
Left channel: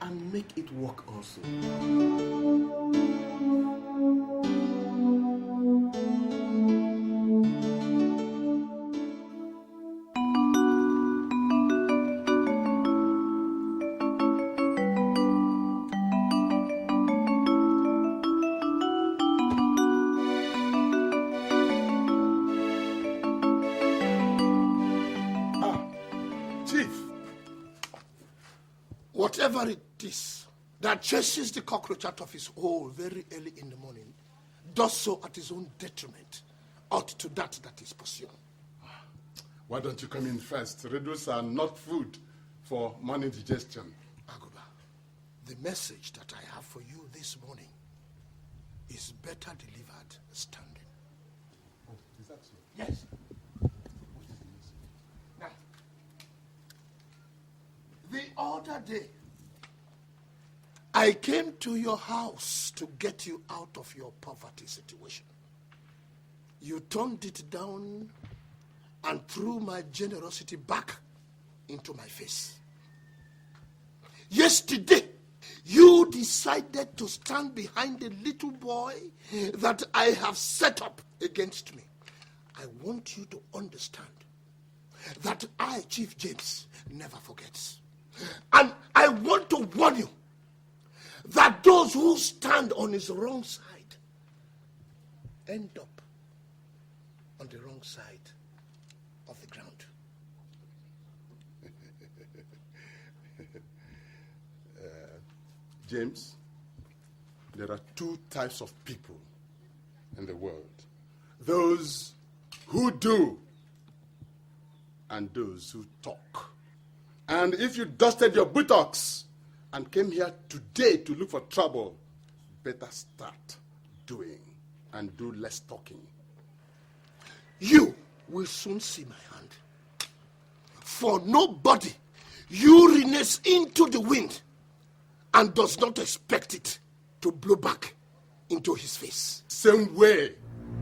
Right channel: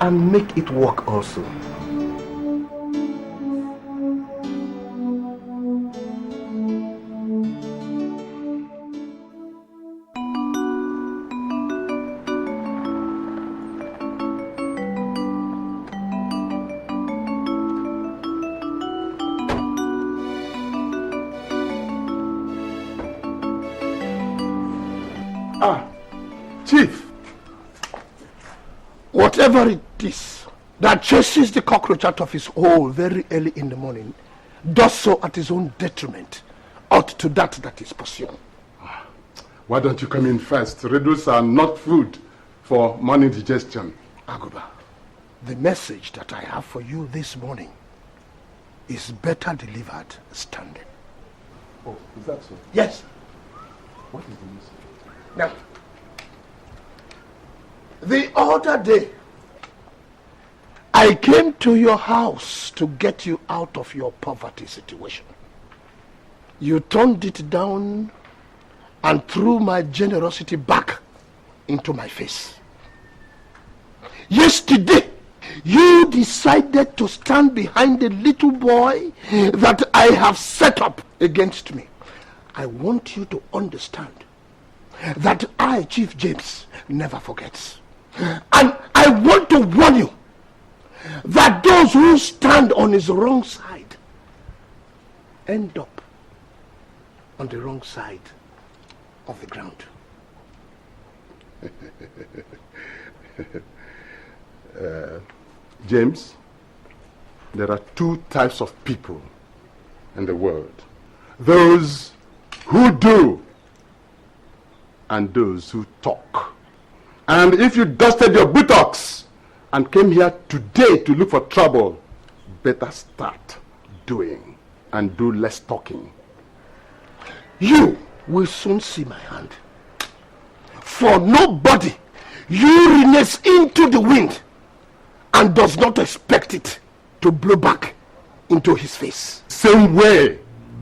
and make it work also. Whatever it is that chases the cockroach out of his hole very early in the morning does so at his own detriment, ought to that is pursuing. Why don't you come in first? Riddles are not food for morning digestion. Aguba, the message that I have for you this morning is better delivered standing. Oh, is that so? Yes. What is the message? Now, the other day, I came to your house to get you out of your poverty situation. You turned it down and threw my generosity back into my face. Yesterday, you decided to stand behind the little boy that I have set up against me. I want you to understand that I, Chief James, never forgets. And I want to warn you that those who stand on his wrong side end up on the wrong side of the ground. James, there are two types of people in the world. Those who do and those who talk. And if you dusted your buttocks and came here today to look for trouble, better start doing and do less talking. You will soon see my hand. For nobody urinates into the wind and does not expect it to blow back into his face. Same way,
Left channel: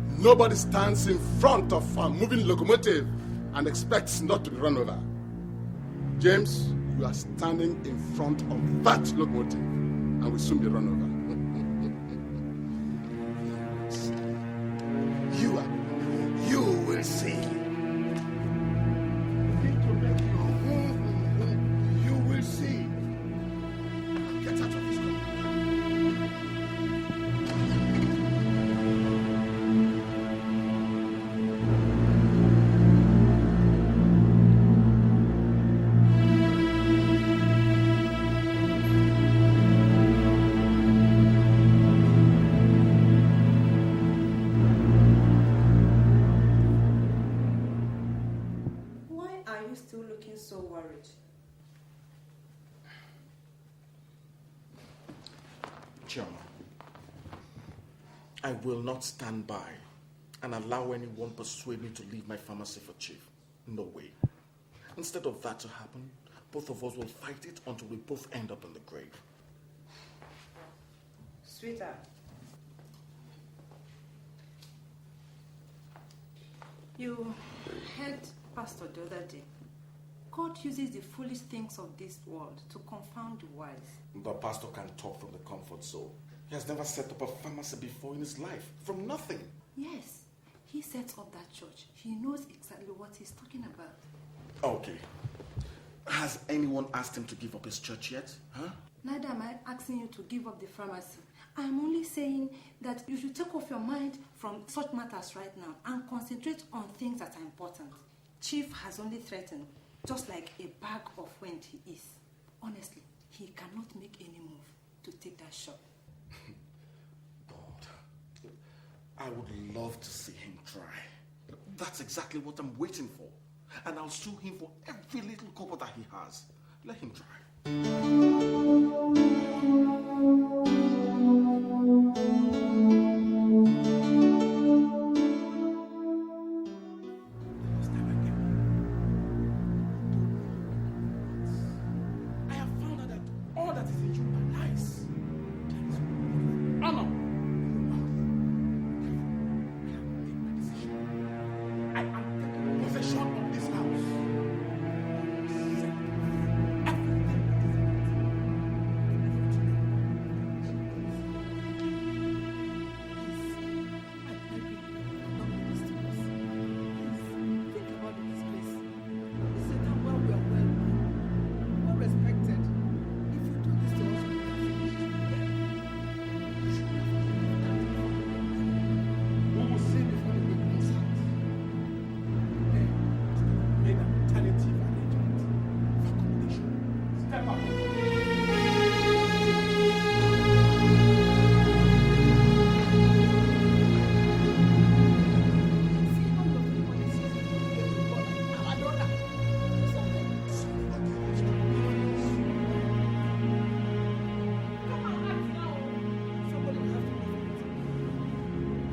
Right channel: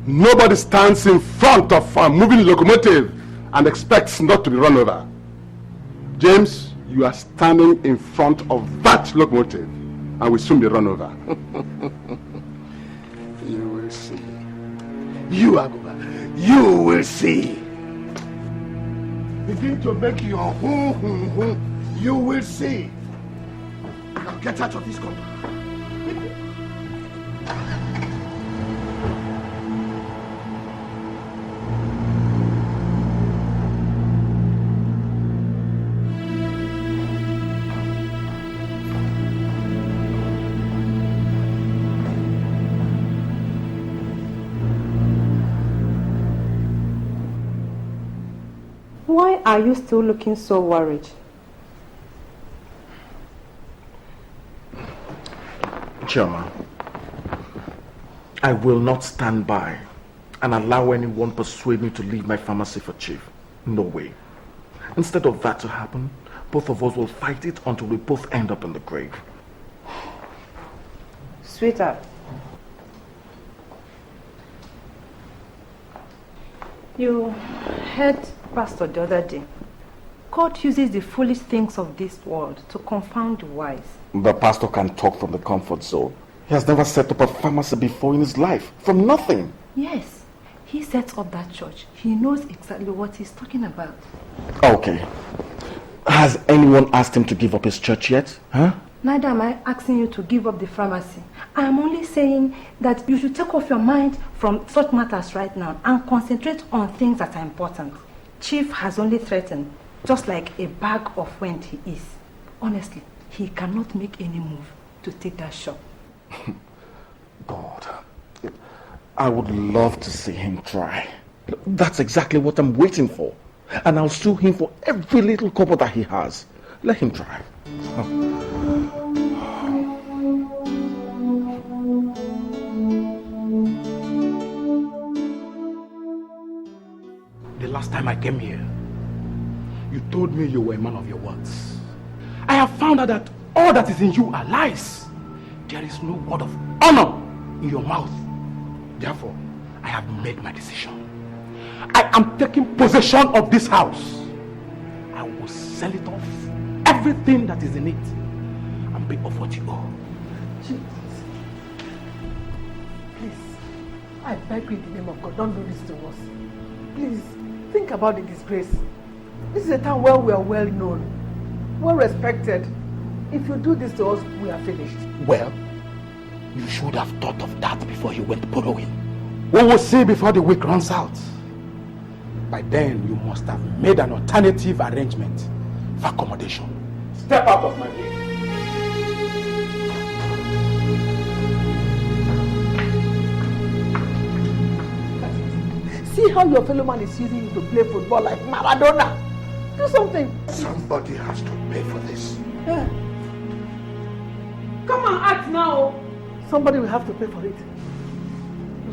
nobody stands in front of a moving locomotive and expects not to be run over. James, you are standing in front of that locomotive and will soon be run over. You will see. You will see. Begin to make your hoo. You will see. Now get out of this country. Why are you still looking so worried? Chioma, I will not stand by and allow anyone persuade me to leave my pharmacy for Chief. No way. Instead of that to happen, both of us will fight it until we both end up in the grave. Sweetheart, you heard Pastor the other day. God uses the foolish things of this world to confound the wise. The pastor can talk from the comfort zone. He has never set up a pharmacy before in his life, from nothing. Yes, he sets up that church. He knows exactly what he's talking about. Okay. Has anyone asked him to give up his church yet? Huh? Neither am I asking you to give up the pharmacy. I am only saying that you should take off your mind from such matters right now and concentrate on things that are important. Chief has only threatened, just like a bag of wind he is. Honestly, he cannot make any move to take that shop. God, I would love to see him try. That's exactly what I'm waiting for. And I'll sue him for every little couple that he has. Let him try. came here, you told me you were a man of your words. I have found out that all that is in you are lies. There is no word of honor in your mouth. Therefore, I have made my decision. I am taking possession of this house. I will sell it off, everything that is in it, and pay off what you owe. Please, I beg you in the name of God, don't do this to us. Please, think about the disgrace. This is a town where we are well known, well respected. If you do this to us, we are finished. Well, you should have thought of that before you went borrowing. We will see before the week runs out. By then, you must have made an alternative arrangement for accommodation. Step out of my way. See how your fellow man is using you to play football like Maradona. Do something. Somebody has to pay for this. Yeah. Come on, act now. Somebody will have to pay for it.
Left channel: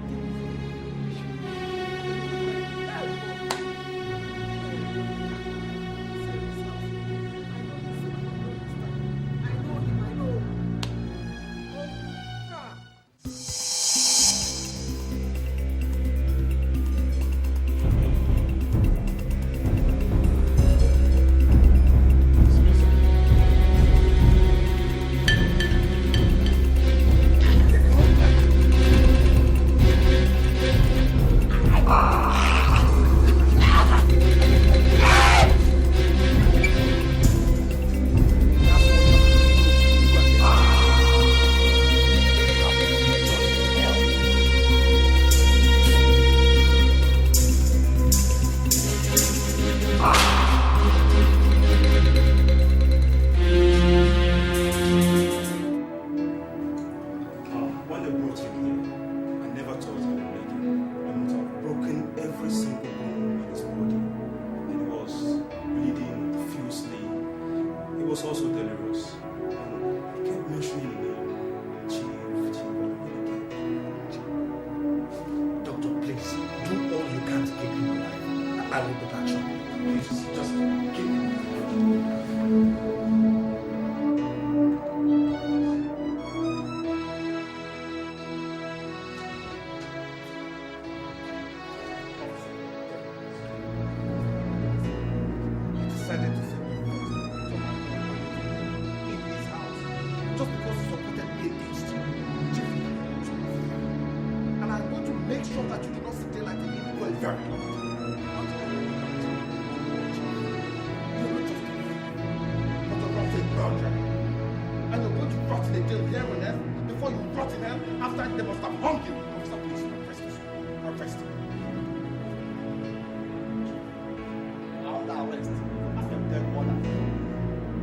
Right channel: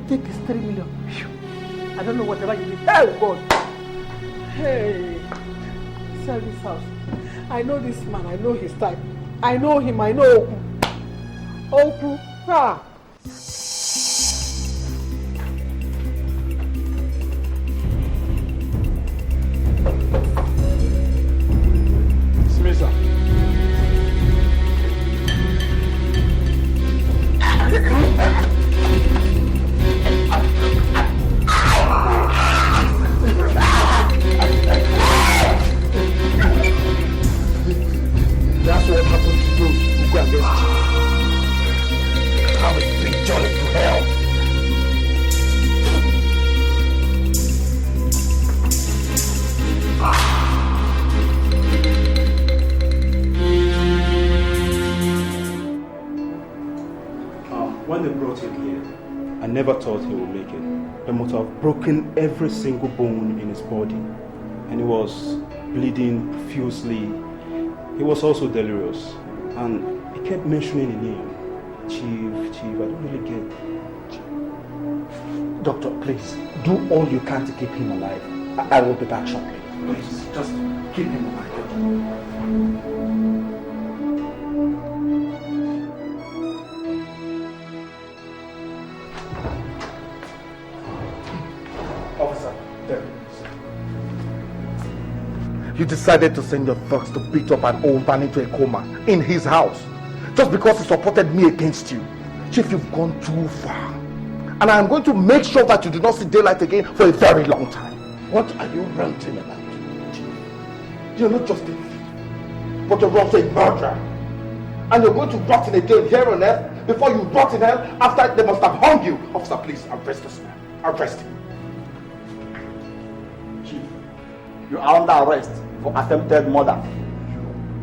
Take this 3 million. I don't know whatever you did. Oh God. Hey. Sell this house. I know this man. I know his type. I know him. I know Oku. Oku. Ah. Every single bone in his body, and he was bleeding profusely. He was also delirious, and he kept mentioning the name, Chief, I don't really get. Doctor, please, do all you can to keep him alive. I will be back shortly. Please, just keep him alive. You decided to send your thugs to beat up an old man into a coma in his house just because he supported me against you. Chief, you've gone too far. And I am going to make sure that you do not see daylight again for a very long time. What are you ranting about, Chief? You're not just a thief, but you're also a murderer. And you're going to rot in a jail here on earth before you rot in hell after they must have hung you. Officer, please, arrest this man. Arrest him. Chief, you are under arrest for attempted murder.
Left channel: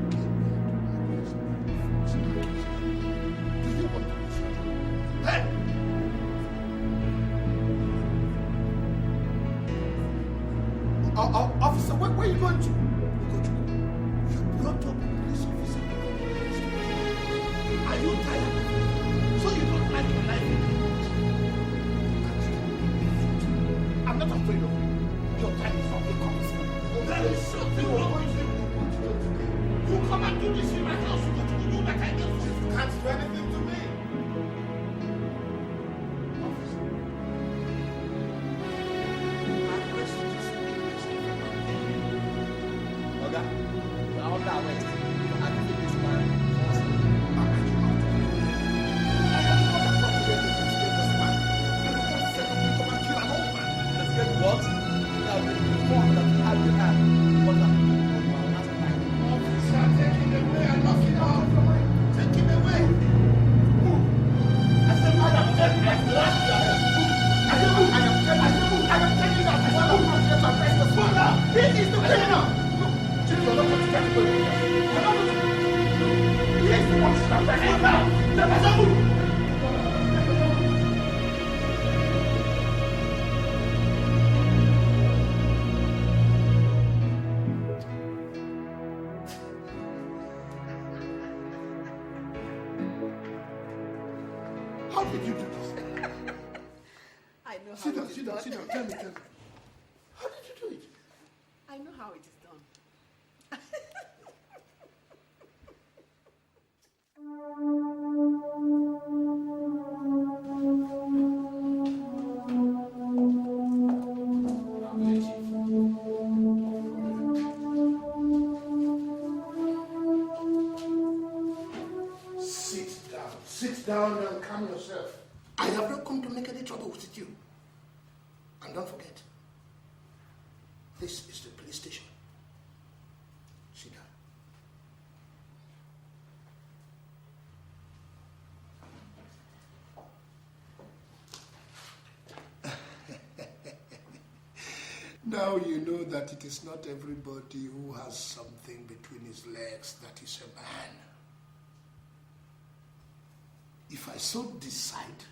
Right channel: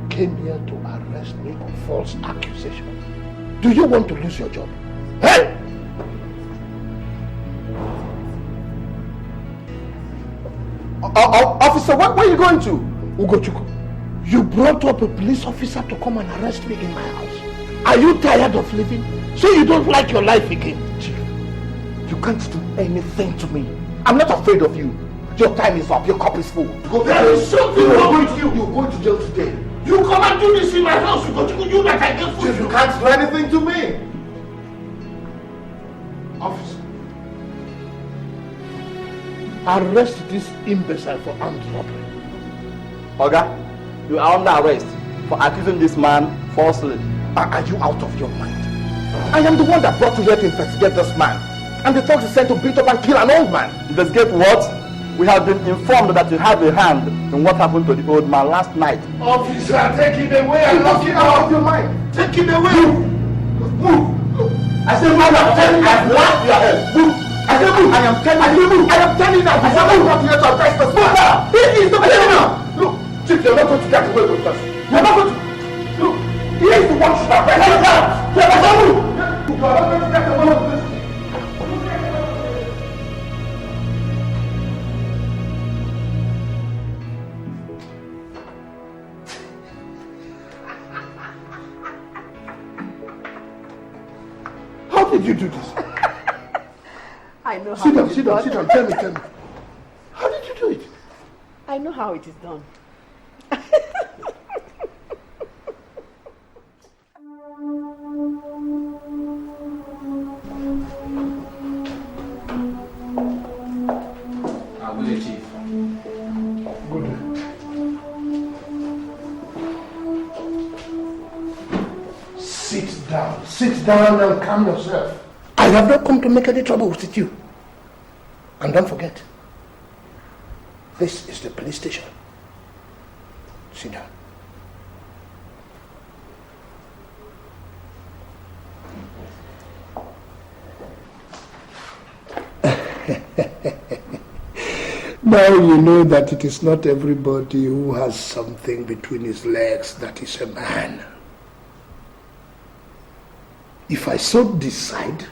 You came here to arrest me on false accusation. Do you want to lose your job? Hey! Officer, where are you going to? Ugochukwu, you brought up a police officer to come and arrest me in my house. Are you tired of living? So you don't like your life again? You can't do anything to me. I'm not afraid of you. Your time is up. Your cup is full. There is something wrong with you. You're going to jail today. You come and do this in my house. You that I get food. You can't do anything to me. Officer, arrest this imbecile for armed robbery. Oga, you are under arrest for accusing this man falsely. Are you out of your mind? I am the one that brought you here to investigate this man. And the thugs is sent to beat up and kill an old man. Investigate what? We have been informed that you have a hand in what happened to the old man last night. Officer, take it away and lock it out of your mind. Take it away. Move. I said, madam, tell me I've locked your head. Move. I said, move. I am telling you. I am telling you now. I said, move. I'm here to arrest this man. It is the man now. Look, Chief, you're not going to get away with us. You're not going to. Look, he is the one to arrest us now. You're not going to. You're not going to get away with us. How did you do this? I know how Sit down. to Tell me. How did you do it? I know how it is done. Sit down and calm yourself. I have not come to make any trouble with you. And don't forget, this is the police station. Sit down. Now you know that it is not everybody who has something between his legs that is a man. If I so decide,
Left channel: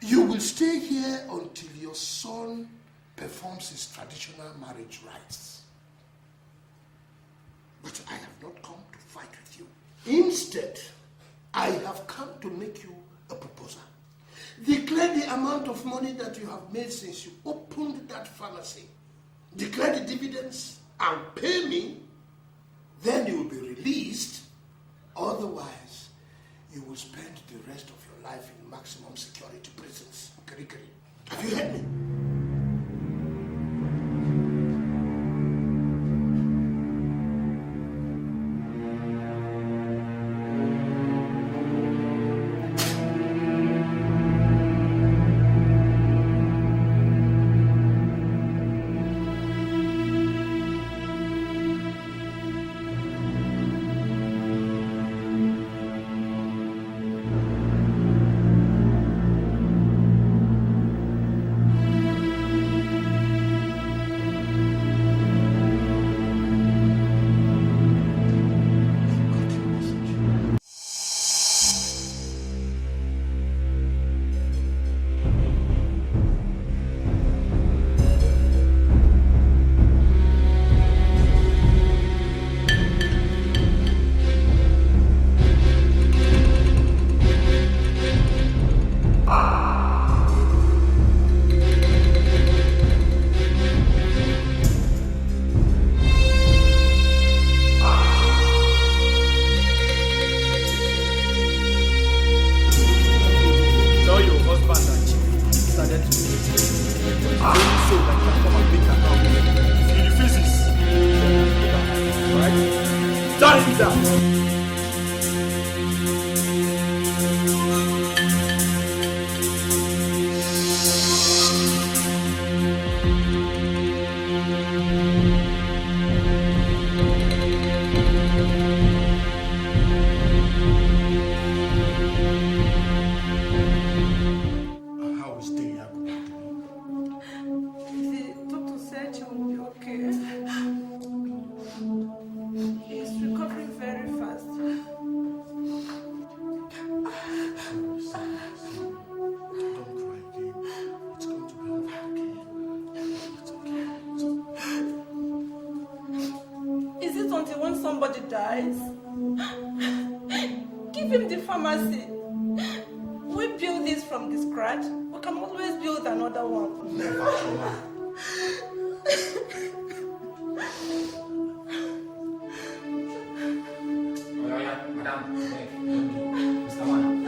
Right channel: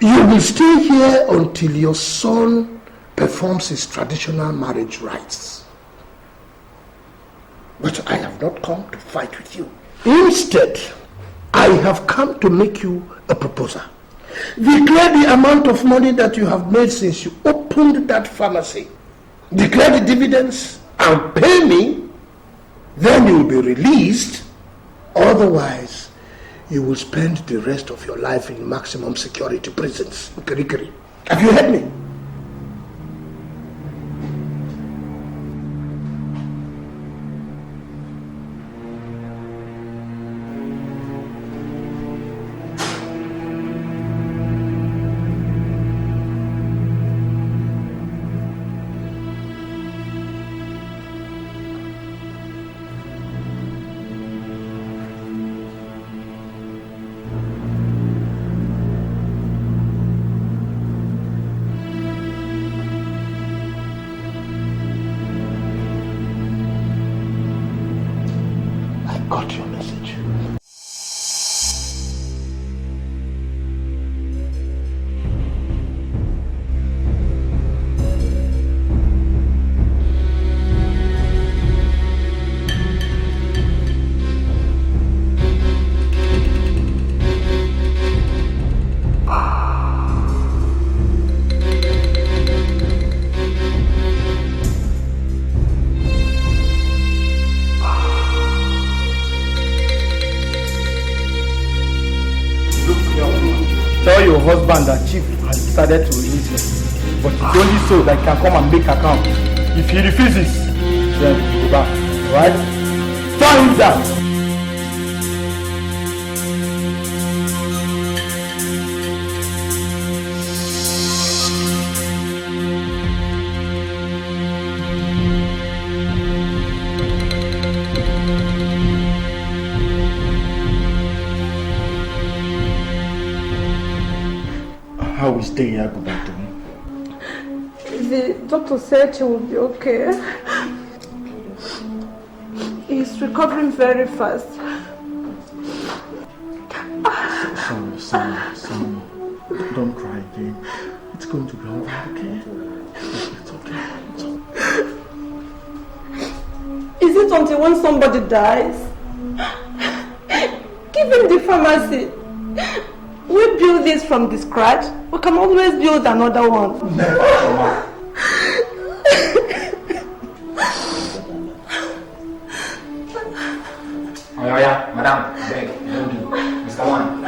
you will stay here until your son performs his traditional marriage rites. But I have not come to fight with you. Instead, I have come to make you a proposal. Declare the amount of money that you have made since you opened that pharmacy. Declare the dividends and pay me. Then you will be released. Otherwise, you will spend the rest of your life in maximum security prisons. Have you heard me? Said he will be okay. He's recovering very fast. Sorry. Don't cry again. It's going to be all right, okay? It's okay. Is it until when somebody dies? Give him the pharmacy. We build this from the scratch. We can always build another one. Never. Madam, beg, Mr. One.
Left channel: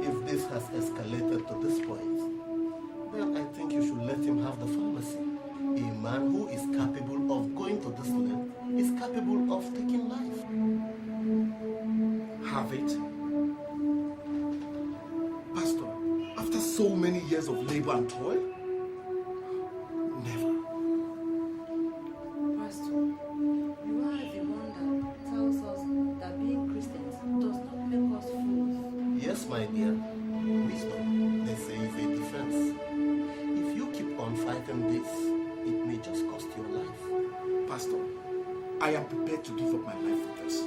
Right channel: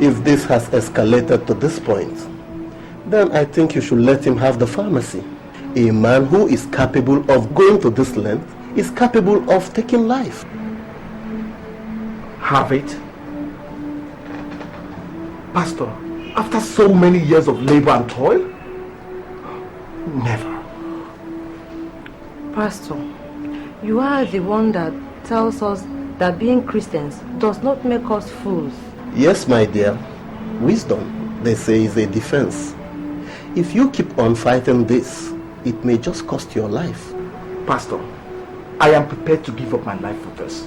If this has escalated to this point, then I think you should let him have the pharmacy. A man who is capable of going to this length is capable of taking life. Have it? Pastor, after so many years of labor and toil? Never. Pastor, you are the one that tells us that being Christians does not make us fools. Yes, my dear. Wisdom, they say, is a defense. If you keep on fighting this, it may just cost your life. Pastor, I am prepared to give up my life for this.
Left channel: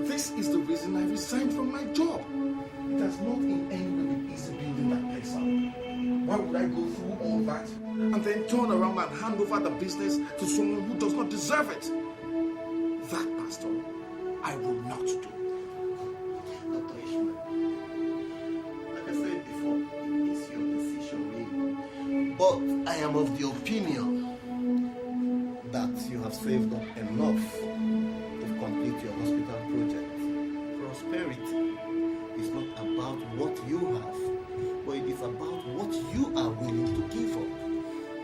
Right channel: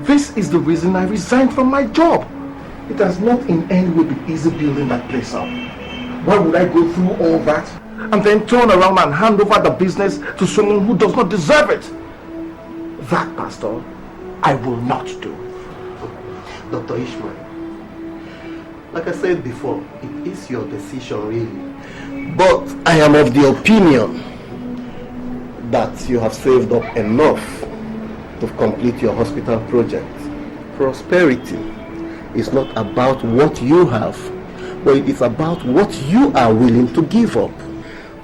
This is the reason I resigned from my job. It has not in any way been easy building that place up. Why would I go through all that and then turn around and hand over the business to someone who does not deserve it? That, Pastor, I will not do. Dr. Ishmael, like I said before, it is your decision really. But I am of the opinion that you have saved up enough to complete your hospital project. Prosperity is not about what you have, but it is about what you are willing to give up.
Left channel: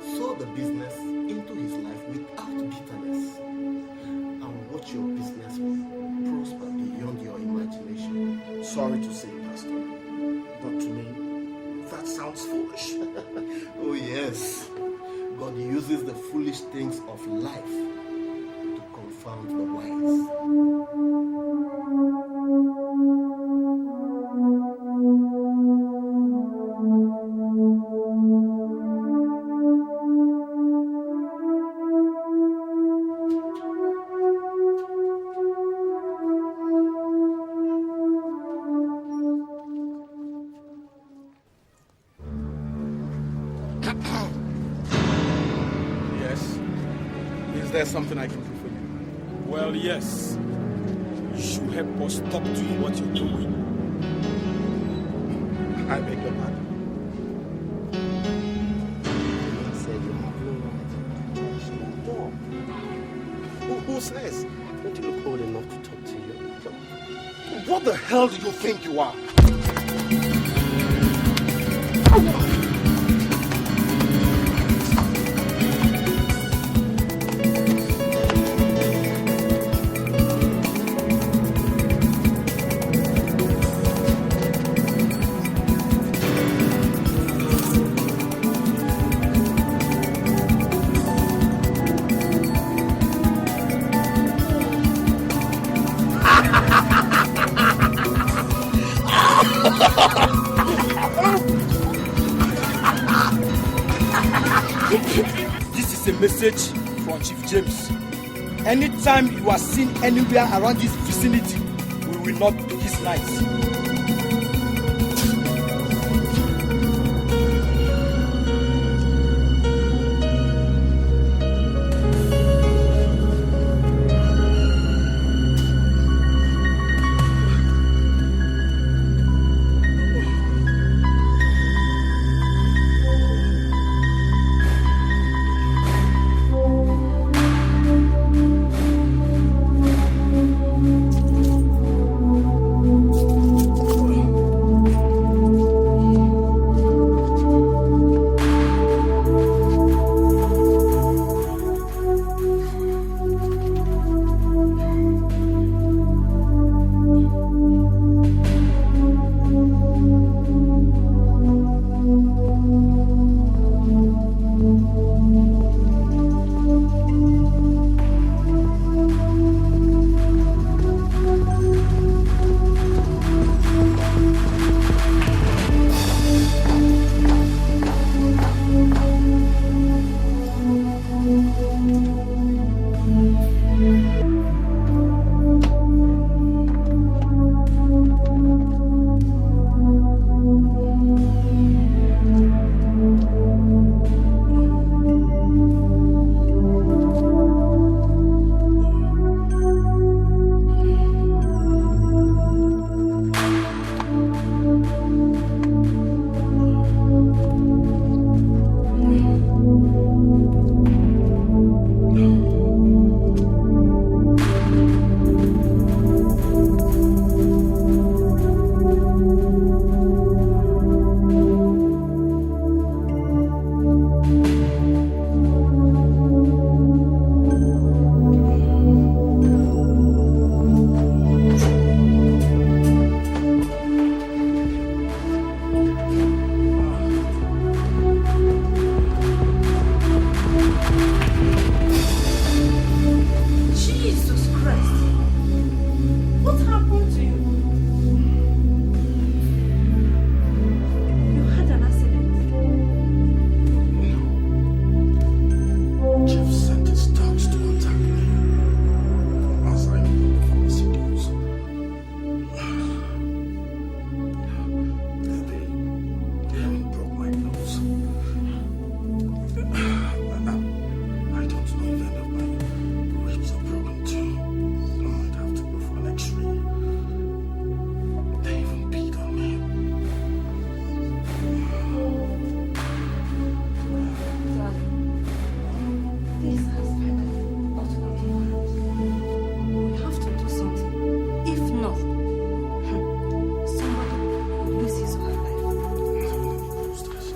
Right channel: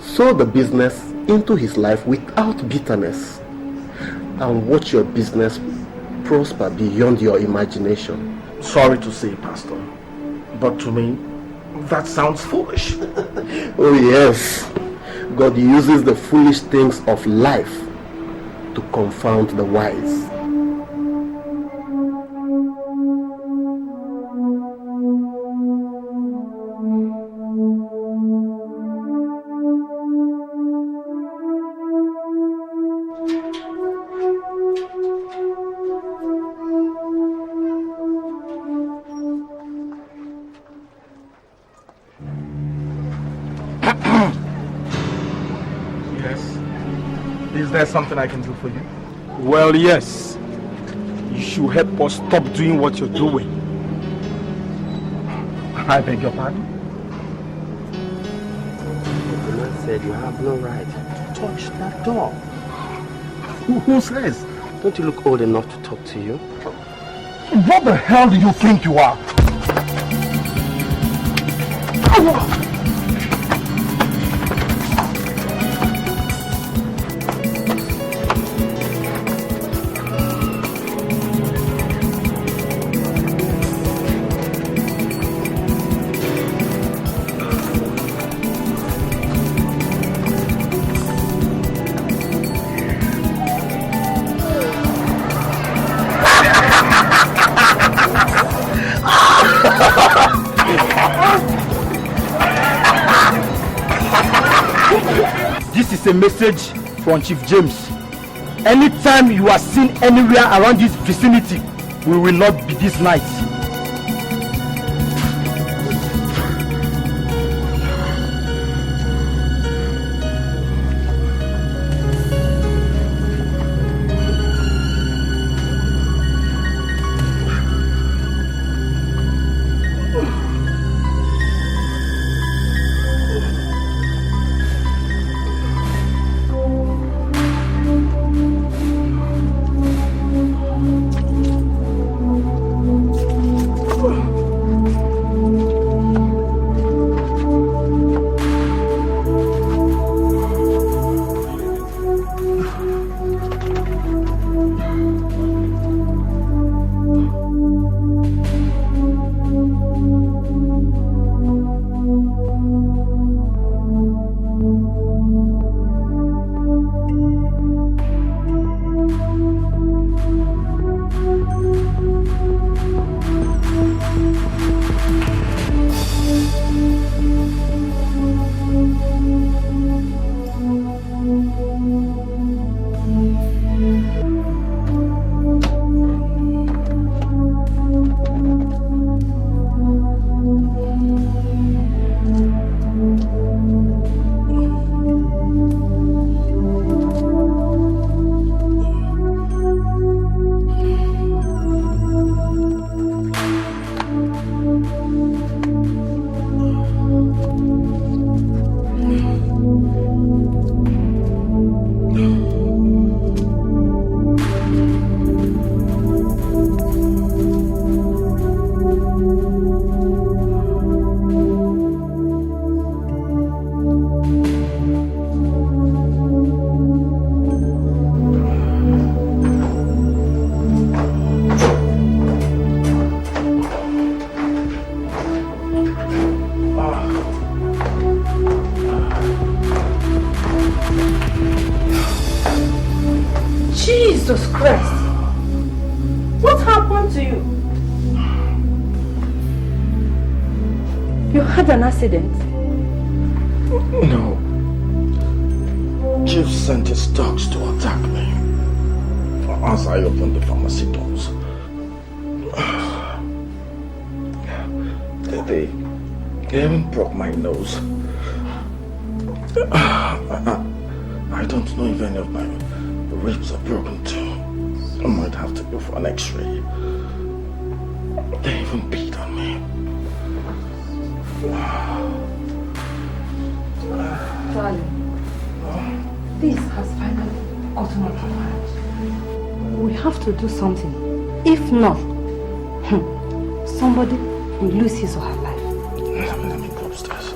Sow the business into his life without bitterness, and watch your business prosper beyond your imagination. Sorry to say, Pastor, but to me, that sounds foolish. Oh yes, God uses the foolish things of life to confound the wise. Something I can do for you? Well, yes. You should help us stop doing what you're doing. I beg your pardon? The man said you have no right to touch that door. Who says? Don't you look old enough to talk to you? What the hell do you think you are? Message from Chief James. Anytime you are seen anywhere around this vicinity, we will not be this night. They even broke my nose. I don't know if any of my ribs are broken too. I might have to go for an x-ray. They even beat on me. Darling, this has finally gotten out of hand. We have to do something. If not, somebody will lose his or her life. Let me go upstairs.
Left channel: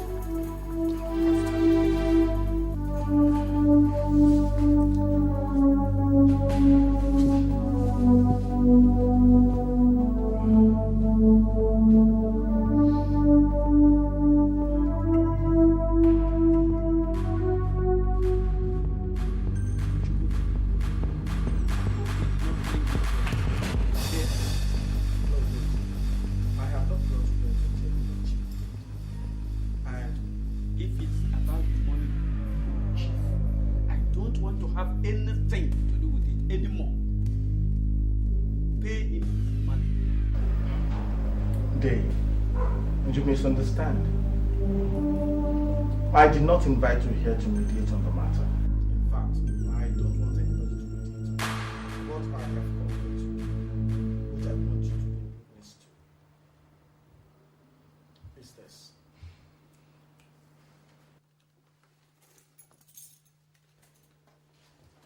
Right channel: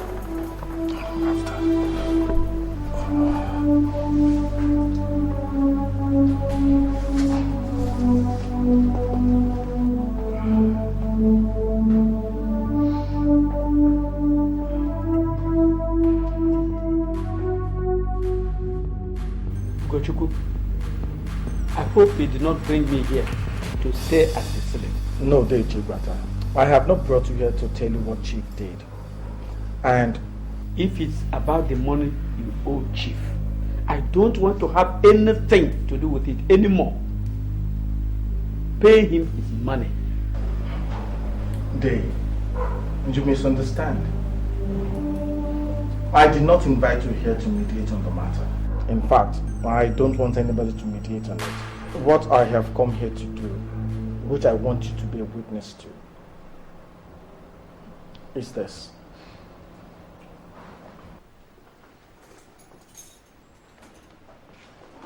Gochuku, I hope you did not bring me here to say as it's. No, Chief Bata. I have not brought you here to tell you what Chief did. And if it's about the money you owe Chief, I don't want to have anything to do with it anymore. Pay him his money. Dave, you misunderstand. I did not invite you here to mediate on the matter. In fact, I don't want anybody to mediate on it. What I have come here to do, which I want you to be a witness to, is this.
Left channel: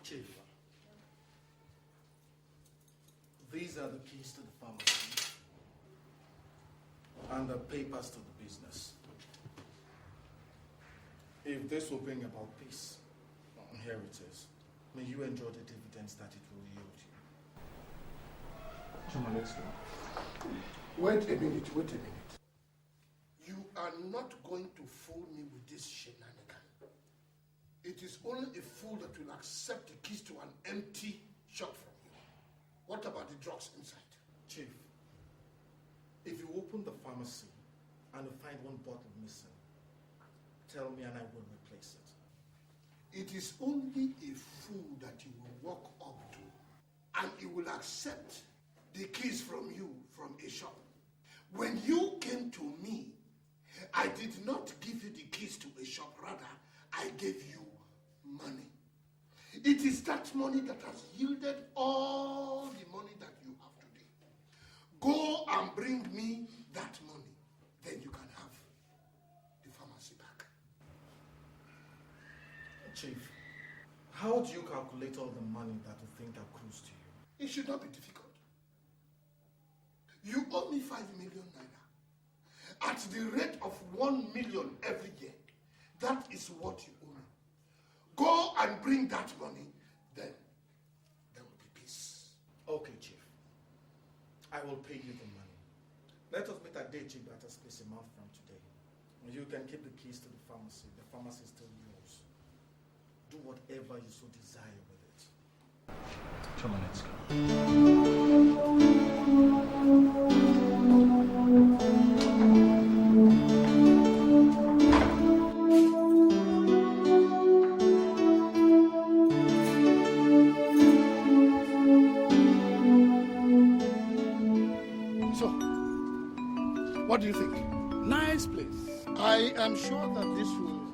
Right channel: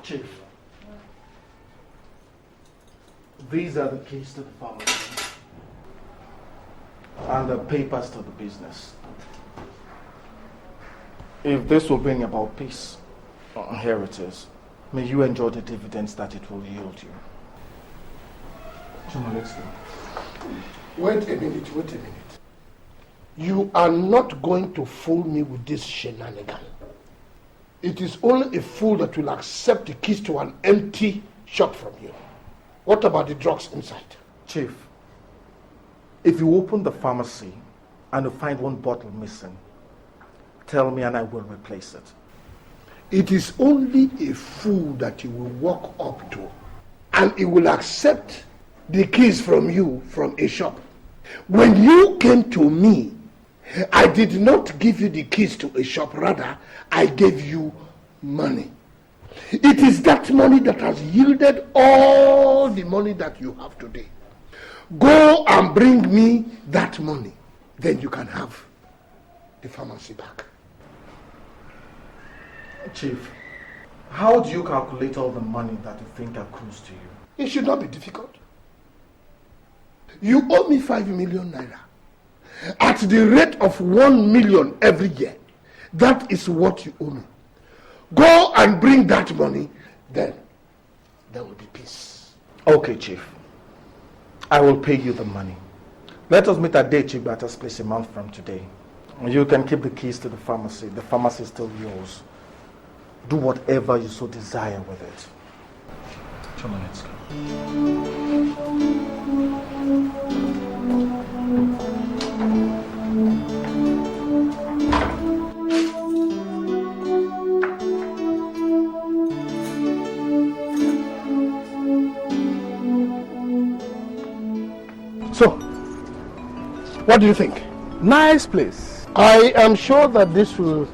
Chief, these are the keys to the pharmacy and the papers to the business. If this will bring about peace, here it is. May you enjoy the dividends that it will yield you. Come on, let's go. Wait a minute. You are not going to fool me with this shenanigan. It is only a fool that will accept the keys to an empty shop from you. What about the drugs inside? Chief, if you open the pharmacy and you find one bottle missing, tell me and I will replace it. It is only a fool that you will walk up to and he will accept the keys from you from a shop. When you came to me, I did not give you the keys to a shop, rather I gave you money. It is that money that has yielded all the money that you have today. Go and bring me that money, then you can have the pharmacy back. Chief, how do you calculate all the money that you think accrues to you? It should not be difficult. You owe me 5 million naira. At the rate of 1 million every year, that is what you owe me. Go and bring that money, then there will be peace. Okay, Chief. I will pay you the money. Let us meet at Chief Bata's place a month from today. You can keep the keys to the pharmacy. The pharmacy is still yours. Do whatever you so desire with it. Come on, let's go. So, what do you think? Nice place. I am sure that this will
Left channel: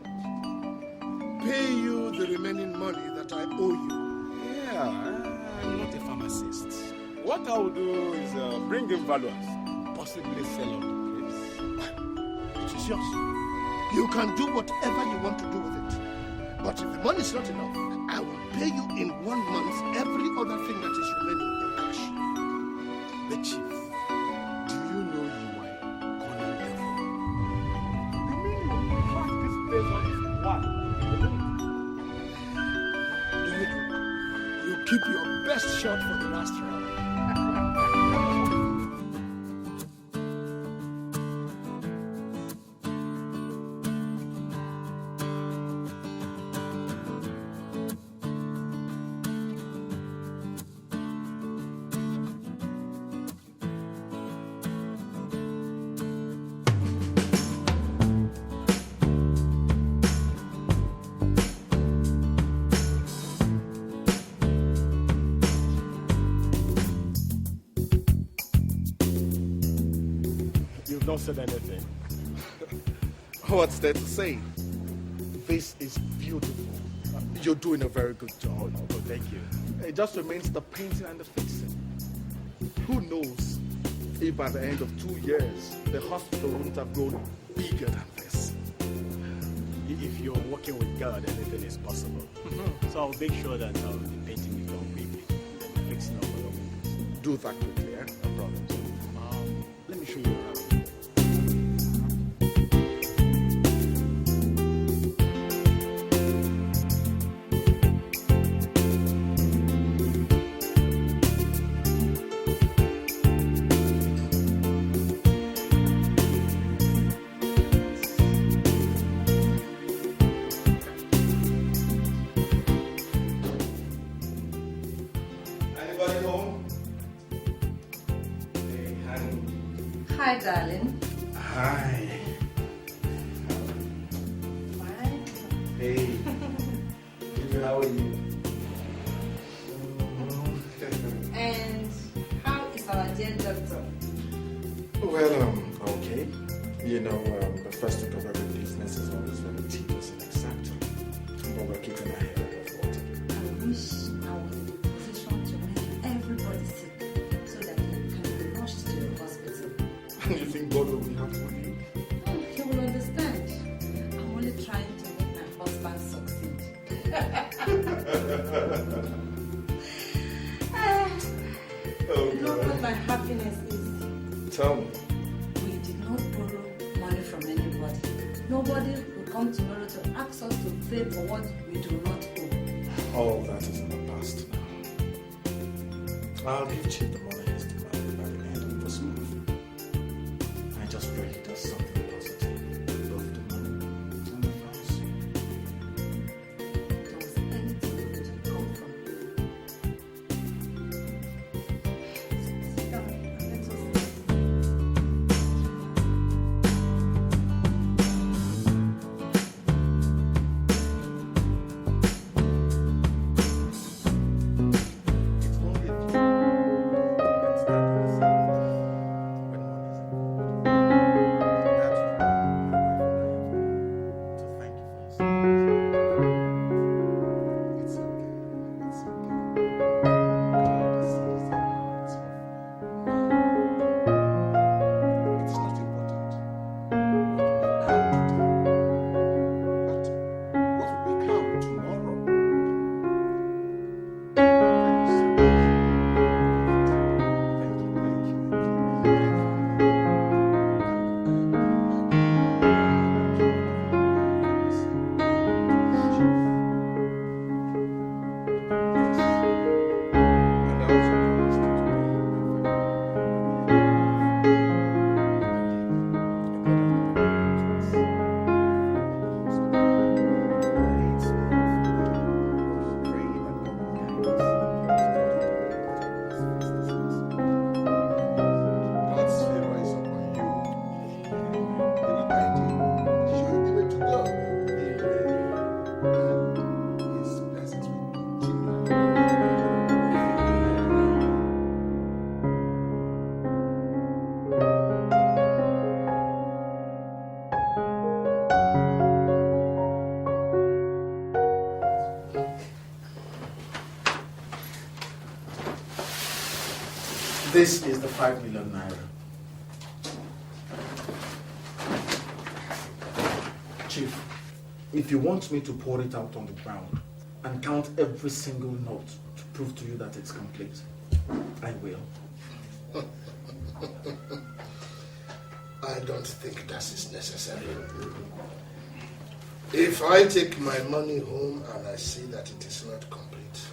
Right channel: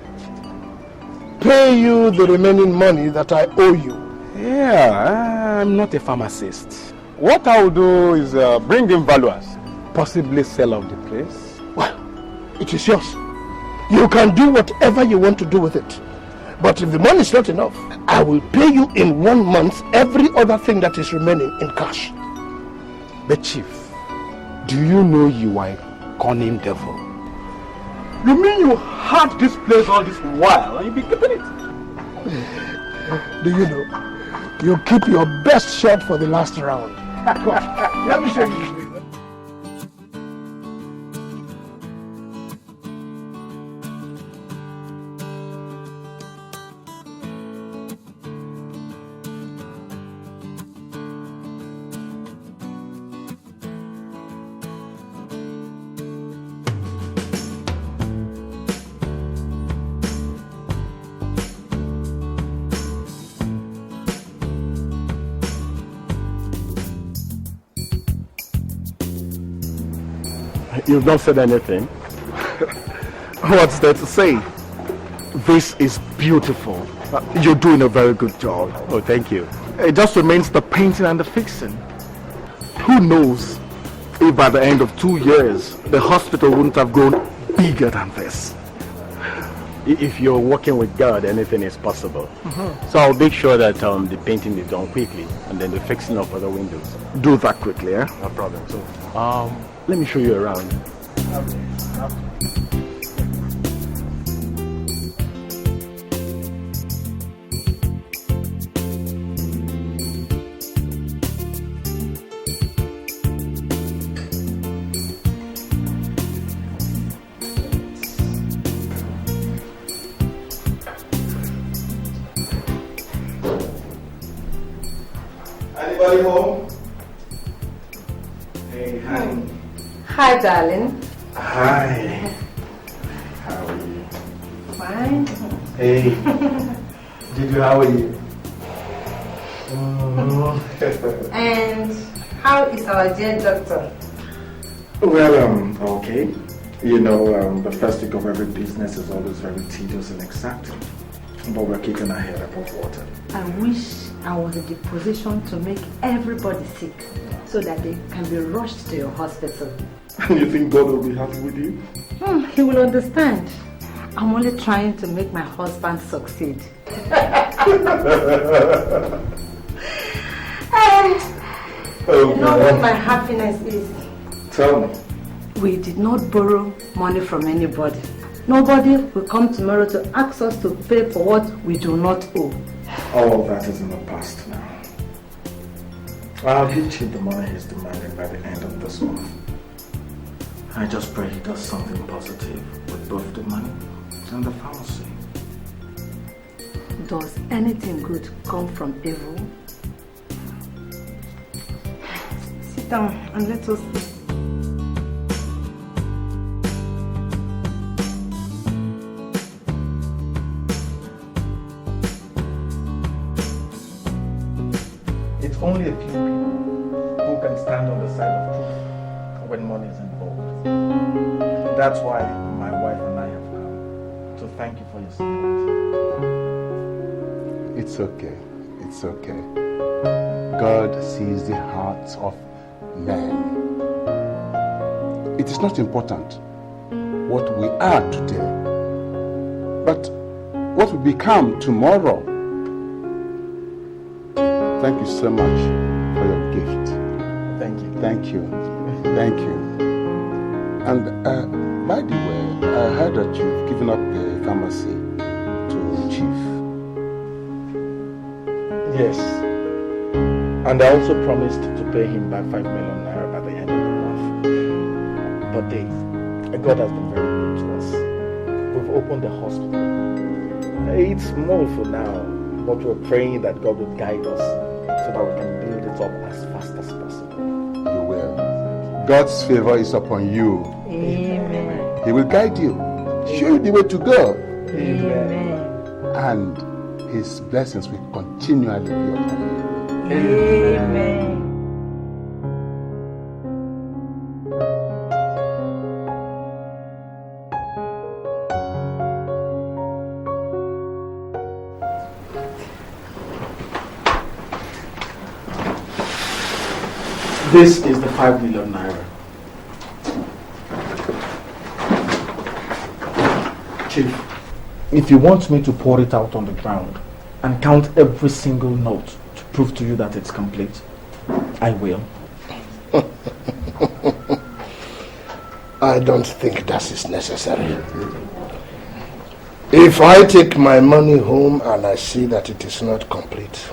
pay you the remaining money that I owe you. Yeah, I'm not a pharmacist. What I will do is bring in valuers, possibly sell off the place. Well, it is yours. You can do whatever you want to do with it. But if the money is not enough, I will pay you in 1 month every other thing that is remaining in cash. But Chief, do you know you are a cunning devil? You mean you had this place all this while and you be keeping it? Do you know? You keep your best shot for the last round. Let me show you. You've not said anything. What's there to say? This is beautiful. You're doing a very good job. Oh, thank you. It just remains the painting and the fixing. Who knows if by the end of 2 years, the hospital wouldn't have grown bigger than this. If you're working with God, anything is possible. So I'll make sure that the painting is done quickly, and then the fixing of other windows. Do that quickly, eh? No problem. So, let me show you around. Anybody home? Hey, honey. Hi, darling. Hi. How are you? Fine. Hey. Gigi, how are you? And how is our dear doctor? Well, okay. You know, the first week of every business is always very tedious and exacting. But we're keeping our head above water. I wish I was in the position to make everybody sick so that they can be rushed to your hospital. And you think God will be happy with you? He will understand. I'm only trying to make my husband succeed. You know what my happiness is? Tell me. We did not borrow money from anybody. Nobody will come tomorrow to ask us to pay for what we do not owe. All of that is in the past now. I'll give Chief the money he's demanding by the end of this month. I just pray he does something positive with both the money and the pharmacy. Does anything good come from evil? Sit down and let us see. That's why my wife and I have come to thank you for your support. It's okay. It's okay. God sees the hearts of men. It is not important what we are today, but what we become tomorrow. Thank you so much for your gift. Thank you. Thank you. Thank you. And by the way, I heard that you've given up the pharmacy to the chief. Yes. And I also promised to pay him back 5 million naira by the end of the month. But Dave, God has been very good to us. We've opened the hospital. It's small for now, but we're praying that God will guide us so that we can build it up as fast as possible. You will. God's favor is upon you. Amen. He will guide you, show you the way to go. Amen. And His blessings will continually be upon you. Amen. This is the 5 million naira. Chief, if you want me to pour it out on the ground and count every single note to prove to you that it's complete, I will. I don't think that is necessary. If I take my money home and I see that it is not complete,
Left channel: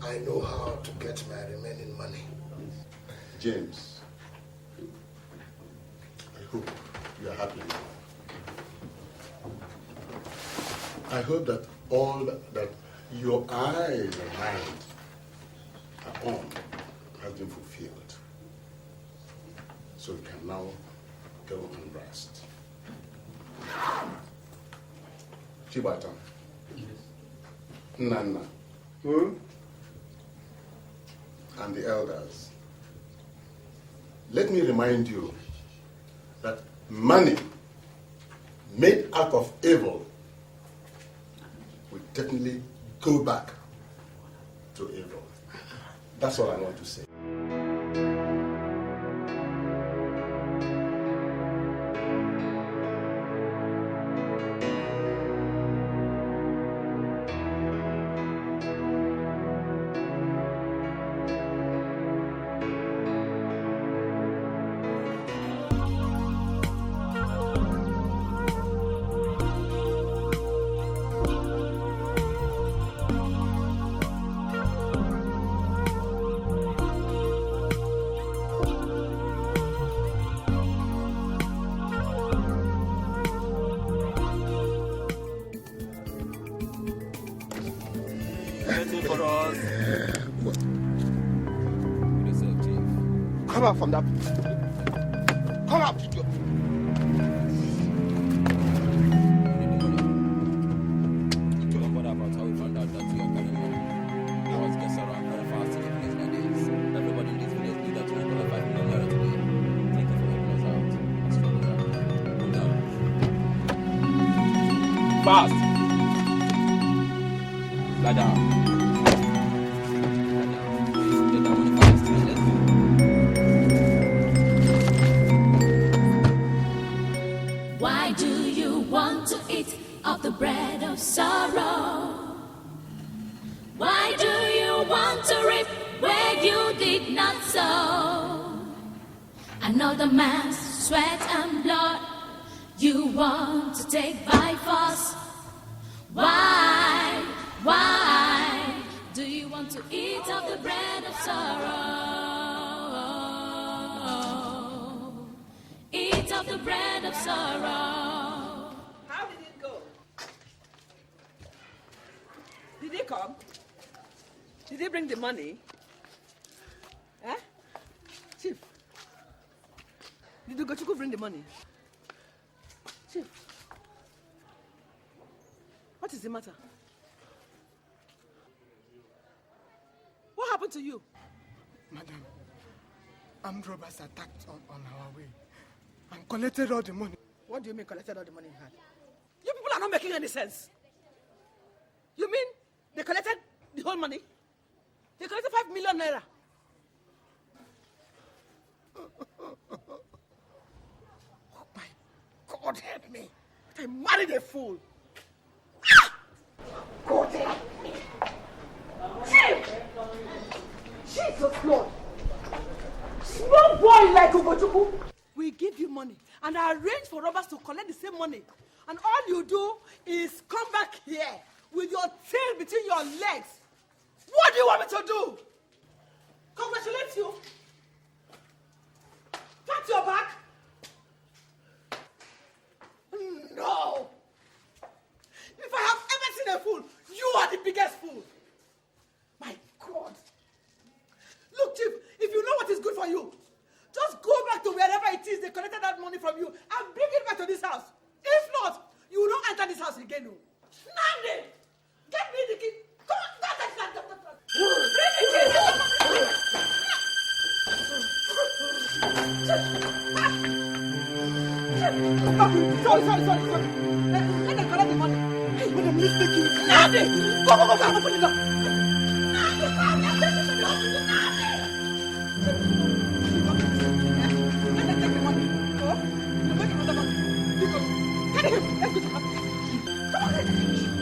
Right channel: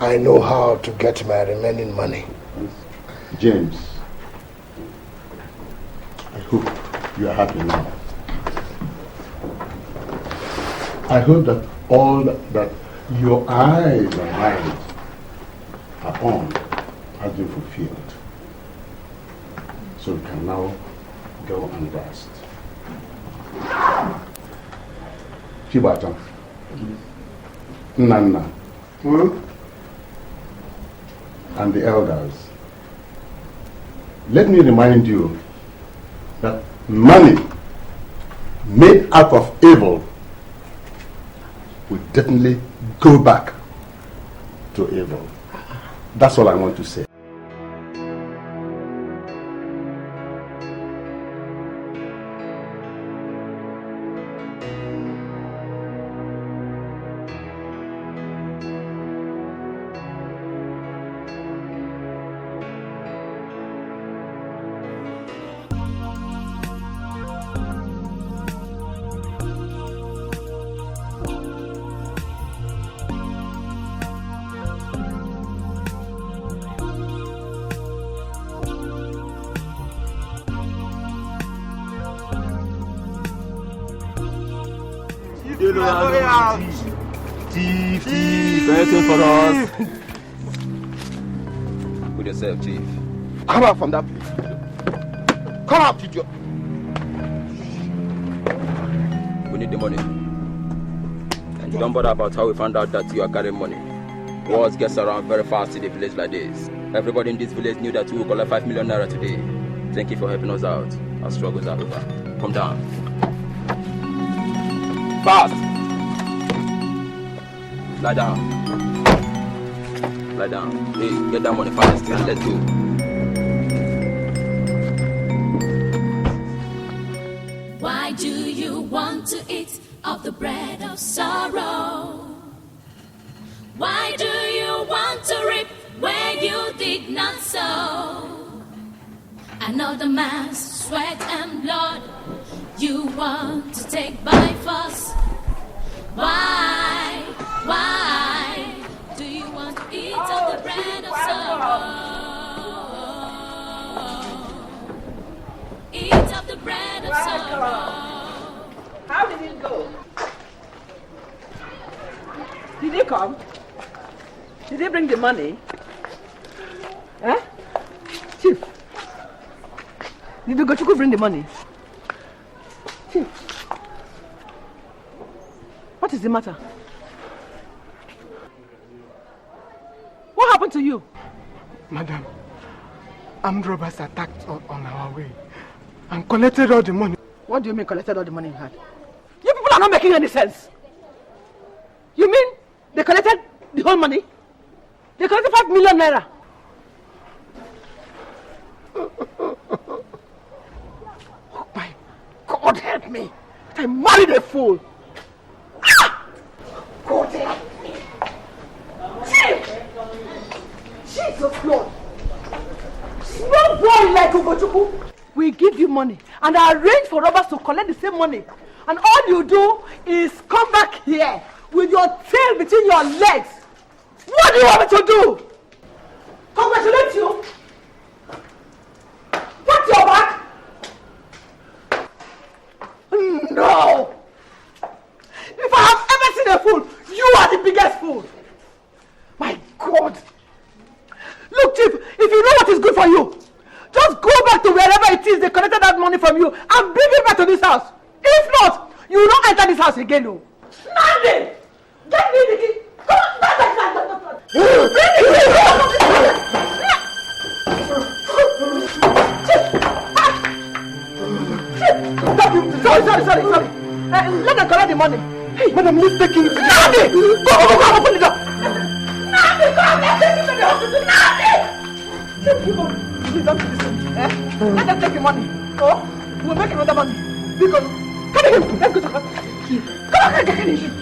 I know how to get my remaining money. James, I hope you are happy now. I hope that all that your eyes and mind are on has been fulfilled. So we can now go and rest. Chibata, Nana, and the elders, let me remind you that money made out of evil will definitely go back to evil. That's all I want to say. Thief, anything for us? With yourself, Chief. Come out from that place. Come out, idiot. We need the money. Don't bother about how we found out that you are carrying money. Words gets around very fast in a place like this. Everybody in this village knew that we will collect 5 million naira today. Thank you for helping us out. Our struggles are over. Come down. Fast! Lie down. Lie down. Hey, get that money fast and let's go. Why do you want to eat of the bread of sorrow? Why do you want to reap where you did not sow? Another man's sweat and blood you want to take by force. Why do you want to eat of the bread of sorrow? Eat of the bread of sorrow. How did it go? Did he come? Did they bring the money? Eh? Chief, did Ugochukwu bring the money? Chief, what is the matter? What happened to you? Madam, armed robbers attacked on our way and collected all the money. What do you mean collected all the money you had? You people are not making any sense. You mean they collected the whole money? They collected 5 million naira. Oh my God, help me. I married a fool. Ah! God help me. Chief! Jesus Lord. Small boy like Ugochukwu. We give you money and I arrange for robbers to collect the same money. And all you do is come back here with your tail between your legs. What do you want me to do? Congratulate you? What's your back? No! If I have ever seen a fool, you are the biggest fool. My God! Look, Chief, if you know what is good for you, just go back to wherever it is they collected that money from you and bring it back to this house. If not, you will not enter this house again. No. Standing! Get me the key! Come on, stand. Sorry. Let them collect the money. Hey, madam, please take it. Nandi! Go, open the door. Nandi, come, let's take it to the hospital. Nandi! Please don't do this. Let them take the money. Oh, we'll make another money. Because, carry him. Let's go to hospital. Come on, carry him.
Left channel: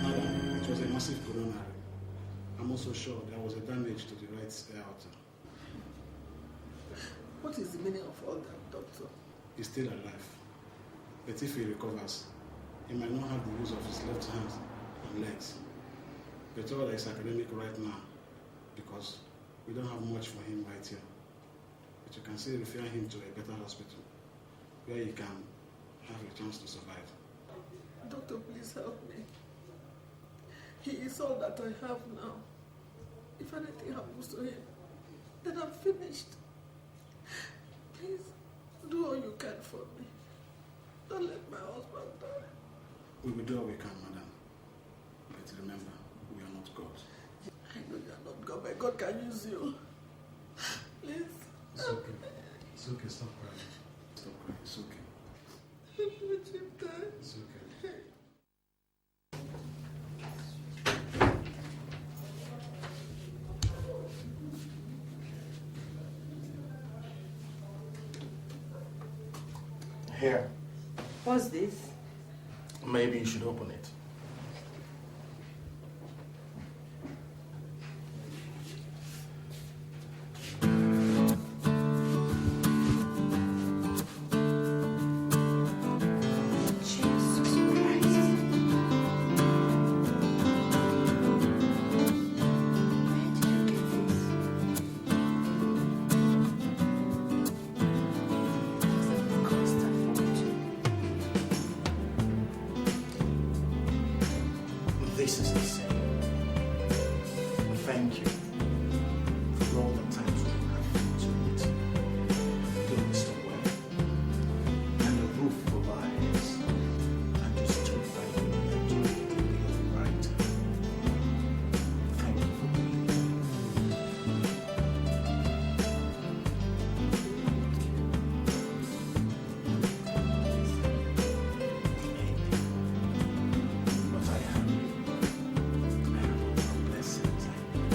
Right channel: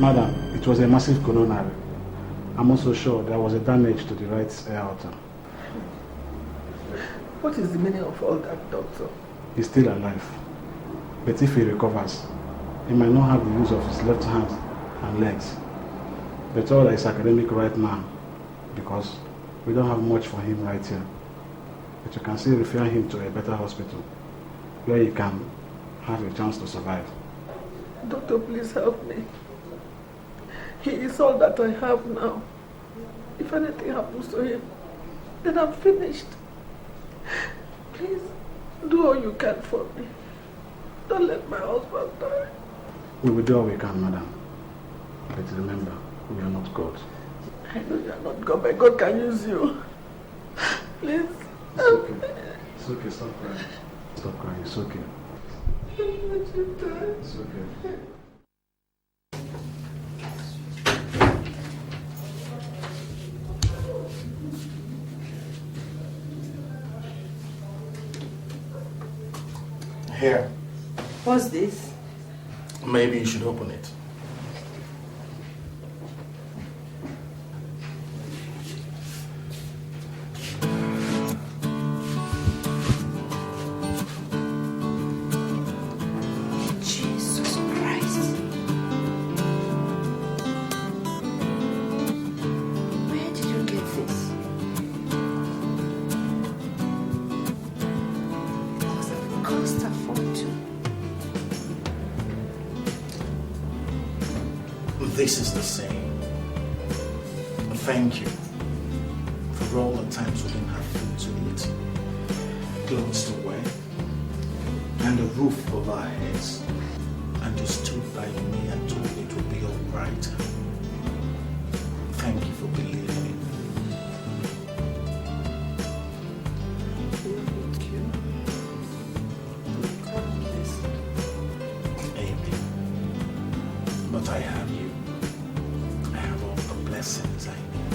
Madam, it was a massive coronary. I'm also sure there was a damage to the right aorta. What is the meaning of all that, doctor? He's still alive. But if he recovers, he might not have the use of his left hand and legs. But all is academic right now because we don't have much for him right here. But you can still refer him to a better hospital where he can have a chance to survive. Doctor, please help me. He is all that I have now. If anything happens to him, then I'm finished. Please, do all you can for me. Don't let my husband die. We will do all we can, madam. But remember, we are not God. I know you are not God, but God can use you. Please. It's okay. It's okay, stop crying. Stop crying, it's okay. It's okay. Here. What's this? Maybe you should open it. Jesus Christ. Where did you get this? It must have cost a fortune. This is the same. Thank you for all the times we didn't have food to eat, clothes to wear, and a roof over our heads. And you stood by me and told me it would be all right. Thank you for believing. Amen. But I have you. I have all the blessings I need.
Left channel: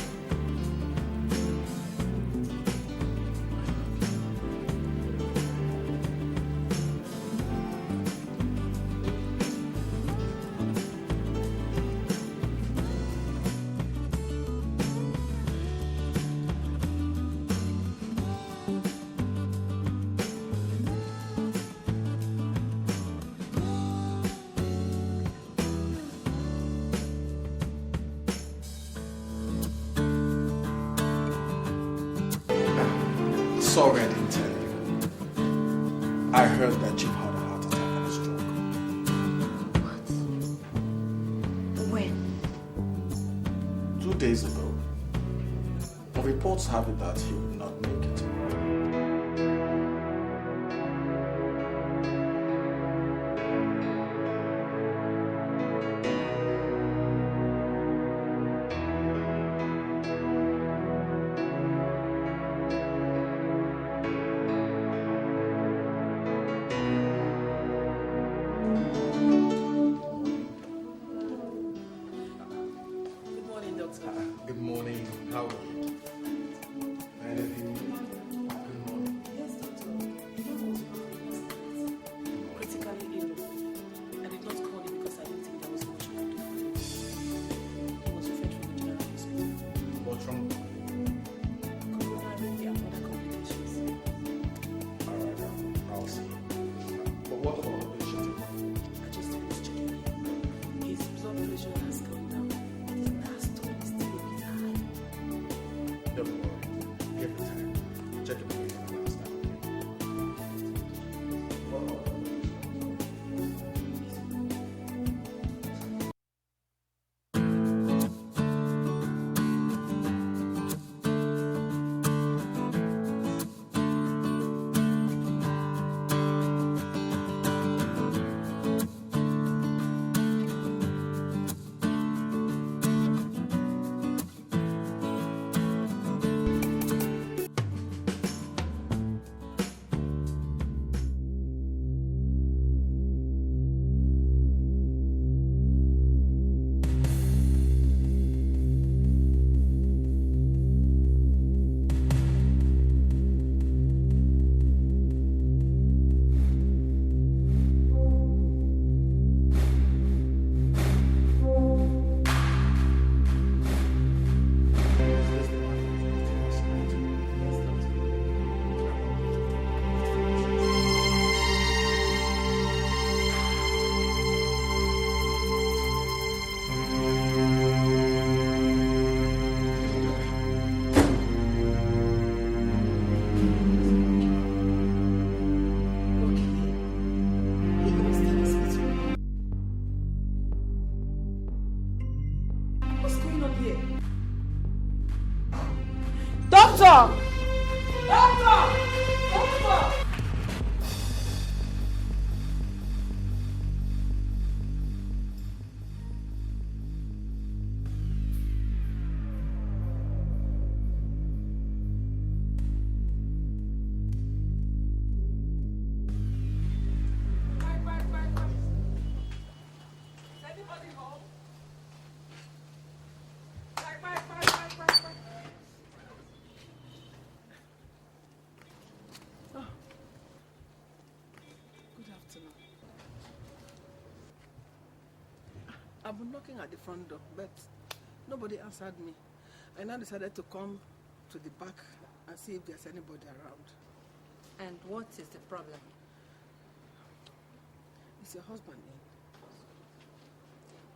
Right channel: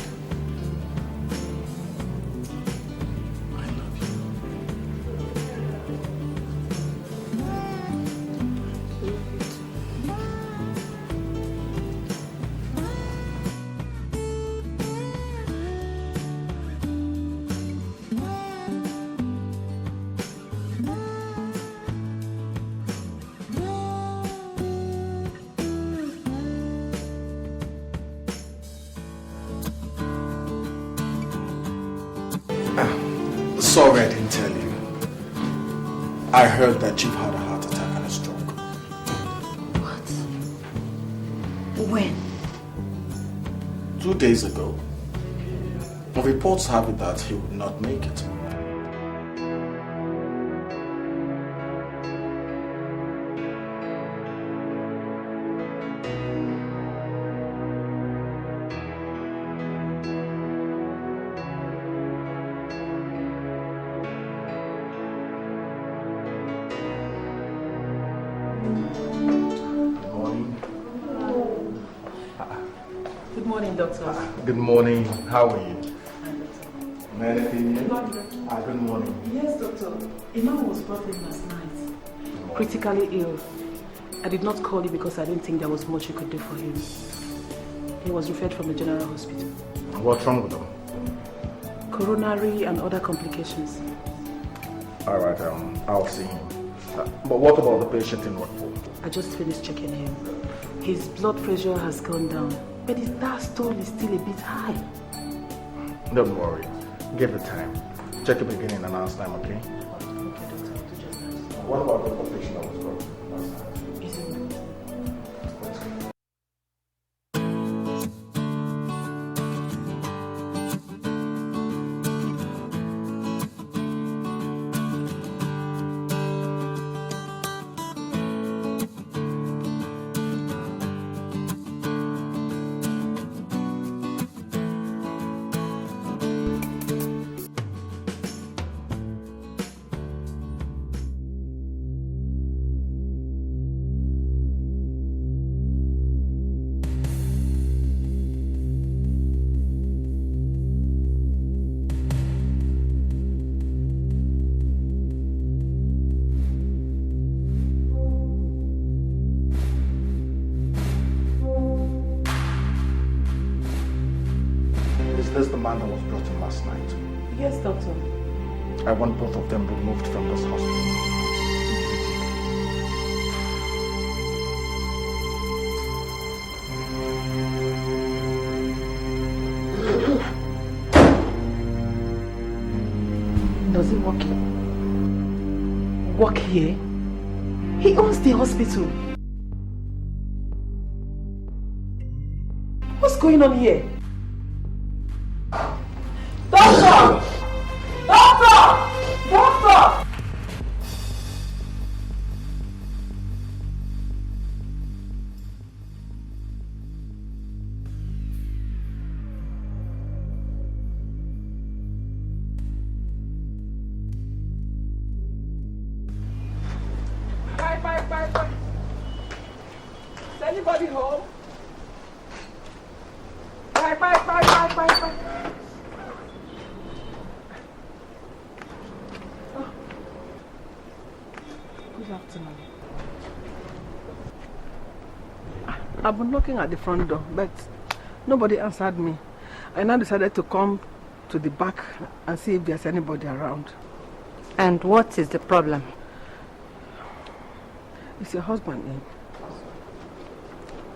I love you. Sorry I didn't tell you. I heard that you've had a heart attack and a stroke. What? When? 2 days ago. Reports have it that he would not make it. Good morning, doctor. Good morning. How are you? Anything new? Good morning. Yes, doctor. Imam was brought in last night. Critically ill. I did not call you because I didn't think there was much you could do for him. He was referred from the general hospital. What's wrong with him? Coronary and other complications. Alright, I'll see him. But what about the patient in Rockpool? I just finished checking him. His blood pressure has gone down, but his diastole is still a bit high. Don't worry. Give it time. Check the beginning and last time, okay? What about the patient that was brought? I want both of them removed from this hospital. Does he work here? Work here? He owns the hospital. What's going on here? Doctor! Doctor! Doctor! Bye. I've been knocking at the front door, but nobody answered me. I now decided to come to the back and see if there's anybody around. And what is the problem? Is your husband in?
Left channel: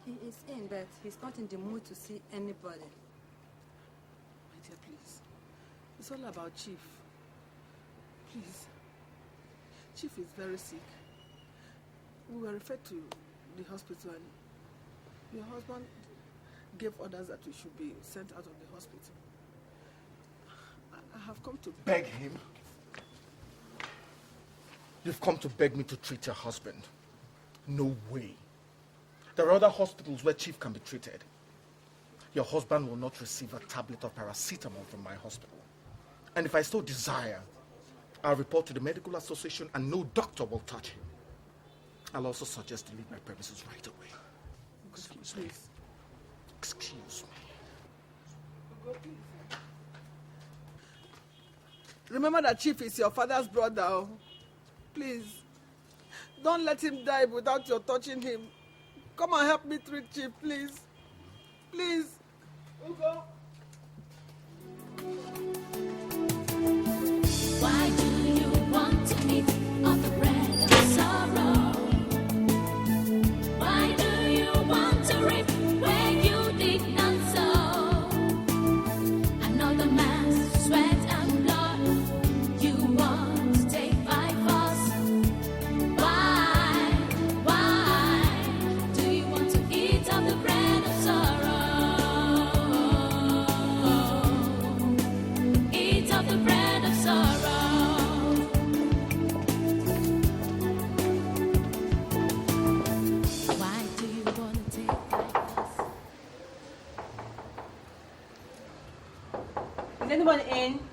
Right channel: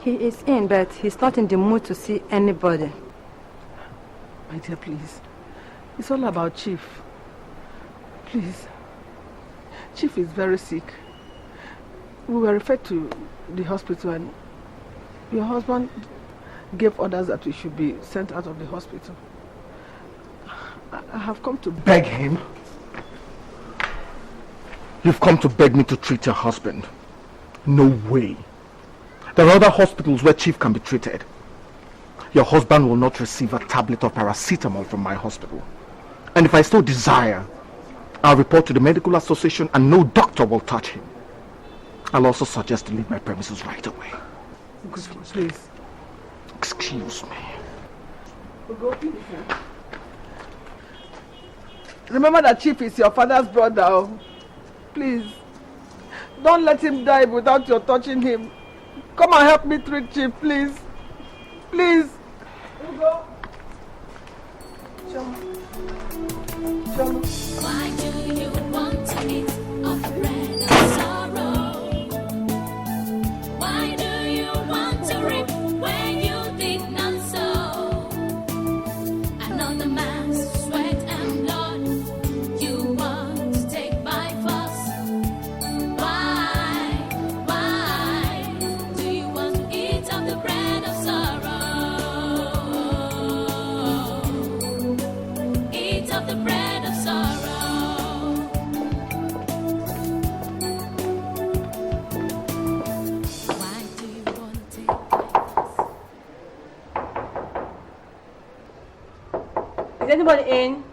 He is in, but he's not in the mood to see anybody. My dear, please. It's all about Chief. Please. Chief is very sick. We were referred to the hospital and your husband gave orders that we should be sent out of the hospital. I have come to beg him? You've come to beg me to treat your husband? No way. There are other hospitals where Chief can be treated. Your husband will not receive a tablet of paracetamol from my hospital. And if I still desire, I'll report to the medical association and no doctor will touch him. I'll also suggest to leave my premises right away. Please. Excuse me. Remember that Chief is your father's brother. Oh. Please. Don't let him die without your touching him. Come and help me treat Chief, please. Please. Why do you want to eat of the bread of sorrow? Why do you want to reap where you did not sow? Another man's sweat and blood you want to take by force. Why do you want to eat of the bread of sorrow? Eat of the bread of sorrow. Why do you want to take by force? Is anybody in?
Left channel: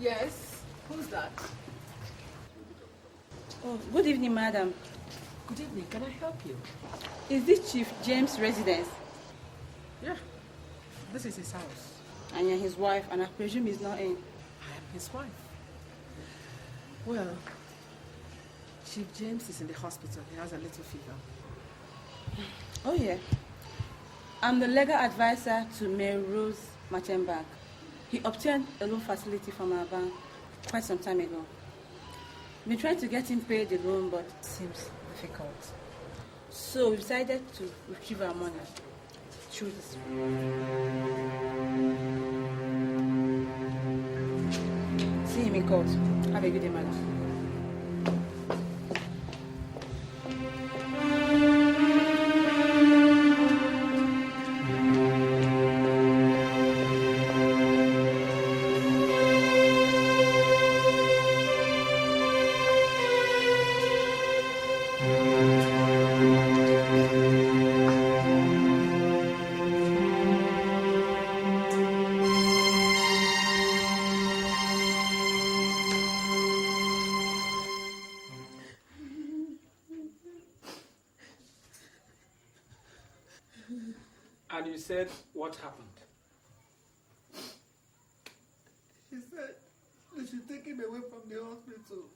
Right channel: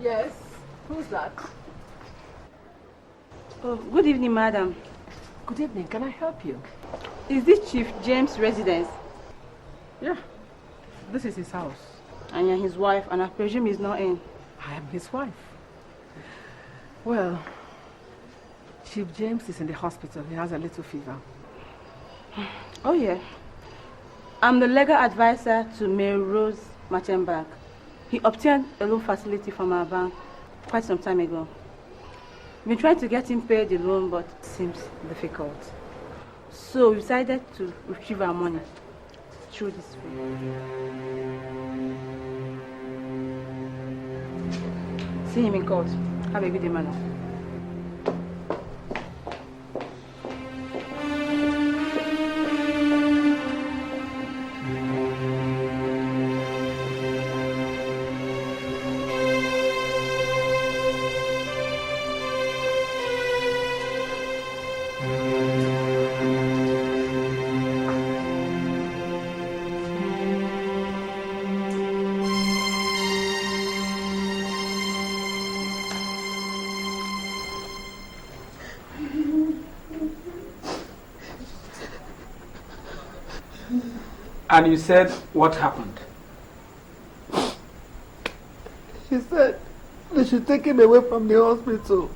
Yes. Who's that? Oh, good evening, madam. Good evening. Can I help you? Is this Chief James' residence? Yeah. This is his house. And you're his wife, and I presume he's not in. I am his wife. Well, Chief James is in the hospital. He has a little fever. Oh, yeah. I'm the legal advisor to Mayor Rose Machenbach. He obtained a loan facility from our bank quite some time ago. We've been trying to get him paid the loan, but it seems difficult. So we decided to retrieve our money through this way. See him in court. Have a good day, madam. And you said what happened? He said they should take him away from the hospital.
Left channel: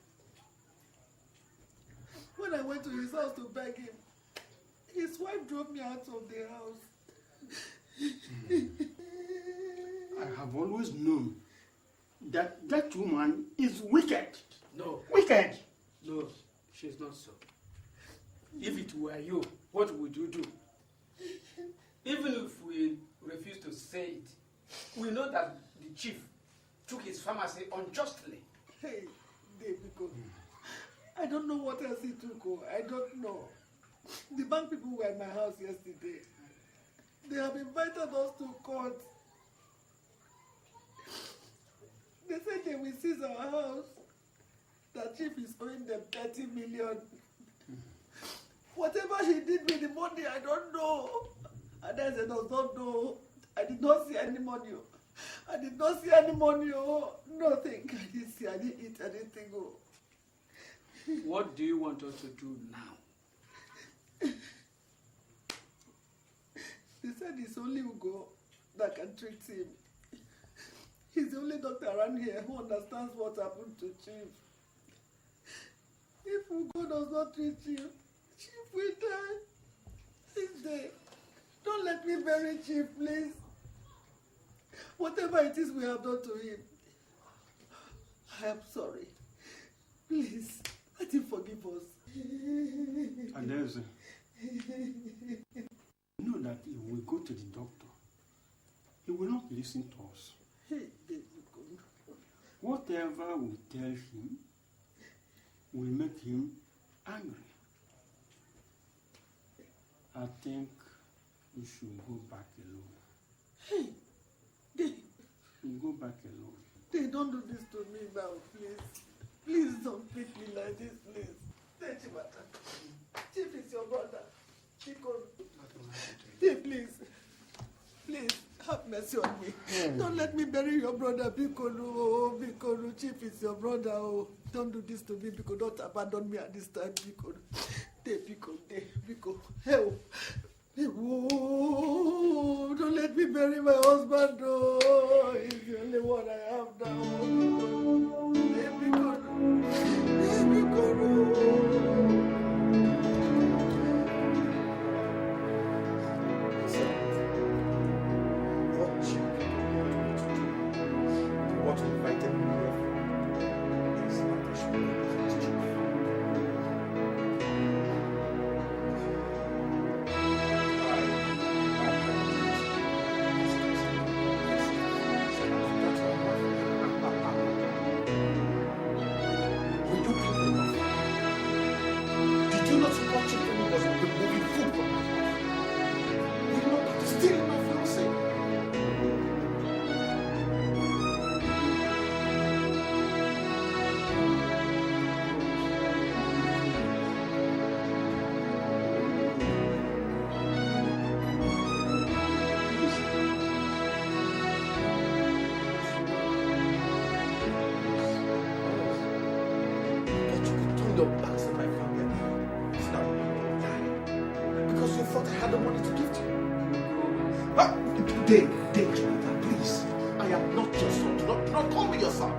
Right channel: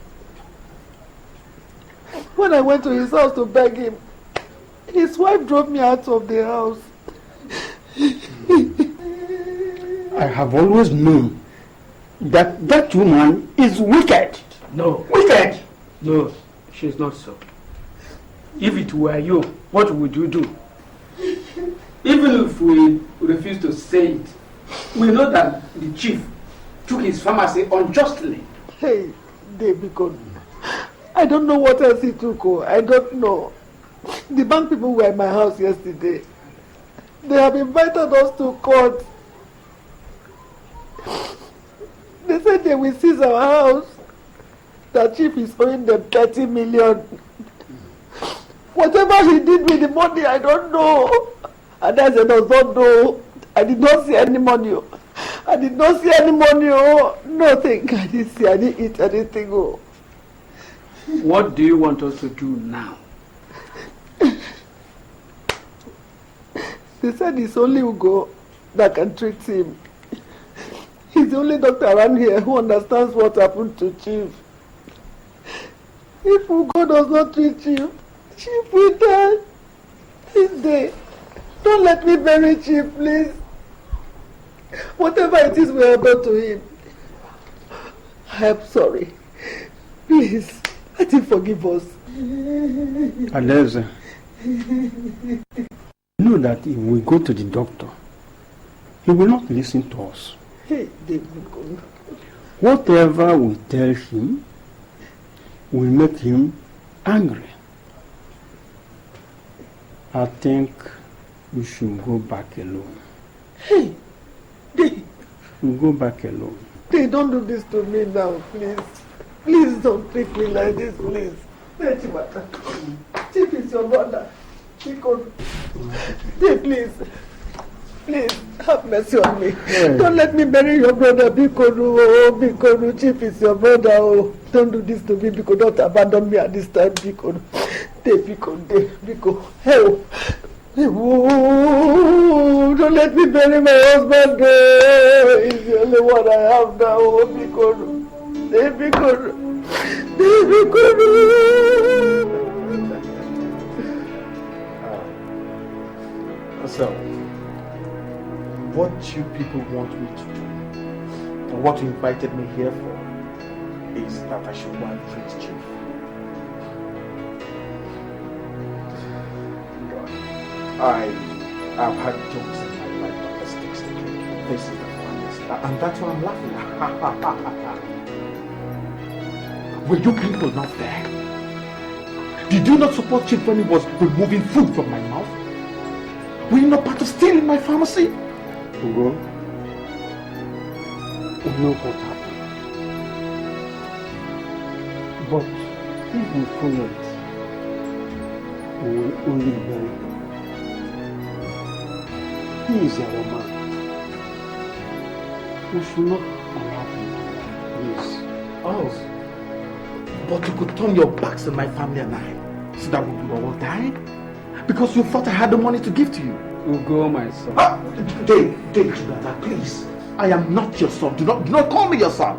When I went to his house to beg him, his wife drove me out of the house. I have always known that that woman is wicked. No. Wicked! No, she's not so. If it were you, what would you do? Even if we refuse to say it, we know that the chief took his pharmacy unjustly. Hey, David, I don't know what else he took. I don't know. The bank people were in my house yesterday. They have invited us to court. They said they will seize our house. The chief is owing them 30 million. Whatever he did with the money, I don't know. And I said, I don't know. I did not see any money. I did not see any money. Oh, nothing. I didn't see. I didn't eat anything. Oh. What do you want us to do now? They said it's only Ugo that can treat him. He's the only doctor around here who understands what happened to Chief. If Ugo does not treat Chief, Chief will die this day. Don't let me bury Chief, please. Whatever it is we have done to him, I am sorry. Please, let him forgive us. Aleza, know that if we go to the doctor, he will not listen to us. Hey, David. Whatever we tell him will make him angry. I think we should go back alone. Hey, David. We'll go back alone. They don't do this to me now, please. Please don't treat me like this, please. Chief is your brother. Please. Please, have mercy on me. Yeah. Don't let me bury your brother, Bikono. Chief is your brother. Oh, don't do this to me, Biko. Don't abandon me at this time, Biko. Biko. Help. Oh, don't let me bury my husband. He's the only one I have now. Oh, Bikono. So, what you people want me to do, and what you invited me here for, is that I should go and treat Chief. I have had jokes in my life on this text again. This is the funniest, and that's why I'm laughing. Were you people not there? Did you not support Chief when he was removing food from my mouth? Were you not part of stealing my pharmacy? Ugo, we know what happened. But if we follow it, we will only bury him. He is our man. We should not allow him. Please. Oh. But you could turn your backs on my family and I, so that we would all die? Because you thought I had the money to give to you. Ugo, my son. Dave, Jonathan, please. I am not your son. Do not call me your son.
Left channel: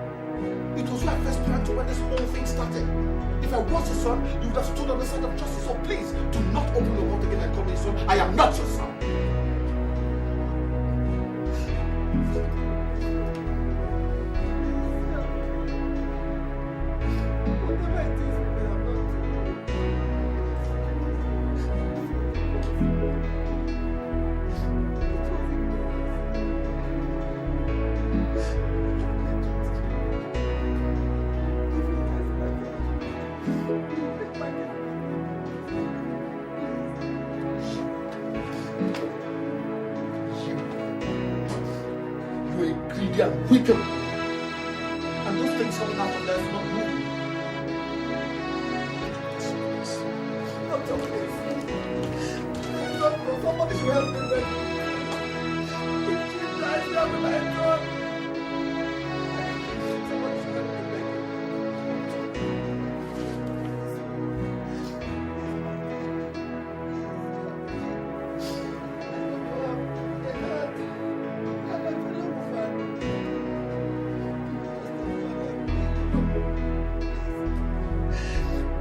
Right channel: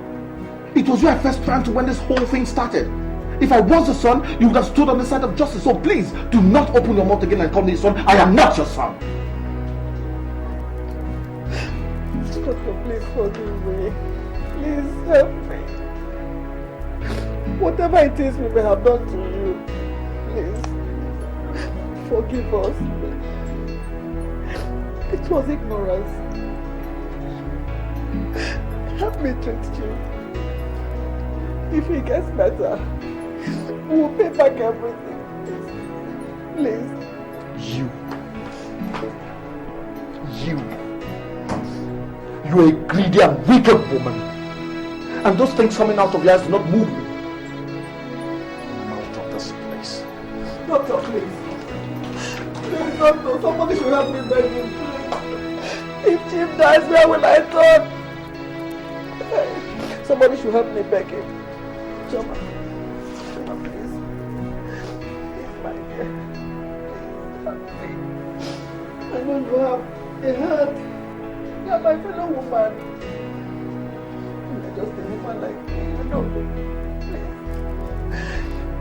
It was you I first planned to when this whole thing started. If I was your son, you would have stood on the side of justice. So please, do not open your mouth again and call me your son. I am not your son. Doctor, please forgive me. Please help me. Whatever it is we may have done to you, please forgive us. It was ignorance. Help me treat you. If it gets better, we'll pay back everything. Please. You're a greedy and wicked woman. And those things coming out of your eyes do not move me. I'll drop this place. Doctor, please. Please, doctor, somebody should help me beg you. If Chief dies, where will I turn? Somebody should help me beg him. Choma, please. Please, my dear. Help me. I know you have a heart. You are my fellow woman. You're just a woman like me, you know. Please.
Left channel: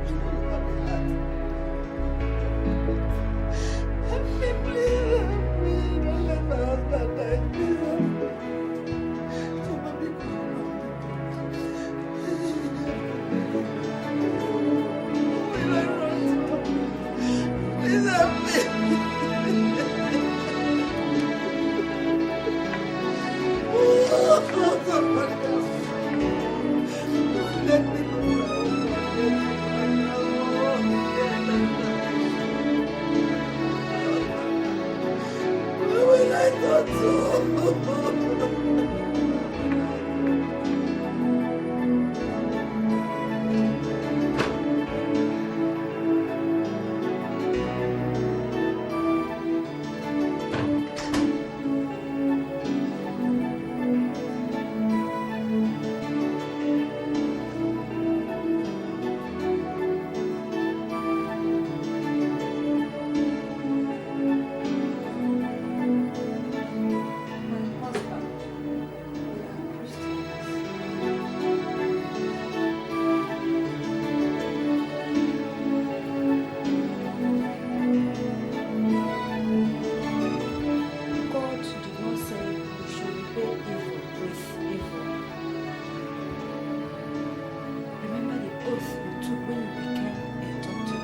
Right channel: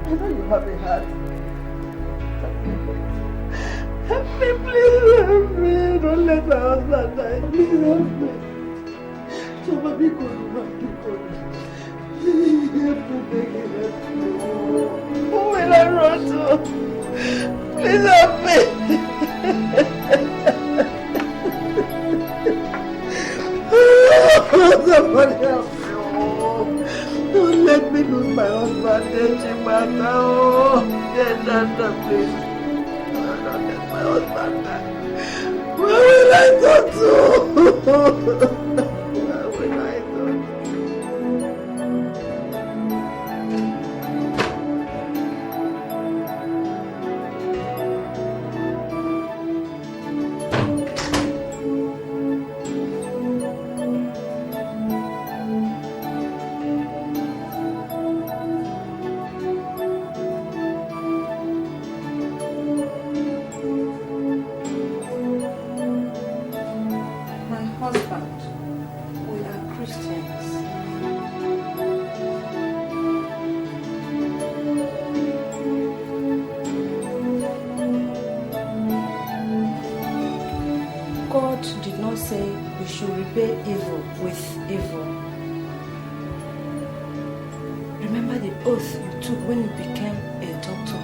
I know you have a heart. Help me, please, help me. Don't let my husband die. Please help me. Choma, be good. Who will I run to? Please help me. Somebody help me. Don't let me lose my husband. Chimata. Oh, please. Don't let my husband die. Where will I go to? My husband. became a doctor.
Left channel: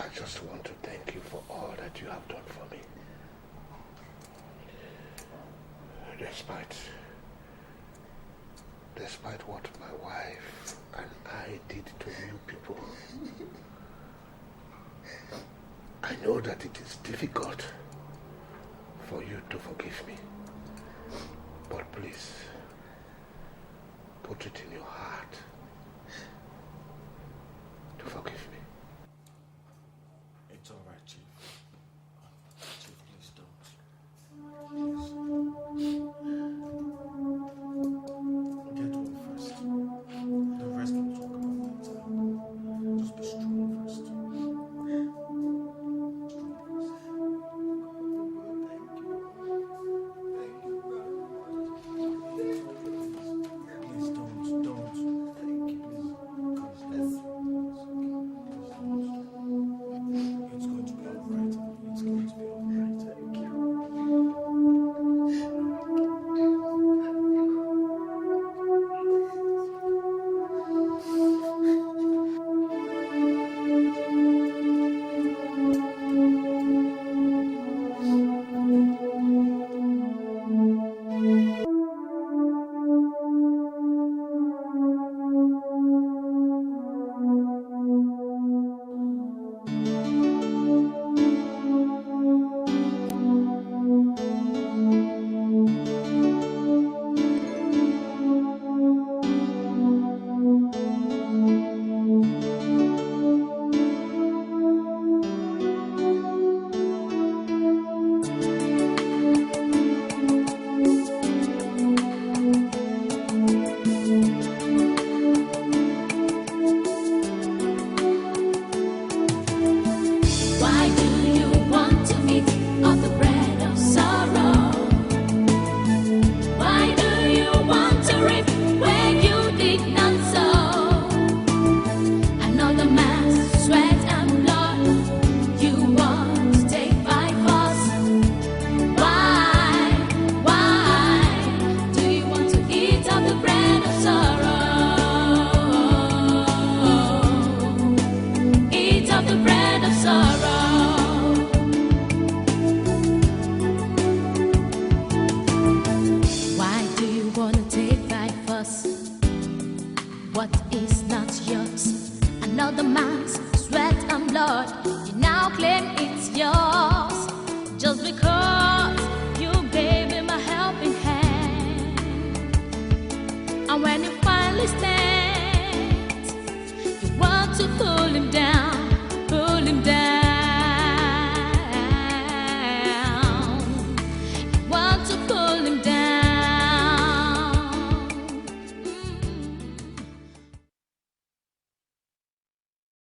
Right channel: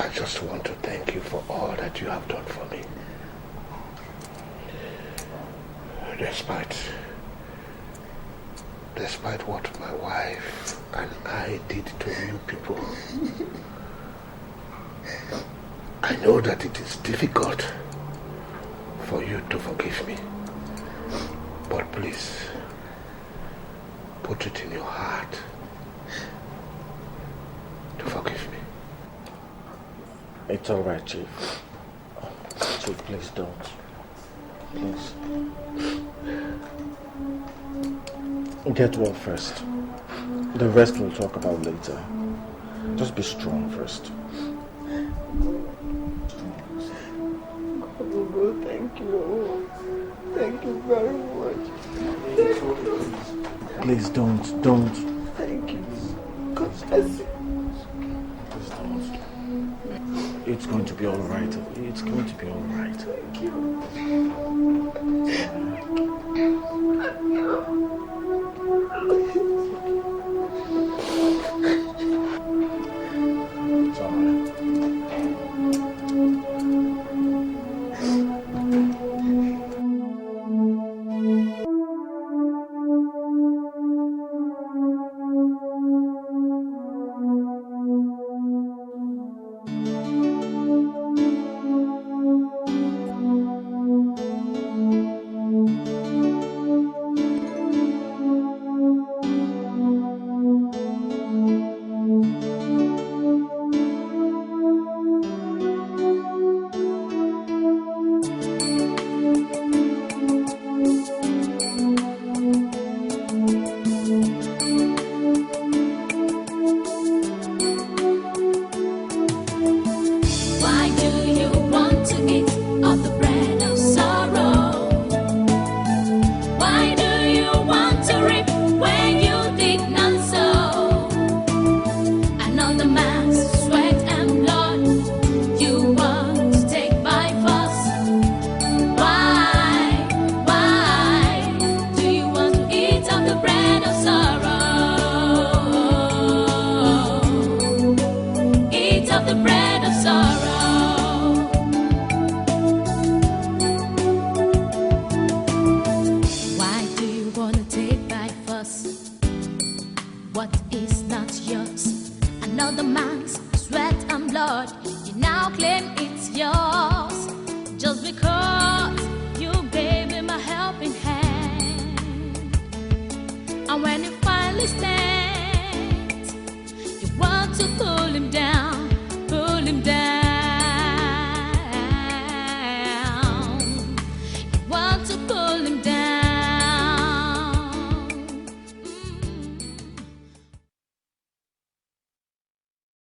I just want to thank you for all that you have done for me. Despite what my wife and I did to you people, I know that it is difficult for you to forgive me. But please, put it in your heart to forgive me. It's all right, Chief. Chief, please don't. Please. Get well first. The rest we'll talk about later. Just be strong first. Thank you. Thank you very much. Please don't.